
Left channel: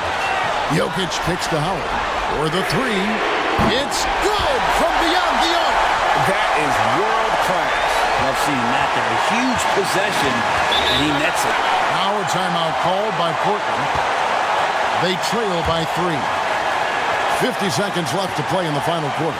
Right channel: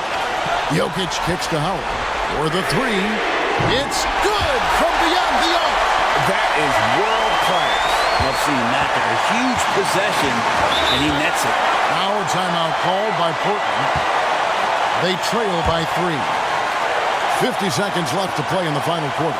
Jokic kicks to Howard. For the three. It's good from beyond the arc. That is world class. Love seeing that there. A huge possession, and he nets it. Now a timeout called by Portland. They trail by 3. 50 seconds left to play in the final quarter.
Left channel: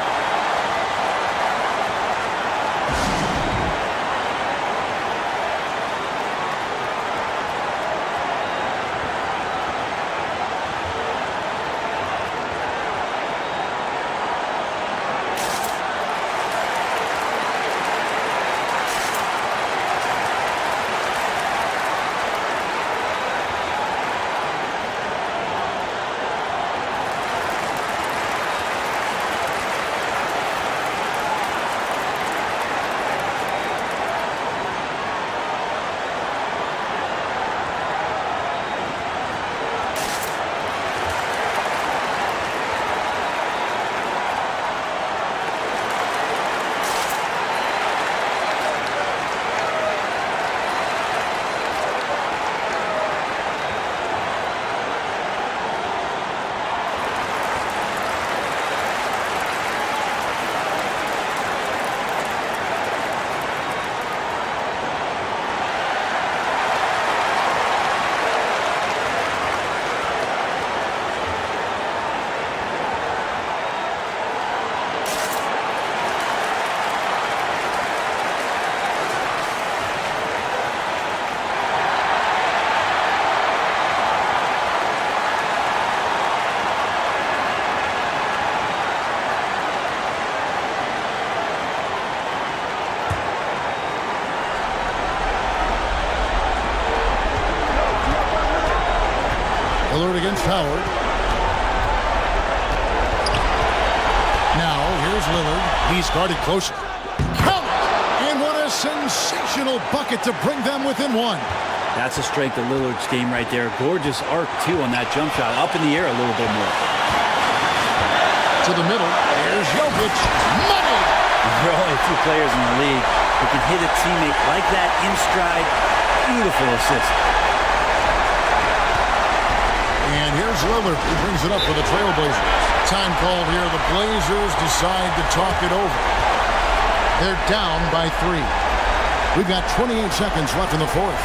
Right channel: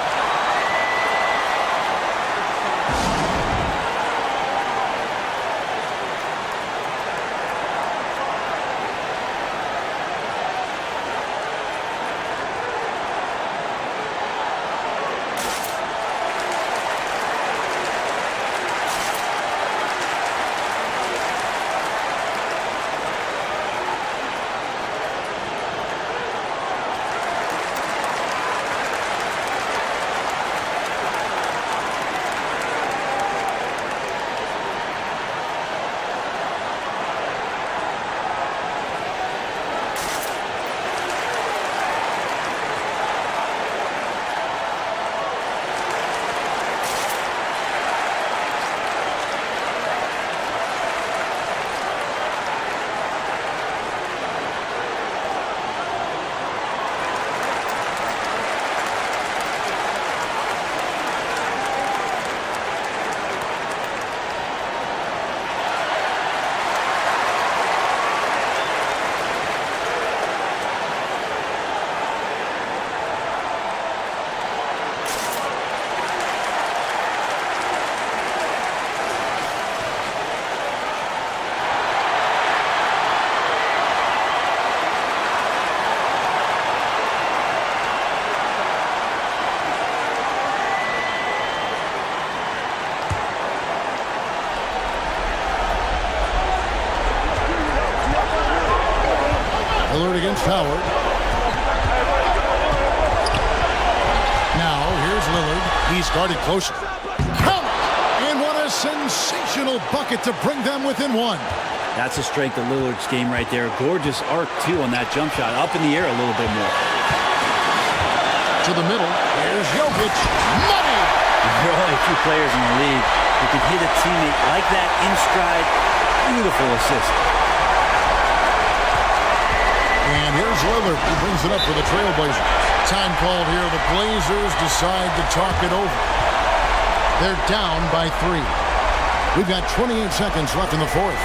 Lillard against Howard. Now, here's Lillard. He's guarded closer. Count it! And what a sensational bucket to bring them within 1. That's the strength of Lillard's game right there. Gorgeous arc, too, on that jump shot. Up in the air a little bit more. To the middle. Here's Jokic. Money! There are only a few players in the league who can hit a teammate like that in stride. Beautiful assist. And here's Lillard. He brings it up for the Trailblazers. Time called here. The Blazers decide to talk it over. They're down by 3. We've got 28 seconds left in the fourth.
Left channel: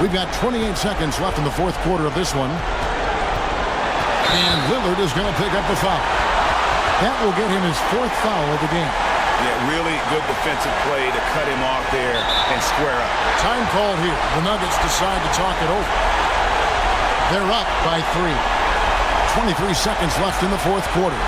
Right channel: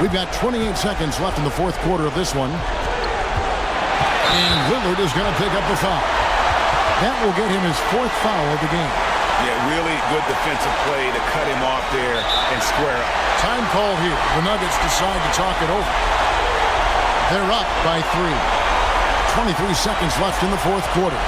We've got 28 seconds left in the fourth quarter of this one. And Lillard is going to pick up the foul. That will get him his 4th foul of the game. Yeah, really good defensive play to cut him off there and square up. Time called here. The Nuggets decide to talk it over. They're up by 3. 23 seconds left in the 4th quarter.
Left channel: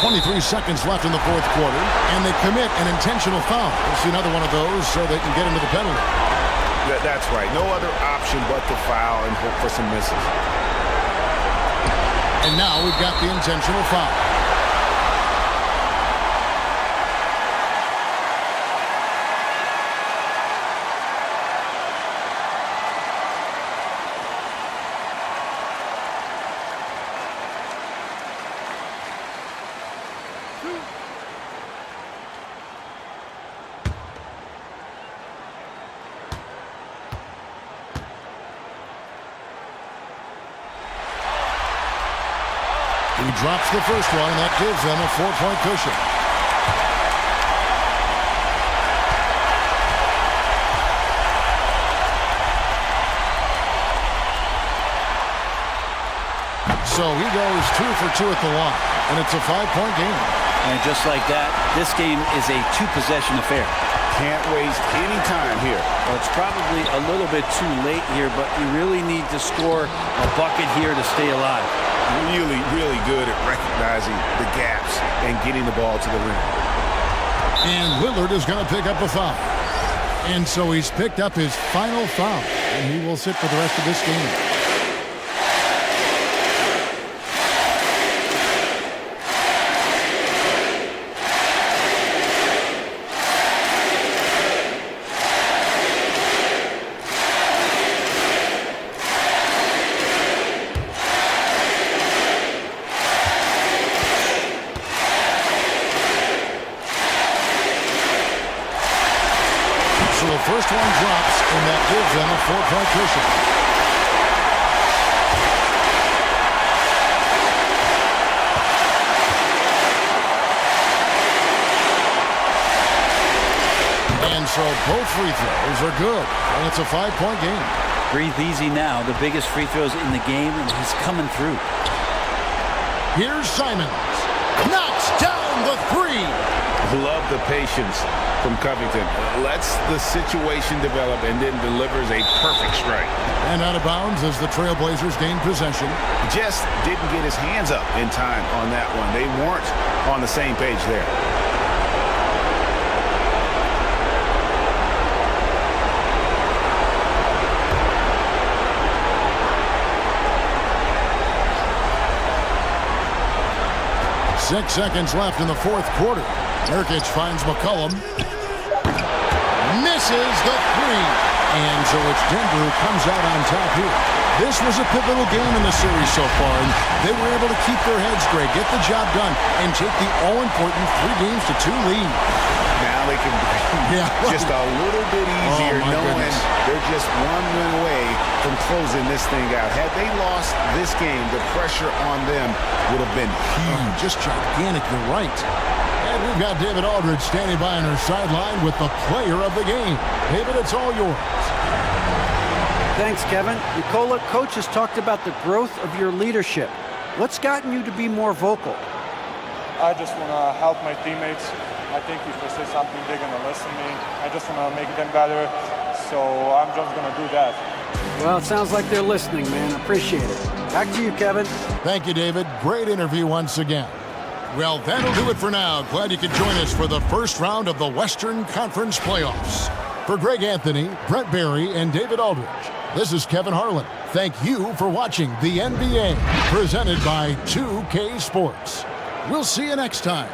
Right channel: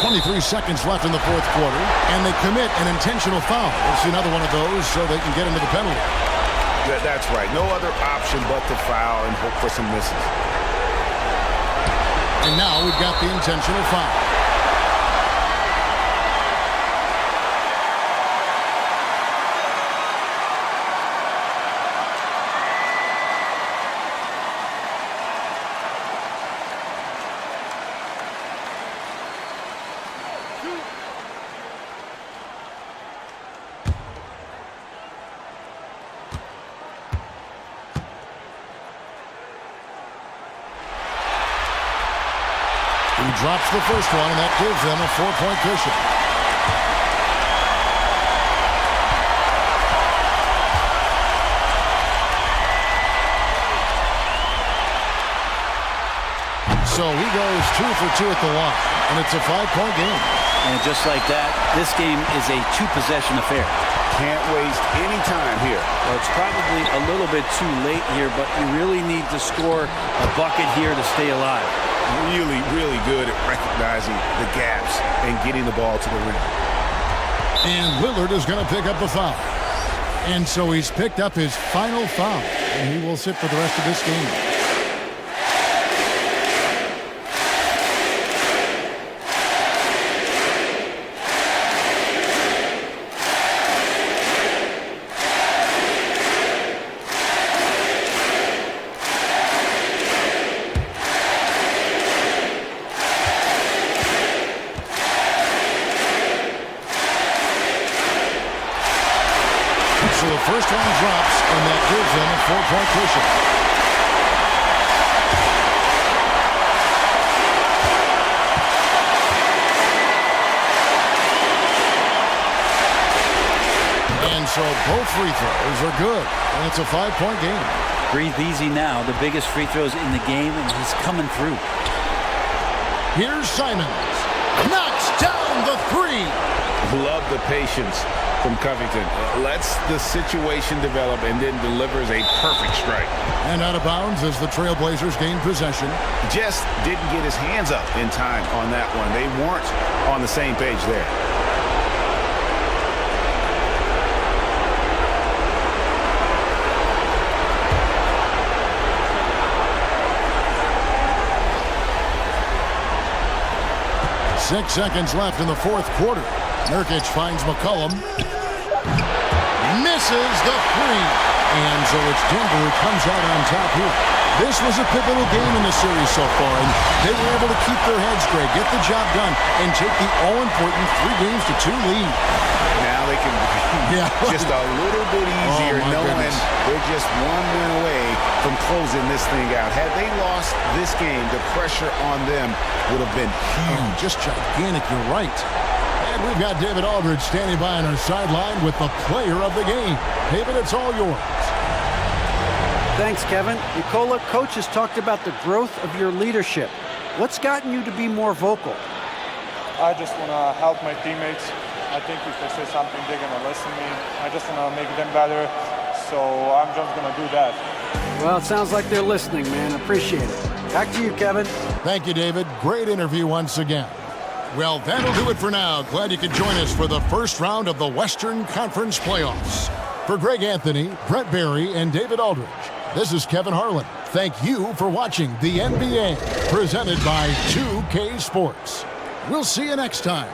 .23 seconds left in the 4th quarter, and they commit an intentional foul. We'll see another one of those so they can get into the penalty. That's right. No other option but to foul and hope for some misses. And now we've got the intentional foul. He drops the first one, and that gives them a 4-point cushion. So he goes 2 for 2 at the line, and it's a 5-point game. And just like that, this game is a 2-possession affair. Can't waste any time here. Well, it's probably a little bit too late here, but you really need to score a bucket here to stay alive. Really, really good at recognizing the gaps and getting the ball to the rim. And Lillard is going to pick up a foul. And so he's picked up his final foul, and he will sit for the rest of this game. So the first one drops, and that gives them a 4-point cushion. And so both free throws are good, and it's a 5-point game. Breathe easy now. The biggest free throws in the game, and he's coming through. Here's Simons. Knocks down the 3. Love the patience from Covington. Lets the situation develop and then delivers a perfect strike. And out of bounds as the Trailblazers gain possession. Just didn't get his hands up in time on that one. They weren't on the same page there. Six seconds left in the 4th quarter. Nurkic finds McCollum. Misses the 3. And so it's Denver who comes out on top here. This was a pivotal game in the series so far, and they were able to keep their heads straight, get the job done, and take the all-important 3-2 lead. Now they can breathe Yeah, just a little bit easier, my knowing goodness. they're just one win away from closing this thing out. Had they lost this game, the pressure on them would have been huge. Just gigantic, you're right. And we've got David Aldridge standing by on our sideline with the player of the game. David, it's all yours. Thanks, Kevin. Nicola, Coach has talked about the growth of your leadership. What's gotten you to be more vocal? I just want to help my teammates. I think if I say something, they're going to listen to me. I just want to make them better, so I'm just going to do that. Well, it sounds like they're listening, man. Appreciate it. Back to you, Kevin. Thank you, David. Great interview once again. Well, that'll do it for now. Glad you could join us for the first round of the Western Conference Playoffs. For Greg Anthony, Brett Barry, and David Aldridge, this is Kevin Harlan. Thank you for watching the NBA, presented by 2K Sports. We'll see you next time.